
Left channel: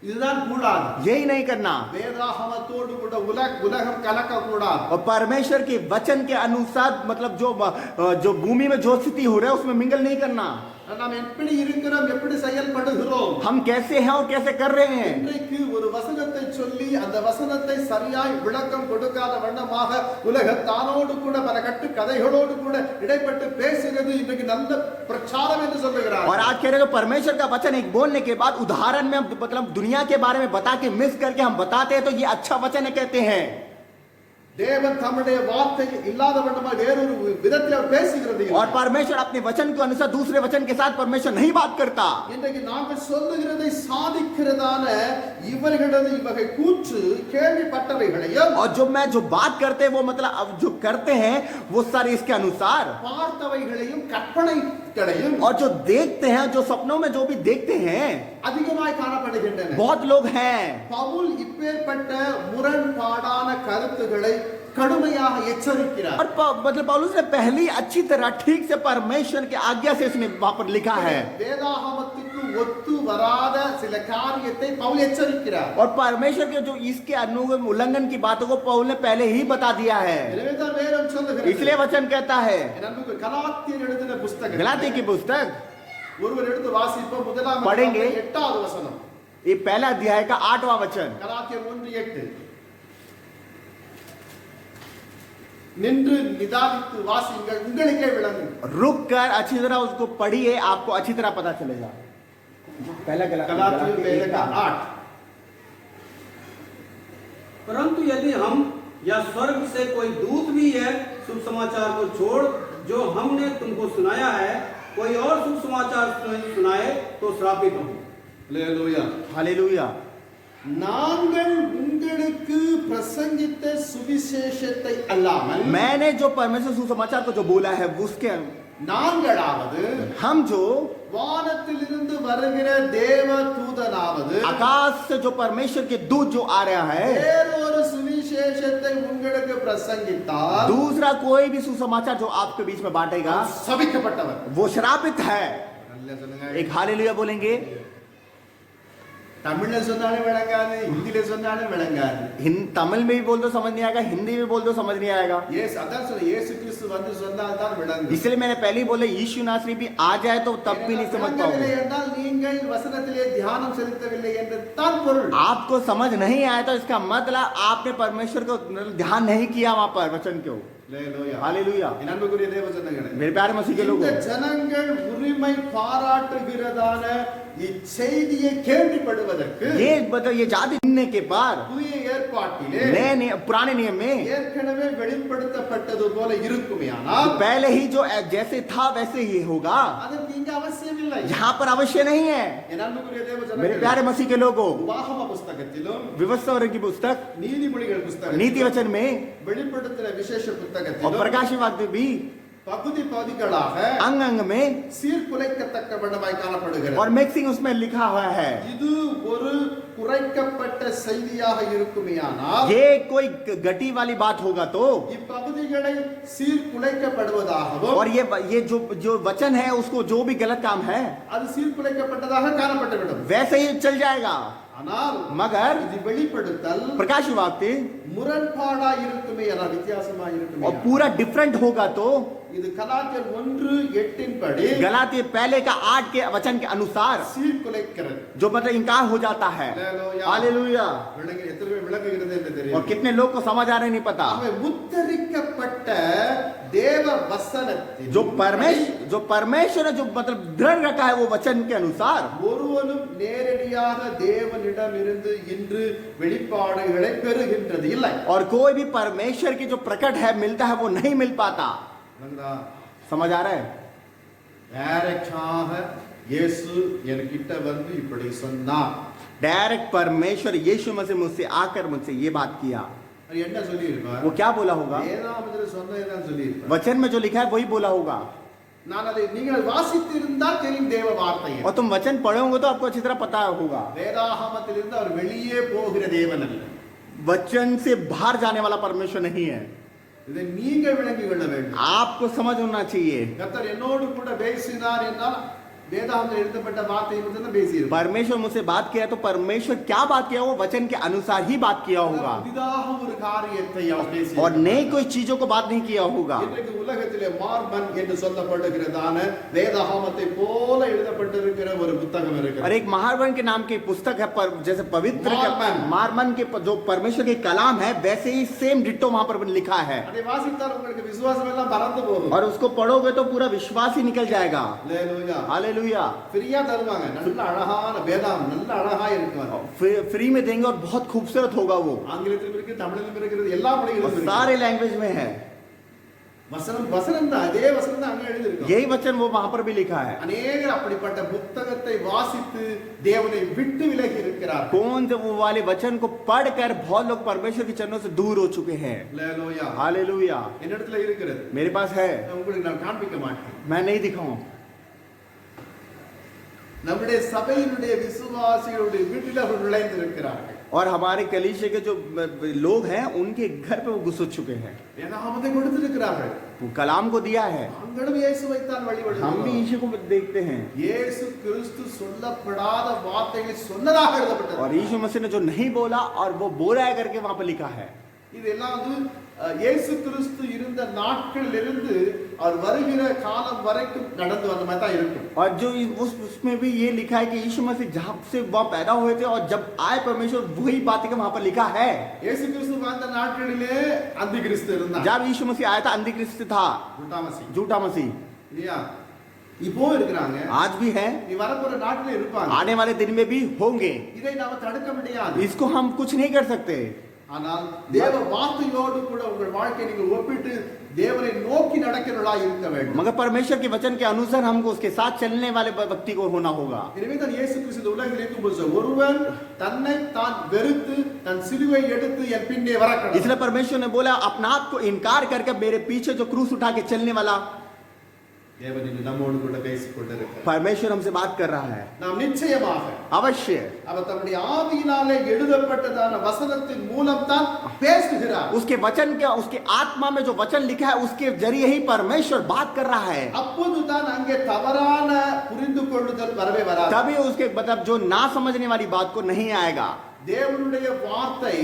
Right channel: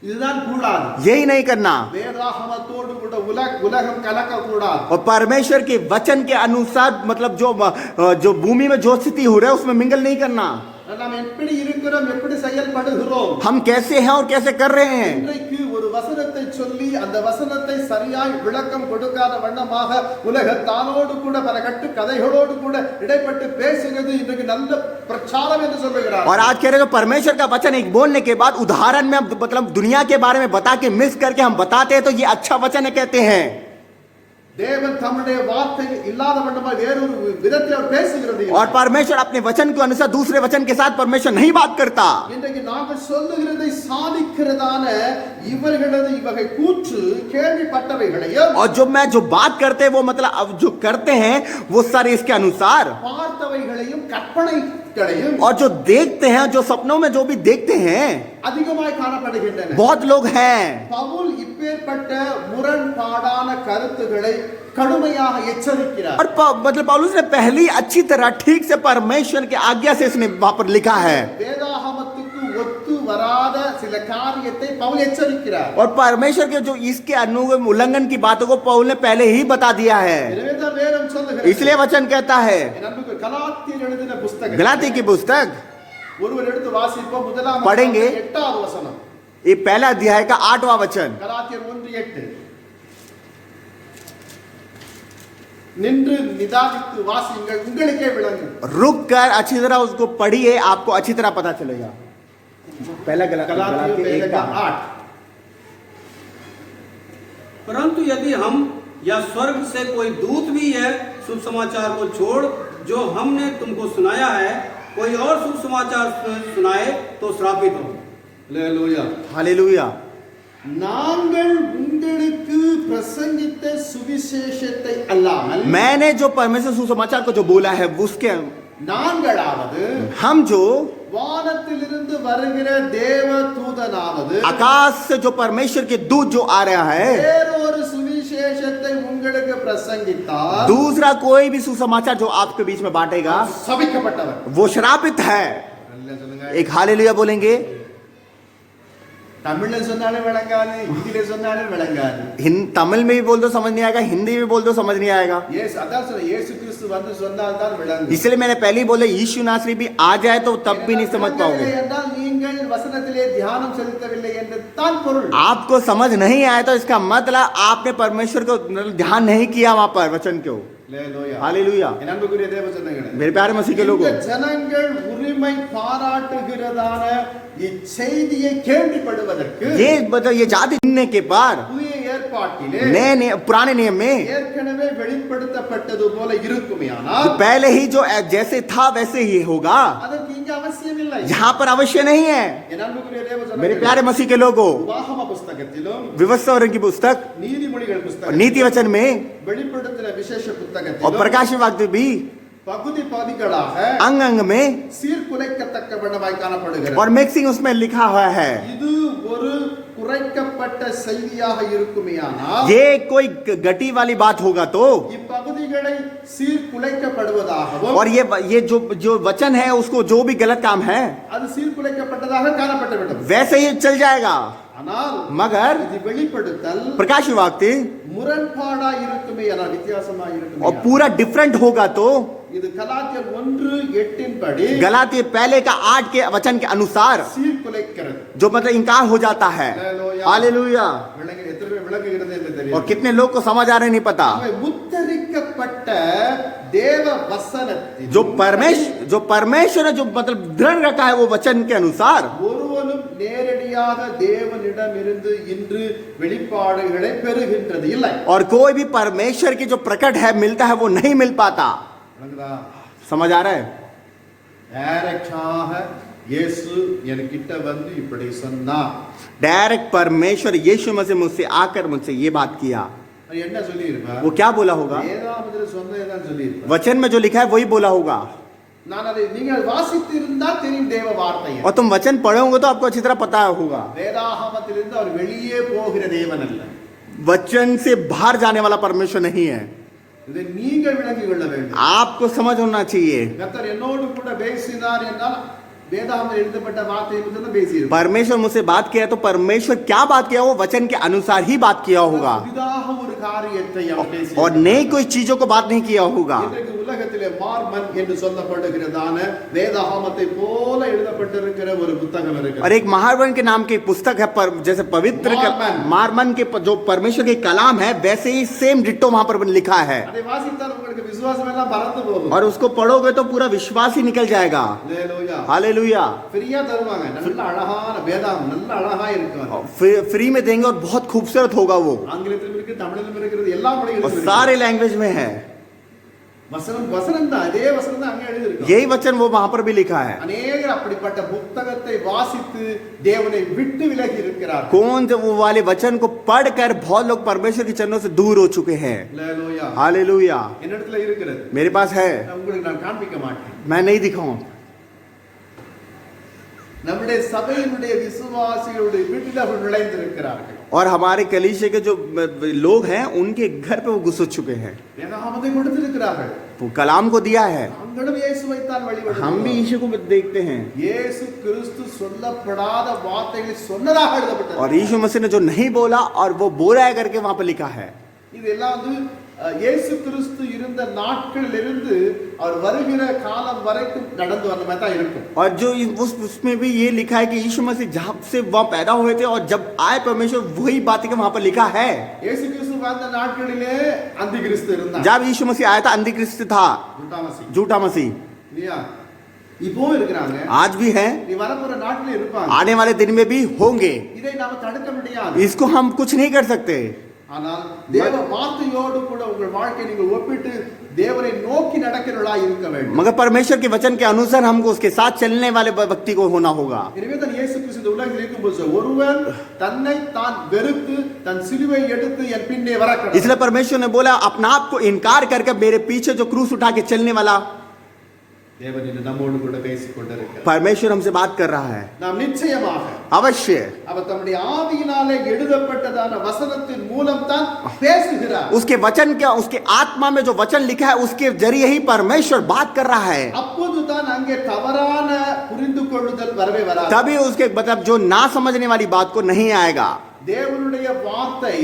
இதுதான் கூடாது. यही नहीं करना வேதாகமத்தோடு கூட உலகம் கலக்க கூடாது. और परमेश्वर के वचन के अनुसार मतलब जो भूमि में जो स्थिति हो रहा है उसमें मिंगल नहीं करना நாம் எப்படி இருக்கிறோம் எப்படி செயல்படுகிறோம் हम कैसे हैं और कैसे कर रहे हैं இன்றைக்கு ஒரு வசனத்தை சொல்லி அந்த வசனத்தை சரியாய் விளக்கம் கொடுக்காத வண்ணமாக உலகத்தானோடு கூட பல கட்டு கதைகளோடு கூட இடைப்பட்டு பேசுகிறது இன்றைக்கு நல்ல பிரச்சாரம் என்று சொல்லுகிறார். और आज कह रहे हो परमेश्वर का वचन एक बोलने के बाद उदाहरण में मतलब दुनिया के बारे में बता के मिक्स करके हम बताते हैं तो ये अच्छा वचन है कहते हैं தேவன் தம்முடைய வார்த்தை இல்லாத வண்ணமாய் வேறொரு விதத்தில் அவர் பேசுகிறது. और परमेश्वर अपने वचन के अनुसार दूसरे वचन के साथ परमेश्वर नहीं बात करता இன்றைக்கு நாங்கள் சொல்லுகிறதை சாதிக்கிறதான இவர்களது இவகை கூற்று கேள்விப்பட்டவைகளையும் और जो बात करते हैं वो मतलब अब जो करते हैं वो सारे इसके अनुसार பார்த்தவைகளையும் கற்பனைகளையும் और जो देखते हैं जो सपनों में जो भी देखते हैं அதிகமாய் காணப்படுகின்றன. बहुत लोग हैं பவுல் இப்பேற்பட்ட முரண்பாடான கருத்துக்களை கடுமையாக எச்சரிக்கிறார். और मतलब पौलुस ने पहली अच्छी तरह ठीक से परमेश्वर की आज्ञा से इसने वहां पर लिखा है வேதாகமத்துக்கு ஒத்து வராத சில காரியத்தை பவுல் எச்சரிக்கிறார். और परमेश्वर के जो इसके उल्लंघन की बातों को पौल ने पहले ही बता दिया है எனவே தான் வேதம் சொல்லுகிறது. इसलिए वचन कहता है என் அன்புக்கு கலாத்தியர் எழுதின புத்தகம் गलाती की पुस्तक ஒருவர் எடுத்து வாசிப்போம். முதலாம் पढ़ेंगे। 8வது வசனம். ये पहला अध्याय का 8वां वचन கலாத்தியர் 1:8 நின்று நிதானித்து வாசியுங்கள் உங்களுக்கே விளங்கும். रुक कर अच्छी तरह उसको पढ़िए आपको अच्छी तरह पता चलेगा पहला गलातियों पहले का 8 परंतु यदि हम या स्वर्ग से कोई दूत भी है शुभ समाचार को छोड़ जो हमने तुमको सुनाया है कोई और शुभ समाचार सुनाए तो श्रापित हो. அல்லேலூயா. हालेलुया நாங்கள் உங்களுக்கு பிரசங்கித்த சுவிசேஷத்தை அல்லாமல் मैंने जो परमेश्वर सुसमाचार को जो बोला है उसके நாங்களாவது हम जो வானத்திலிருந்து வருகிற தேவ தூதனாவது आकाश से जो परमेश्वर के दूत जो आ रहा है வேறொரு சுவிசேஷத்தை உங்களுக்கு பிரசங்கித்தால் दूसरा कोई भी सुसमाचार जो आपके बीच में बांटेगा சபிக்கப்பட்டவர். वो श्रापित है அல்லேலூயா சொல்லுங்க. एक हालेलुया बोलेंगे தமிழ்ல சொன்னாலும் விளங்காது, ஹிந்தில சொன்னாலும் விளங்காது. तमिल में भी बोल दो समझ नहीं आएगा, हिंदी में बोल दो समझ नहीं आएगा. அதான் சொல்ல இயேசு கிறிஸ்து வந்து சொன்னால் தான் விளங்கும். इसलिए मैंने पहले ही बोला यीशु नासरी भी आ जाए तो तब भी नहीं समझ पाओगे. என்றால் நீங்கள் வசனத்திலே தியானம் செலுத்தவில்லை என்று தான் பொருள். आपको समझ नहीं आया तो इसका मतलब आपने परमेश्वर को ध्यान नहीं किया वहां पर वचन को. அல்லேலூயா. हालेलूया. என் அன்புக்குரிய தேவ ஜனங்களே, मेरे प्यारे मसीह के लोगों, இந்த ஜனங்கள் உரிமை பாராட்டுகிறதான இச்செய்தியை கேள்விப்படுவதற்கு ये मतलब ये जाति सुनने के बाद புதிய ஏற்பாட்டிலே नए पुराने नियम में ஏற்கனவே வெளிப்படுத்தப்பட்டது போல இருக்குமேயானால் पहले ही जो जैसे था वैसे ही होगा. அதற்கு இங்க அவசியம் இல்லை. यहाँ पर अवश्य नहीं है. என் அன்புக்குரிய தேவ मेरे ஜனங்களே, प्यारे मसीह के लोगों, உபாகம புஸ்தகத்திலும் विवस्त्र की पुस्तक, நீதிமொழிகள் नीति புஸ்தகத்திலும் वचन में வெளிப்படுத்தின विशेष और புத்தகத்திலும் प्रकाश वाक्य भी பகுதி பகுதிகளாக अंग अंग में சீர்குலைக்கத்தக்க வண்ணமாய் காணப்படுகிறது. और मिक्सिंग उसमें लिखा हुआ है. இது ஒரு குறைக்கப்பட்ட செய்தியாக இருக்குமேயானால் ये कोई गटी वाली बात होगा तो, இப்பகுதிகளை சீர்குலைக்கப்படுவதாகவும் और ये जो वचन है उसको जो भी गलत काम है அது சீர்குலைக்கப்பட்டதாக காணப்பட்டுவிடும். वैसे ही चल जाएगा. ஆனால் मगर இது வெளிப்படுத்தல் प्रकाश वाक्य முரண்பாடா இருக்குமே, வித்தியாசமா இருக்குமே. और पूरा डिफरेंट होगा तो இது கலாத்தியர் 1:8 படி गलाती पहले का 8 के वचन के अनुसार சீர்குலைக்கிறது. जो मतलब इनकार हो जाता है. Hallelujah. हालेलुया. எத்தனை பேர் விளங்குகிறது என்று और தெரியும். कितने लोग को समझ आ रहे नहीं पता. ஆகவே முத்தரிக்கப்பட்ட தேவ வசனத்தின் जो परमेश्वर ने जो मतलब दृढ़ रखा है वो वचन के अनुसार ஒருவனும் நேரடியாக தேவனிடமிருந்து இன்று வெளிப்பாடுகளை பெறுகின்றது இல்லை. और कोई भी परमेश्वर की जो प्रकट है मिलता है वो नहीं मिल पाता. விளங்குதா? समझ आ रहा है? டைரக்டாக இயேசு என்கிட்ட வந்து இப்படி சொன்னார். डायरेक्ट परमेश्वर यीशु मसीह मुझसे आकर मुझसे ये बात किया. அது என்ன சொல்லி இருப்பார்? वो क्या बोला होगा? வேதாகமத்தில் சொன்னதுதான் சொல்லி இருப்பார். वचन में जो लिखा है वही बोला होगा. நான் அதை நீங்கள் வாசித்து இருந்தால் தெரியும் தேவ வார்த்தையை. और तुम वचन पढ़े होंगे तो आपको अच्छी तरह पता होगा. வேதாகமத்திலிருந்து அவர் வெளியே போகிற தேவன் அல்ல. वचन से बाहर जाने वाला परमेश्वर नहीं है. இதை நீங்கள் விளங்கிக் கொள்ள வேண்டும். आपको समझ होना चाहिए. கர்த்தர் என்னோடு கூட பேசினார் என்றால் வேதாகமத்தில் எழுதப்பட்ட வார்த்தையை மட்டும் தான் பேசியிருப்பார். परमेश्वर मुझसे बात किया तो परमेश्वर क्या बात किया वो वचन के अनुसार ही बात किया होगा. புதிதாக ஒரு காரியத்தை அவர் பேசியிருப்பார். और नई कोई चीजों को बात नहीं किया होगा. இன்றைக்கு உலகத்திலே மார்மன் என்று சொல்லப்படுகிறதான வேதாகமத்தை போல எழுதப்பட்டிருக்கிற ஒரு புத்தகம் இருக்கிறது. और एक महारवन के नाम की पुस्तक है पर जैसे पवित्र मारमन के जो परमेश्वर के कलाम है वैसे ही सेम डिट्टो वहां पर लिखा है. அதை வாசித்தால் உங்களுக்கு விசுவாசம் எல்லாம் பறந்து போகும். और उसको पढ़ोगे तो पूरा विश्वास ही निकल जाएगा. அல்லேலூயா. हालेलुया. ஃப்ரீயா தருவாங்க. நல்ல அழகான வேதாகம் நல்ல அழகா இருக்கும். फ्री में देंगे और बहुत खूबसूरत होगा वो. ஆங்கிலத்திலும் இருக்கு, தமிழிலும் இருக்கிறது, எல்லா மொழிகளிலும் और இருக்கு. सारे लैंग्वेज में है. வசனம் தான் அதே வசனம் தான் அங்க எழுதிருக்கு. यही वचन वो वहां पर भी लिखा है. அநேகர் அப்படிப்பட்ட புத்தகத்தை வாசித்து தேவனை விட்டு விலகி இருக்கிறார். कौन जो वो वाले वचन को पढ़कर बहुत लोग परमेश्वर के चरणों से दूर हो चुके हैं. அல்லேலூயா. हालेलुया. என்னிடத்துல இருக்கிறது. मेरे पास है, உங்களுக்கு நான் காண்பிக்க மாட்டேன். मैं नहीं दिखाऊं. நம்முடைய சபையினுடைய விசுவாசிகளுடைய வீட்டில் அவர்கள் நுழைந்திருக்கிறார்கள். और हमारे कलीसिया के जो लोग हैं उनके घर पे वो घुस चुके हैं. வேதாகமத்தை கொடுத்திருக்கிறார்கள். वो कलाम को दिया है. நாங்களும் இயேசுவைத்தான் हम भी வழிபடுகிறோம். यीशु को देखते हैं. இயேசு கிறிஸ்து சொல்லப்படாத வார்த்தைகளை சொன்னதாக எழுதப்பட்டது. और यीशु मसीह ने जो नहीं बोला और वो बोला है करके वहां पर लिखा है. இதெல்லாம் வந்து இயேசு கிறிஸ்து இருந்த நாட்களிலிருந்து அவர் வருகிற காலம் வரைக்கும் நடந்து வந்த மாதிரி தான் இருக்கும். और जो उसमें भी ये लिखा है कि यीशु मसीह जहाँ से वह पैदा हुए थे और जब आए परमेश्वर वही बातें के वहां पर लिखा है. இயேசு கிறிஸ்து வாழ்ந்த நாட்களிலே அந்தி கிறிஸ்து இருந்தார். जब यीशु मसीह आया था अंधिक्रिस्त था, झूठा मसीह. இல்லையா? இப்போ இருக்கிறாங்க. आज भी है, நீ வரப்போற நாட்களே இருப்பாங்க. आने वाले दिन में भी होंगे. இதை நாம தடுக்க முடியாது. इसको हम कुछ नहीं कर सकते. ஆனால் தேவ வார்த்தையோடு கூட உங்கள் வாழ்க்கையை நீங்கள் ஒப்பிட்டு தேவனை நோக்கி நடக்கிறவர்களாய் இருக்க வேண்டும். मगर परमेश्वर के वचन के अनुसार हमको उसके साथ चलने वाले व्यक्ति को होना होगा. எனவே தான் இயேசு கிறிஸ்து இந்த உலகில் இருக்கும்போது ஒருவன் தன்னை தான் வெறுத்து தன் சிலுவை எடுத்து என் பின்னே வரக்கடவன். इसलिए परमेश्वर ने बोला अपना आप को इनकार करके मेरे पीछे जो क्रूस उठा के चलने वाला. தேவன் இன்று நம்மோடு கூட பேசிக் கொண்டிருக்கிறார். परमेश्वर हमसे बात कर रहा है. நாம் நிச்சயமாக अवश्य அவர் தம்முடைய ஆவியினாலே எழுதப்பட்டதான வசனத்தின் மூலம் தான் பேசுகிறார். उसके वचन क्या उसके आत्मा में जो वचन लिखा है उसके जरिए ही परमेश्वर बात कर रहा है. அப்போது தான் அங்கே தவறான புரிந்து கொள்ளுதல் வரவே வராது. तभी उसके मतलब जो ना समझने वाली बात को नहीं आएगा. தேவனுடைய வார்த்தை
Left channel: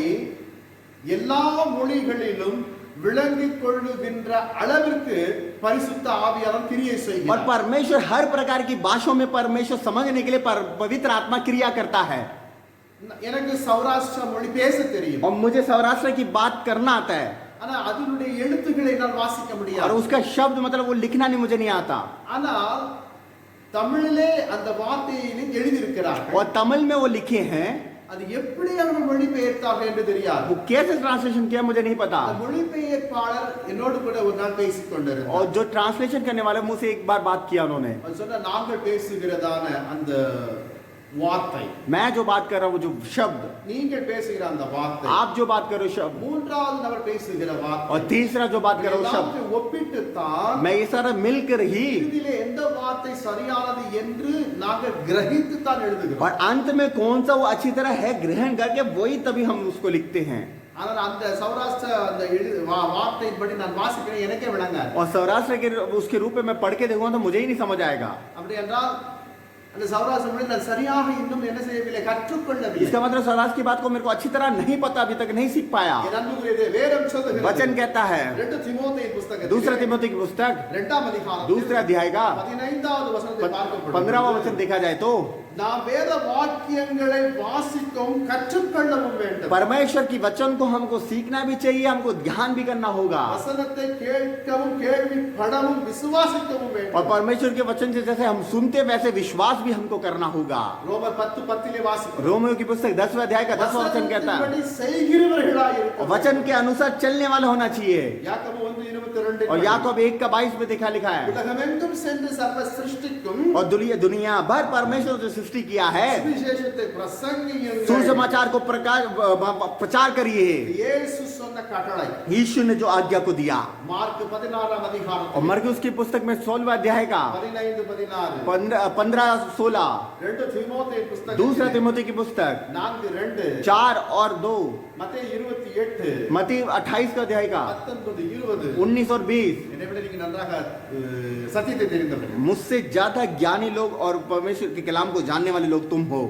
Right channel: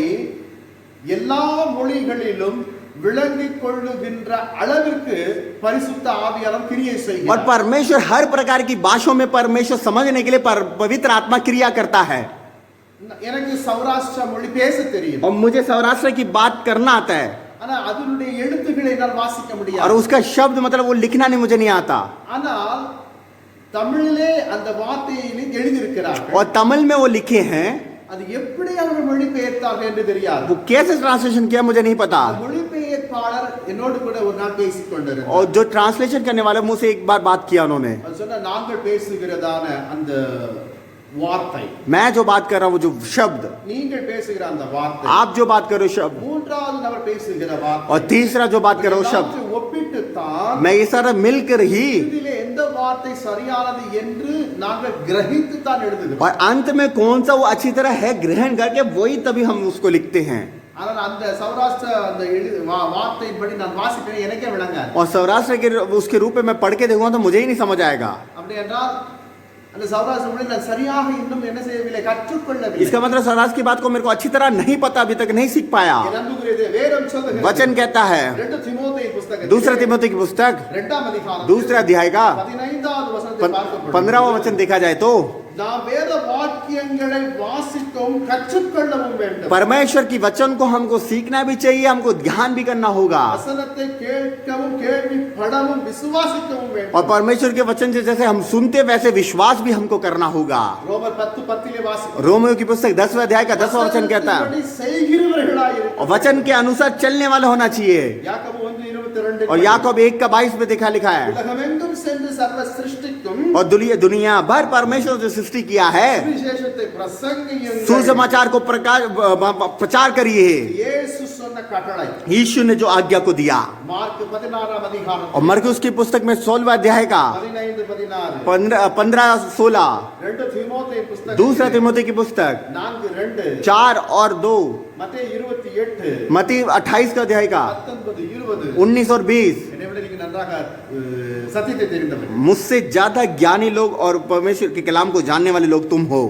எல்லா மொழிகளிலும் விளங்கிக் கொள்ளுகின்ற அளவிற்கு பரிசுத்த ஆவியானவர் கிரியை और செய்கிறார். परमेश्वर हर प्रकार की भाषाओं में परमेश्वर समझने के लिए पवित्र आत्मा क्रिया करता है. எனக்கு சௌராஷ்டிர மொழி பேச தெரியும், और मुझे सौराष्ट्र की बात करना आता है, ஆனா அதனுடைய எழுத்துக்களை என்னால் வாசிக்க और முடியாது. उसका शब्द मतलब वो लिखना नहीं, मुझे नहीं आता. ஆனால் தமிழிலே அந்த வார்த்தையிலே எழுதியிருக்கிறார்கள். और तमिल में वो लिखे हैं, அது எப்படி அவர்கள் மொழிபெயர்த்தார்கள் என்று தெரியாது. वो कैसे ट्रांसलेशन किया मुझे नहीं पता. அந்த மொழிபெயர்ப்பாளர் என்னோடு கூட ஒரு நாள் பேசிக் கொண்டிருந்தார். और जो ट्रांसलेशन करने वाले मुझसे एक बार बात किया उन्होंने, அவர் சொன்னார், நாங்கள் பேசுகிறதான அந்த வார்த்தை, मैं जो बात कर रहा हूँ वो जो शब्द, நீங்கள் பேசுகிற அந்த வார்த்தை, आप जो बात कर रहे हो शब्द, மூன்றாவது நபர் பேசுகிற வார்த்தை, और तीसरा जो बात कर रहे हो शब्द, எல்லாவற்றையும் ஒப்பிட்டு தான் मैं ये सारा मिलकर ही இதிலே எந்த வார்த்தை சரியானது என்று நாங்கள் கிரகித்து தான் எழுதுகிறோம். और अंत में कौन सा वो अच्छी तरह है ग्रहण करके वही तभी हम उसको लिखते हैं. ஆனால் அந்த சௌராஷ்டிர அந்த வார்த்தையின்படி நான் வாசிக்கிறேன், எனக்கே விளங்காது. और सौराष्ट्र के उसके रूप में मैं पढ़ के देखूंगा तो मुझे ही नहीं समझ आएगा. அப்படி என்றால் அந்த சௌராஷ்டிர மொழி நான் சரியாக இன்னும் என்ன செய்யவில்லை, கற்றுக்கொள்ளவில்லை. इसका मतलब सौराष्ट्र की बात को मेरे को अच्छी तरह नहीं पता, अभी तक नहीं सीख पाया. என் அன்புக்குரியதே, வேதம் சொல்லுகிறது, वचन कहता है, 2 தீமோத்தேயு புத்தகம் दूसरा तिमोथी की पुस्तक 2ஆம் அதிகாரம் दूसरा अध्याय का 15வது வசனத்தை பார்க்கப்படும். 15वां वचन देखा जाए तो நாம் வேத வாக்கியங்களை வாசிக்கவும் கற்றுக்கொள்ளவும் வேண்டும். परमेश्वर की वचन को हमको सीखना भी चाहिए, हमको ध्यान भी करना होगा. வசனத்தை கேட்கவும் கேள்விப்படவும் விசுவாசிக்கவும் और வேண்டும். परमेश्वर के वचन से जैसे हम सुनते वैसे विश्वास भी हमको करना होगा. ரோமர் 10:10 வாசிக்கிறோம். रोमियो की पुस्तक 10वें अध्याय का 10वां वचन कहता है, வசனத்தின்படி செய்கிறவர்களாய் और இருக்கவும். वचन के अनुसार चलने वाला होना चाहिए. யாக்கோபு 1:22 और याकूब 1:22 में देखा लिखा है, உலகமெங்கும் சென்று சர்வ சிருஷ்டிக்கும் और दुनिया भर परमेश्वर ने सृष्टि किया है, சுவிசேஷத்தை பிரசங்கியுங்கள். सुसमाचार को प्रचार करिए. இயேசு சொன்ன கட்டளை यीशु ने जो आज्ञा को दिया. மார்க் 16ஆம் அதிகாரம் और मरकुस की पुस्तक में 16वां अध्याय का 15-16, 15-16, 2 தீமோத்தேயு புத்தகம் दूसरा तिमोथी की पुस्तक 4:2, 4 और 2, மத்தேயு 28, मत्ती 28 का अध्याय का 19-20. 19 और 20. என்னை விட நீங்க நன்றாக சத்தியத்தை தெரிந்தவர்கள். मुझसे ज्यादा ज्ञानी लोग और परमेश्वर के कलाम को जानने वाले लोग तुम हो.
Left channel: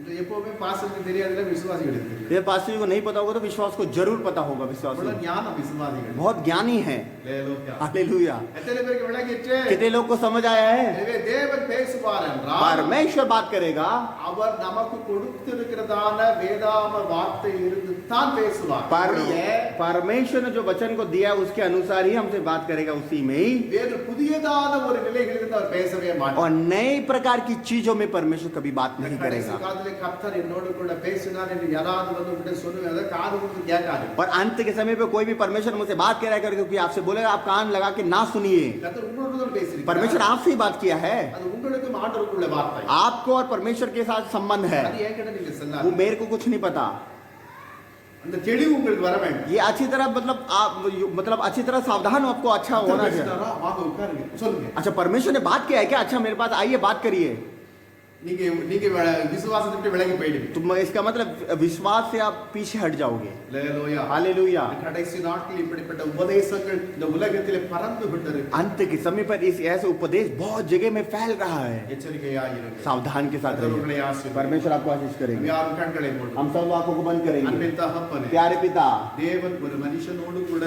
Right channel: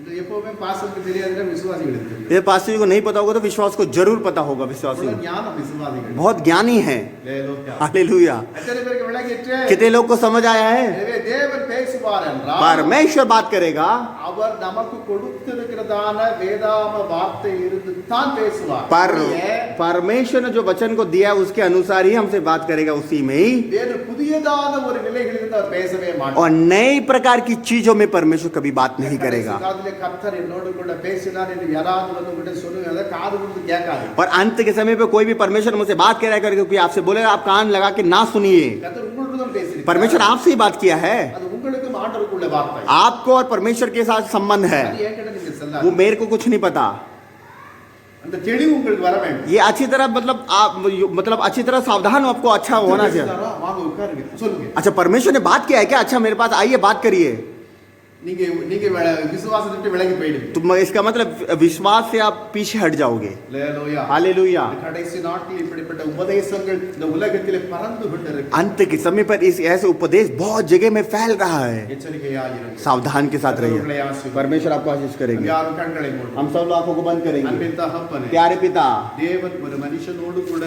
என்று எப்பவுமே பாஸ்டருக்கு தெரியாதுல விசுவாசிகளுக்கு தெரியும். ये पास्टर जी को नहीं पता होगा तो विश्वास को जरूर पता होगा. विश्वास இவ்வளவு ஞானம் விசுவாசிகள். बहुत ज्ञानी है. அல்லேலூயா. हालेलुया. எத்தனை பேருக்கு விளங்கிற்று? कितने लोग को समझ आया है? எனவே தேவன் பேசுவார் என்றால் परमेश्वर बात करेगा, அவர் நமக்கு கொடுத்திருக்கிறதான வேதாம வார்த்தை இருந்து தான் பேசுவார். परमेश्वर ने जो वचन को दिया उसके अनुसार ही हमसे बात करेगा, उसी में ही. வேறு புதியதான ஒரு நிலைகளிலிருந்து அவர் பேசவே மாட்டார். और नई प्रकार की चीजों में परमेश्वर कभी बात नहीं करेगा. காதுல கர்த்தர் என்னோடு கூட பேசினார் என்று யாராவது வந்து உங்ககிட்ட சொல்லுங்க, அதை காது கொடுத்து கேட்காது. और अंत के समय पे कोई भी परमेश्वर मुझसे बात करेगा करके कोई आपसे बोलेगा, आप कान लगा के ना सुनिए. கர்த்தர் உங்களோடு தான் பேசியிருக்கிறார். परमेश्वर आपसे ही बात किया है. அது உங்களுக்கும் ஆண்டவருக்குள்ள வார்த்தை. आपको और परमेश्वर के साथ संबंध है. அது ஏன்கிட்ட நீங்க சொல்லாது. वो मेरे को कुछ नहीं पता. அந்த தெளிவு உங்களுக்கு வர வேண்டும். ये अच्छी तरह मतलब अच्छी तरह सावधान हो, आपको अच्छा होना चाहिए. பேசினாரா? வாங்க உட்காருங்க சொல்லுங்க. अच्छा, परमेश्वर ने बात किया है क्या? अच्छा, मेरे पास आइए बात करिए. நீங்க நீங்க விசுவாசத்தை விட்டு விலகி போயிடுவீங்க. तो इसका मतलब विश्वास से आप पीछे हट जाओगे. அல்லேலூயா. हालेलुया. கடைசி நாட்களில் இப்படிப்பட்ட உபதேசங்கள் இந்த உலகத்திலே பறந்து கொண்டிருக்கு. अंत के समय पर इस ऐसे उपदेश बहुत जगह में फैल रहा है. எச்சரிக்கையாயிருங்கள். सावधान के साथ கர்த்தர் रहिए. உங்களை ஆசீர்வதிப்பார். परमेश्वर आपको आशीष करेंगे. யாரும் கண்களை மூடுவோம். हम सब लोग आंखों को बंद करेंगे. அன்பின் தகப்பனே, प्यारे पिता, தேவன் ஒரு மனுஷனோடு கூட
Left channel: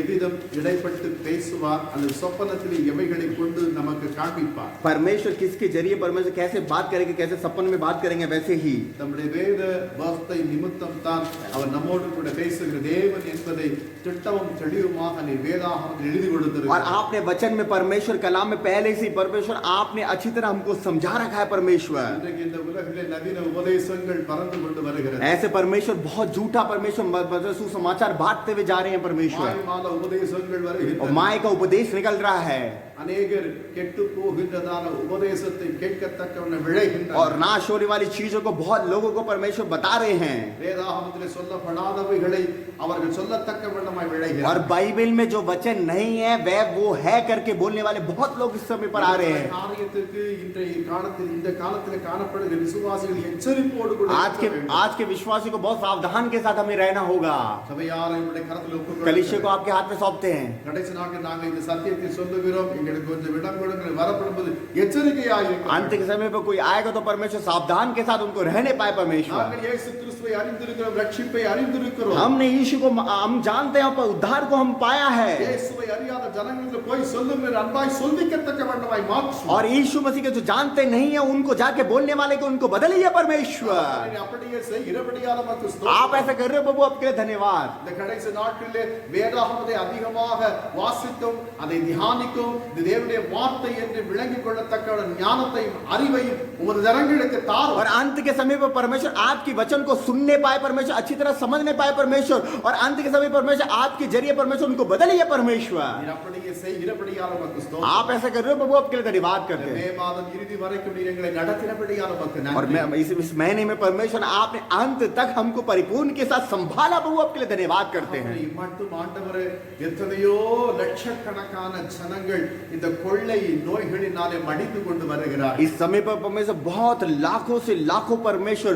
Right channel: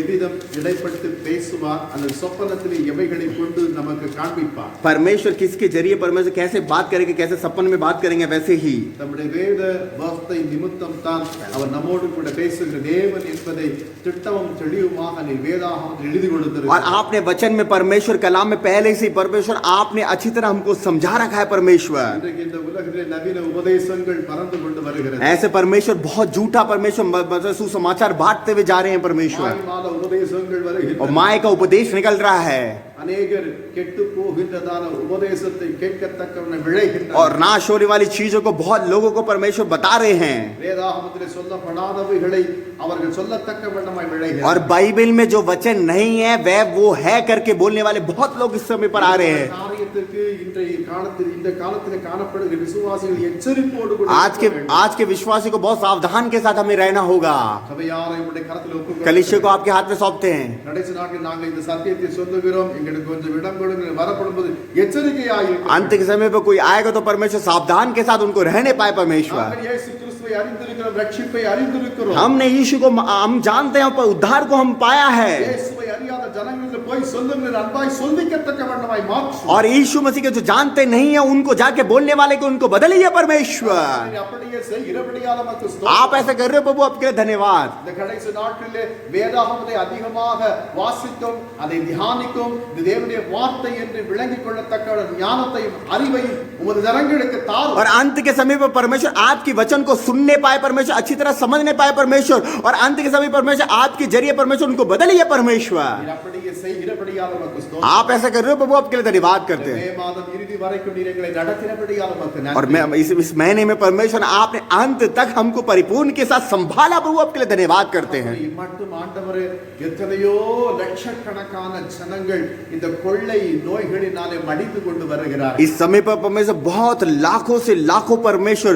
எவ்விதம் இடைப்பட்டு பேசுவார், அந்த சொப்பனத்திலே எவைகளை கொண்டு நமக்கு காண்பிப்பார். परमेश्वर किसके जरिए परमेश्वर कैसे बात करेंगे, कैसे सपन में बात करेंगे, वैसे ही நம்முடைய வேத வார்த்தை நிமித்தம் தான் அவர் நம்மோடு கூட பேசுகிற தேவன் என்பதை திட்டமும் தெளிவுமாக நீர் வேதாகமத்தில் எழுதி और கொடுத்திருக்கிறார். आपने वचन में परमेश्वर कलाम में पहले से परमेश्वर आपने अच्छी तरह हमको समझा रखा है. परमेश्वर இன்றைக்கு இந்த உலகத்திலே நவீன உபதேசங்கள் பறந்து கொண்டு வருகிறது. ऐसे परमेश्वर बहुत झूठा परमेश्वर सुसमाचार बांटते हुए जा रहे हैं. परमेश्वर மாயமான உபதேசங்கள் और வருகின்றன. माय का उपदेश निकल रहा है அநேகர் கெட்டு போகின்றதான உபதேசத்தை கேட்கத்தக்கவன விளைகின்றனர். और नाश होने वाली चीजों को बहुत लोगों को परमेश्वर बता रहे हैं. வேதாகமத்திலே சொல்லப்படாதவைகளை அவர்கள் சொல்லத்தக்க வண்ணமாய் और விளைகிறார். बाइबल में जो वचन नहीं है वह वो है करके बोलने वाले बहुत लोग इस समय पर आ रहे हैं. காரியத்திற்கு இன்றைய காலத்தில் இந்த காலத்திலே காணப்படுகிற விசுவாசிகள் எச்சரிப்போடு கூட இருக்க வேண்டும். आज के विश्वासी को बहुत सावधान के साथ हमें रहना होगा. சபையாரை உடைய கரத்தில் ஒப்புக்கொடுக்கிறோம். कलीसिया को आपके हाथ में सौंपते हैं. கடைசி நாட்களில் நாங்கள் இந்த சத்தியத்தை சொல்லுகிறோம். எங்களுக்கு கொஞ்சம் இடம் கொடுங்க வரப்படும்போது எச்சரிக்கையாக अंत के समय पर कोई आएगा तो परमेश्वर सावधान के साथ उनको रहने पाए परमेश्वर। நாங்கள் இயேசு கிறிஸ்துவை அறிந்திருக்கிறோம், ரட்சிப்பை அறிந்திருக்கிறோம். हमने यीशु को हम जानते हैं, पर उद्धार को हम पाया है। இயேசுவை அறியாத ஜனங்களுக்கு போய் சொல்லுங்கள், அன்பாய் சொல்லிக்கத்தக்க வண்ணமாய் மாற்றும். और यीशु मसीह के जो जानते नहीं है उनको जाके बोलने वाले को उनको बदलिए परमेश्वर। நீ அப்படியே செய், இரபடியால மக்கு ஸ்தோத்திரம். आप ऐसा कर रहे हो प्रभु, आपके लिए धन्यवाद। இந்த கடைசி நாட்களிலே வேதாகமத்தை அதிகமாக வாசிக்கும், அதை தியானிக்கும், இது தேவனுடைய வார்த்தை என்று விளங்கிக் கொள்ளத்தக்க ஞானத்தையும் அறிவையும் உமது ஜனங்களுக்கு தாரும். और अंत के समय पर परमेश्वर आपकी वचन को सुनने पाए परमेश्वर, अच्छी तरह समझने पाए परमेश्वर, और अंत के समय परमेश्वर आपके जरिए परमेश्वर उनको बदलिए परमेश्वर। நீர் அப்படியே செய், இரபடியால மக்கு ஸ்தோத்திரம். आप ऐसा कर रहे हो प्रभु, आपके लिए धन्यवाद करते மே हैं। மாதம் இறுதி வரைக்கும் நீர் எங்களை நடத்தினபடியால மக்கு और நன்றி. मैं इस महीने में परमेश्वर आपने अंत तक हमको परिपूर्ण के साथ संभाला प्रभु, आपके लिए धन्यवाद करते हैं। மட்டும் ஆண்டவரே, எத்தனையோ லட்சக்கணக்கான ஜனங்கள் இந்த கொள்ளை நோய்களினாலே மடிந்து கொண்டு வருகிறார்கள். इस समय पर परमेश्वर बहुत लाखों से लाखों परमेश्वर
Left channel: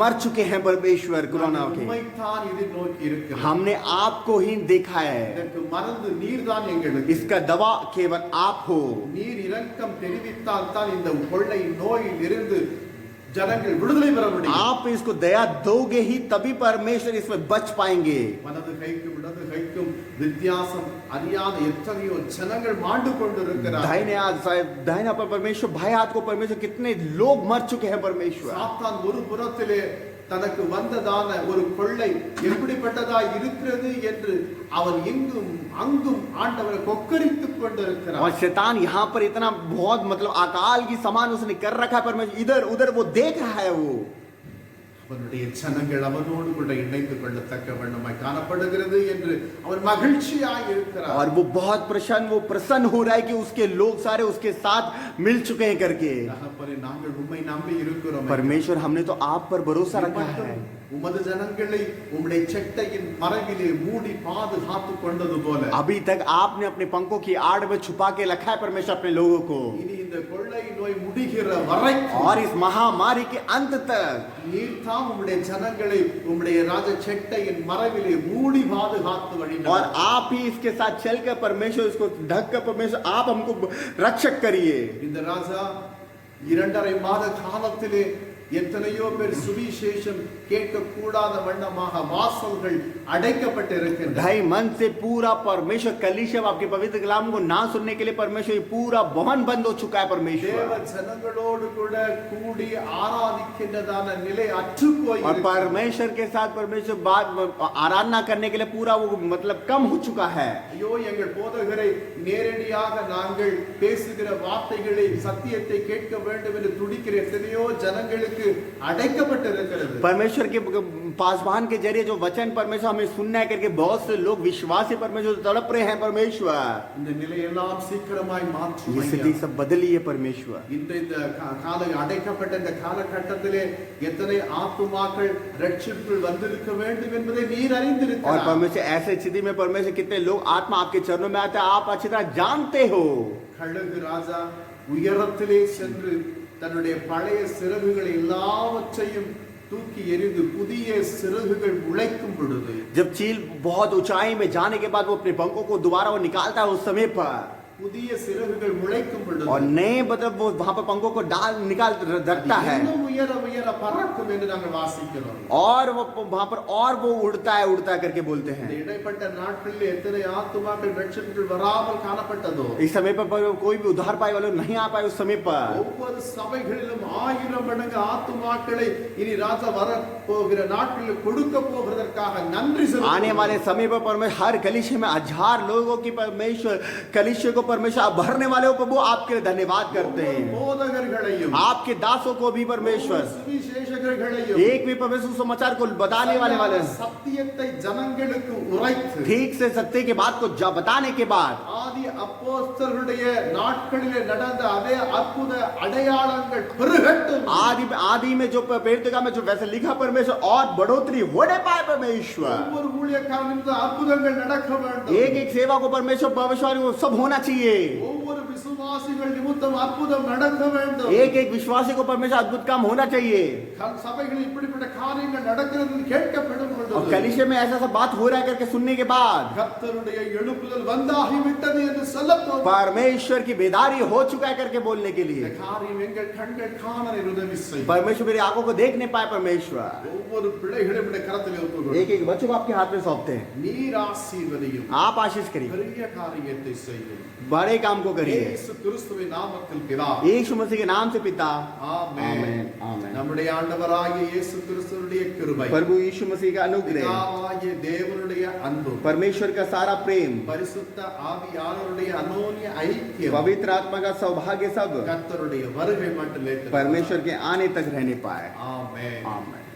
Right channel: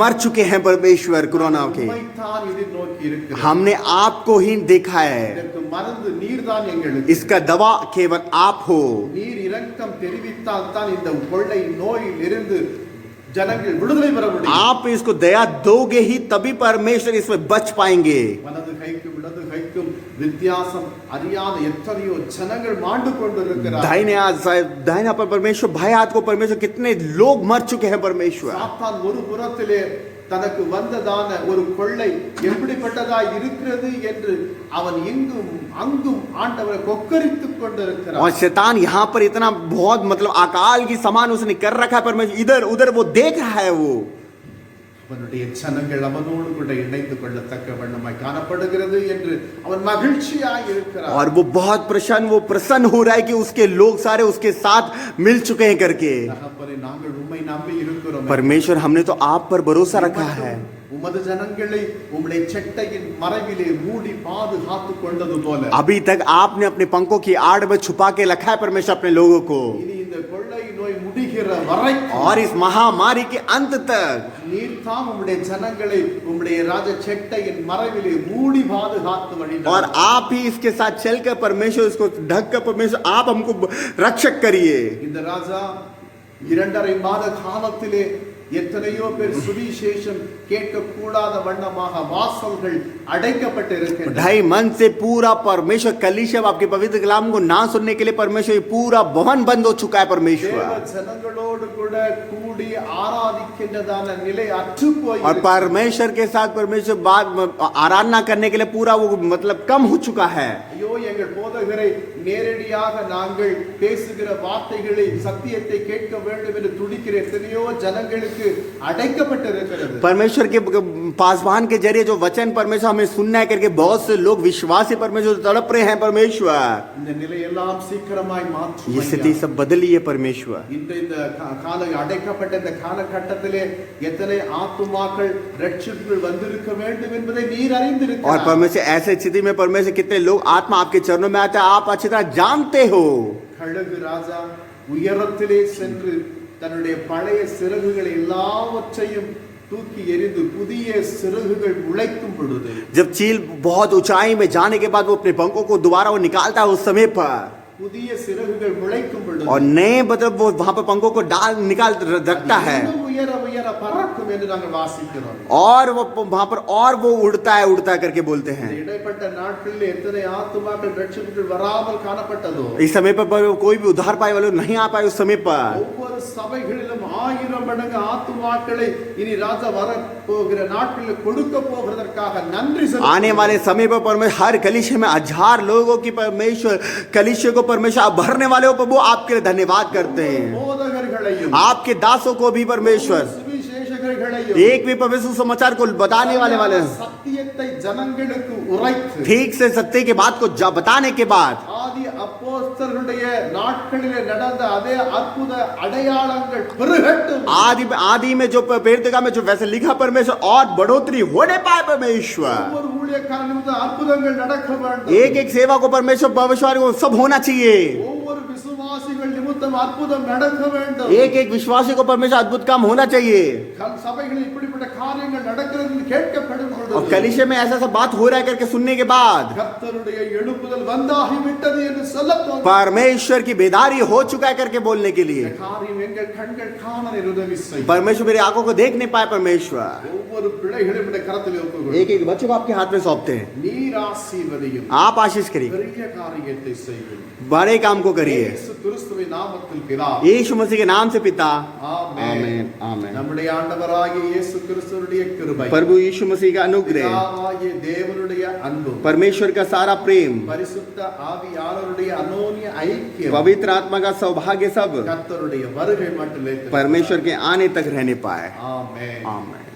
मर चुके हैं परमेश्वर कोरोना के। உம்மைத்தான் எதிர்நோக்கி இருக்கிறோம். हमने आपको ही देखा है, இதற்கு மருந்து நீர்தான் எங்களுக்கு. इसका दवा केवल आप हो। நீர் இரக்கம் தெரிவித்தால் தான் இந்த கொள்ளை நோயில் இருந்து ஜனங்கள் விடுதலை பெற முடியும். आप इसको दया दोगे ही तभी परमेश्वर इसमें बच पाएंगे। வலது கைக்கும் இடது கைக்கும் வித்தியாசம் அறியாத எத்தனையோ ஜனங்கள் மாண்டு கொண்டிருக்கிறார்கள். दाहिना पर परमेश्वर, भाई हाथ को परमेश्वर, कितने लोग मर चुके हैं परमेश्वर। சாத்தான் ஒரு புறத்திலே தனக்கு வந்ததான ஒரு கொள்ளை எப்படிப்பட்டதாய் இருக்கிறது என்று அவன் எங்கும் அங்கும் ஆண்டவரை கொக்கரித்துக் और கொண்டிருக்கிறான். शैतान यहाँ पर इतना बहुत मतलब अकाल की समान उसने कर रखा है परमेश्वर, इधर उधर वो देख रहा है वो। அவனுடைய ஜனங்கள் அவனோடு கூட இணைந்து கொள்ளத்தக்க வண்ணமாய் காணப்படுகிறது என்று அவன் மகிழ்ச்சியாய் இருக்கிறான். और वो बहुत प्रसन्न हो रहा है कि उसके लोग सारे उसके साथ मिल चुके हैं करके। தகப்பனே, நாங்கள் உம்மை நம்பி இருக்கிறோம். परमेश्वर हमने तो आप पर भरोसा रखा है। உமது ஜனங்களை உம்முடைய செட்டையின் மறைவிலே மூடி பாதுகாத்துக் கொண்டது போல अभी तक आपने अपने पंखों की आड़ में छुपा के रखा है परमेश्वर अपने लोगों को, இனி இந்த கொள்ளை நோய் முடிகிற வரைக்கும் और इस महामारी के अंत तक நீர் தாம் உம்முடைய ஜனங்களை உம்முடைய ராஜ செட்டையின் மறைவிலே மூடி பாதுகாத்து और வழிநடத்தும். आप ही इसके साथ चलकर परमेश्वर इसको ढक कर परमेश्वर आप हमको रक्षक करिए। இந்த ராஜா 2.5 மாத காலத்திலே எத்தனையோ பேர் சுவிசேஷம் கேட்க கூடாத வண்ணமாக வாசல்கள் அடைக்கப்பட்டு இருக்கின்றன. 2.5 मन से पूरा परमेश्वर कलीसिया आपके पवित्र कलाम को ना सुनने के लिए परमेश्वर ये पूरा भवन बंद हो चुका है தேவ परमेश्वर। ஜனங்களோடு கூட கூடி ஆராதிக்கின்றதான நிலை அற்று போய் और परमेश्वर के साथ परमेश्वर बात आराधना करने के लिए पूरा वो मतलब कम हो चुका है। ஐயோ, எங்கள் போதகரை நேரடியாக நாங்கள் பேசுகிற வார்த்தைகளை சத்தியத்தை கேட்க வேண்டும் என்று துடிக்கிற எத்தனையோ ஜனங்களுக்கு அடைக்கப்பட்டிருக்கிறது. परमेश्वर के पासवान के जरिए जो वचन परमेश्वर हमें सुनना है करके बहुत से लोग विश्वासी परमेश्वर तड़प रहे हैं परमेश्वर। இந்த நிலையெல்லாம் சீக்கிரமாய் மாற்றும் ये स्थिति सब बदलिए परमेश्वर। இந்த கால அடைக்கப்பட்ட இந்த காலகட்டத்திலே எத்தனை ஆத்துமாக்கள் ரட்சிப்புக்குள் வந்திருக்க வேண்டும் என்பதை நீர் और அறிந்திருக்கிறார். परमेश्वर ऐसे स्थिति में परमेश्वर कितने लोग आत्मा आपके चरणों में आते हैं आप अच्छी तरह जानते हो। கழுகு ராஜா உயரத்திலே சென்று தன்னுடைய பழைய சிறகுகளை எல்லாவற்றையும் தூக்கி எறிந்து புதிய சிறகுகள் முளைக்கும் பொழுது जब चील बहुत ऊंचाई में जाने के बाद वो अपने पंखों को दोबारा वो निकालता है उस समय पर, புதிய சிறகுகள் முளைக்கும் பொழுது और नए मतलब वो वहां पर पंखों को डाल निकाल रखता है, இன்னும் உயர உயர பறக்கும் என்று நாங்கள் வாசிக்கிறோம். और वो वहां पर और वो उड़ता है करके बोलते இந்த हैं। இடைப்பட்ட நாட்களில் எத்தனை ஆத்துமாக்கள் ரட்சிப்புக்குள் வராமல் காணப்பட்டதோ इस समय पर कोई भी उद्धार पाए वाले नहीं आ पाए उस समय पर। ஒவ்வொரு சபைகளிலும் 1000 மடங்கு ஆத்துமாக்களை இனி ராஜா வர போகிற நாட்களில் கொடுக்க போகிறதற்காக நன்றி आने செலுத்துகிறோம். वाले समय पर परमेश्वर हर कलीसिया में 1000 लोगों की परमेश्वर कलीसिया को परमेश्वर आप भरने वाले हो प्रभु, आपके लिए धन्यवाद करते हैं। போதகர்களையும் आपके दासों को भी परमेश्वर, சுவிசேஷகர்களையும் एक भी परमेश्वर समाचार को बताने वाले சத்தியத்தை ஜனங்களுக்கு உரைத்து ठीक से सत्य के बात को बताने के बाद ஆதி அப்போஸ்தலர்களுடைய நாட்களிலே நடந்த அதே அற்புத அடையாளங்கள் பெருகட்டும். आदि में जो पेड़का में जो वैसे लिखा परमेश्वर और बढ़ोतरी होने पाए परमेश्वर। ஒவ்வொரு ஊழியக்காரன் நிமித்தம் அற்புதங்கள் நடக்க வேண்டும். एक सेवा को परमेश्वर भविष्यवाणी को सब होना चाहिए। ஒவ்வொரு ஒவ்வொரு விசுவாசிகள் நிமித்தம் அற்புதம் நடக்க வேண்டும். एक एक विश्वासी को परमेश्वर अद्भुत काम होना चाहिए. சபைகளில் இப்படிப்பட்ட காரியங்கள் நடக்கிறது என்று கேட்கப்படும் और பொழுது कलीसिया में ऐसा सब बात हो रहा है करके सुनने के बाद கர்த்தருடைய எழுப்புதல் வந்தாகிவிட்டது என்று சொல்லத் தோன்றும். परमेश्वर की बेदारी हो चुका है करके बोलने के இந்த लिए காரியம் எங்கள் கண்கள் காண உதவி செய்யும். परमेश्वर मेरी आंखों को देख नहीं पाए. परमेश्वर ஒவ்வொரு பிள்ளைகளும் இந்த கரத்தில் ஒப்புக்கொடு. एक एक बच्चों को आपके हाथ में सौंपते हैं. நீர் ஆசீர்வதியும். आप आशीष करिए, பெரிய காரியத்தை செய்யும். बड़े काम को करिए. இயேசு கிறிஸ்துவின் நாமத்தில் பிதா. यीशु मसीह के नाम से पिता. ஆமென். आमेन. நம்முடைய ஆண்டவராகிய இயேசு கிறிஸ்துவுடைய கிருபை, प्रभु यीशु मसीह का अनुग्रह, பிதாவாகிய தேவனுடைய அன்பு, परमेश्वर का सारा प्रेम, பரிசுத்த ஆவியானவருடைய அனோன்ய ஐக்கியம், पवित्र आत्मा का सौभाग्य सब கர்த்தருடைய வருகை மட்டும் परमेश्वर के आने तक रहने पाए. ஆமென். आमेन.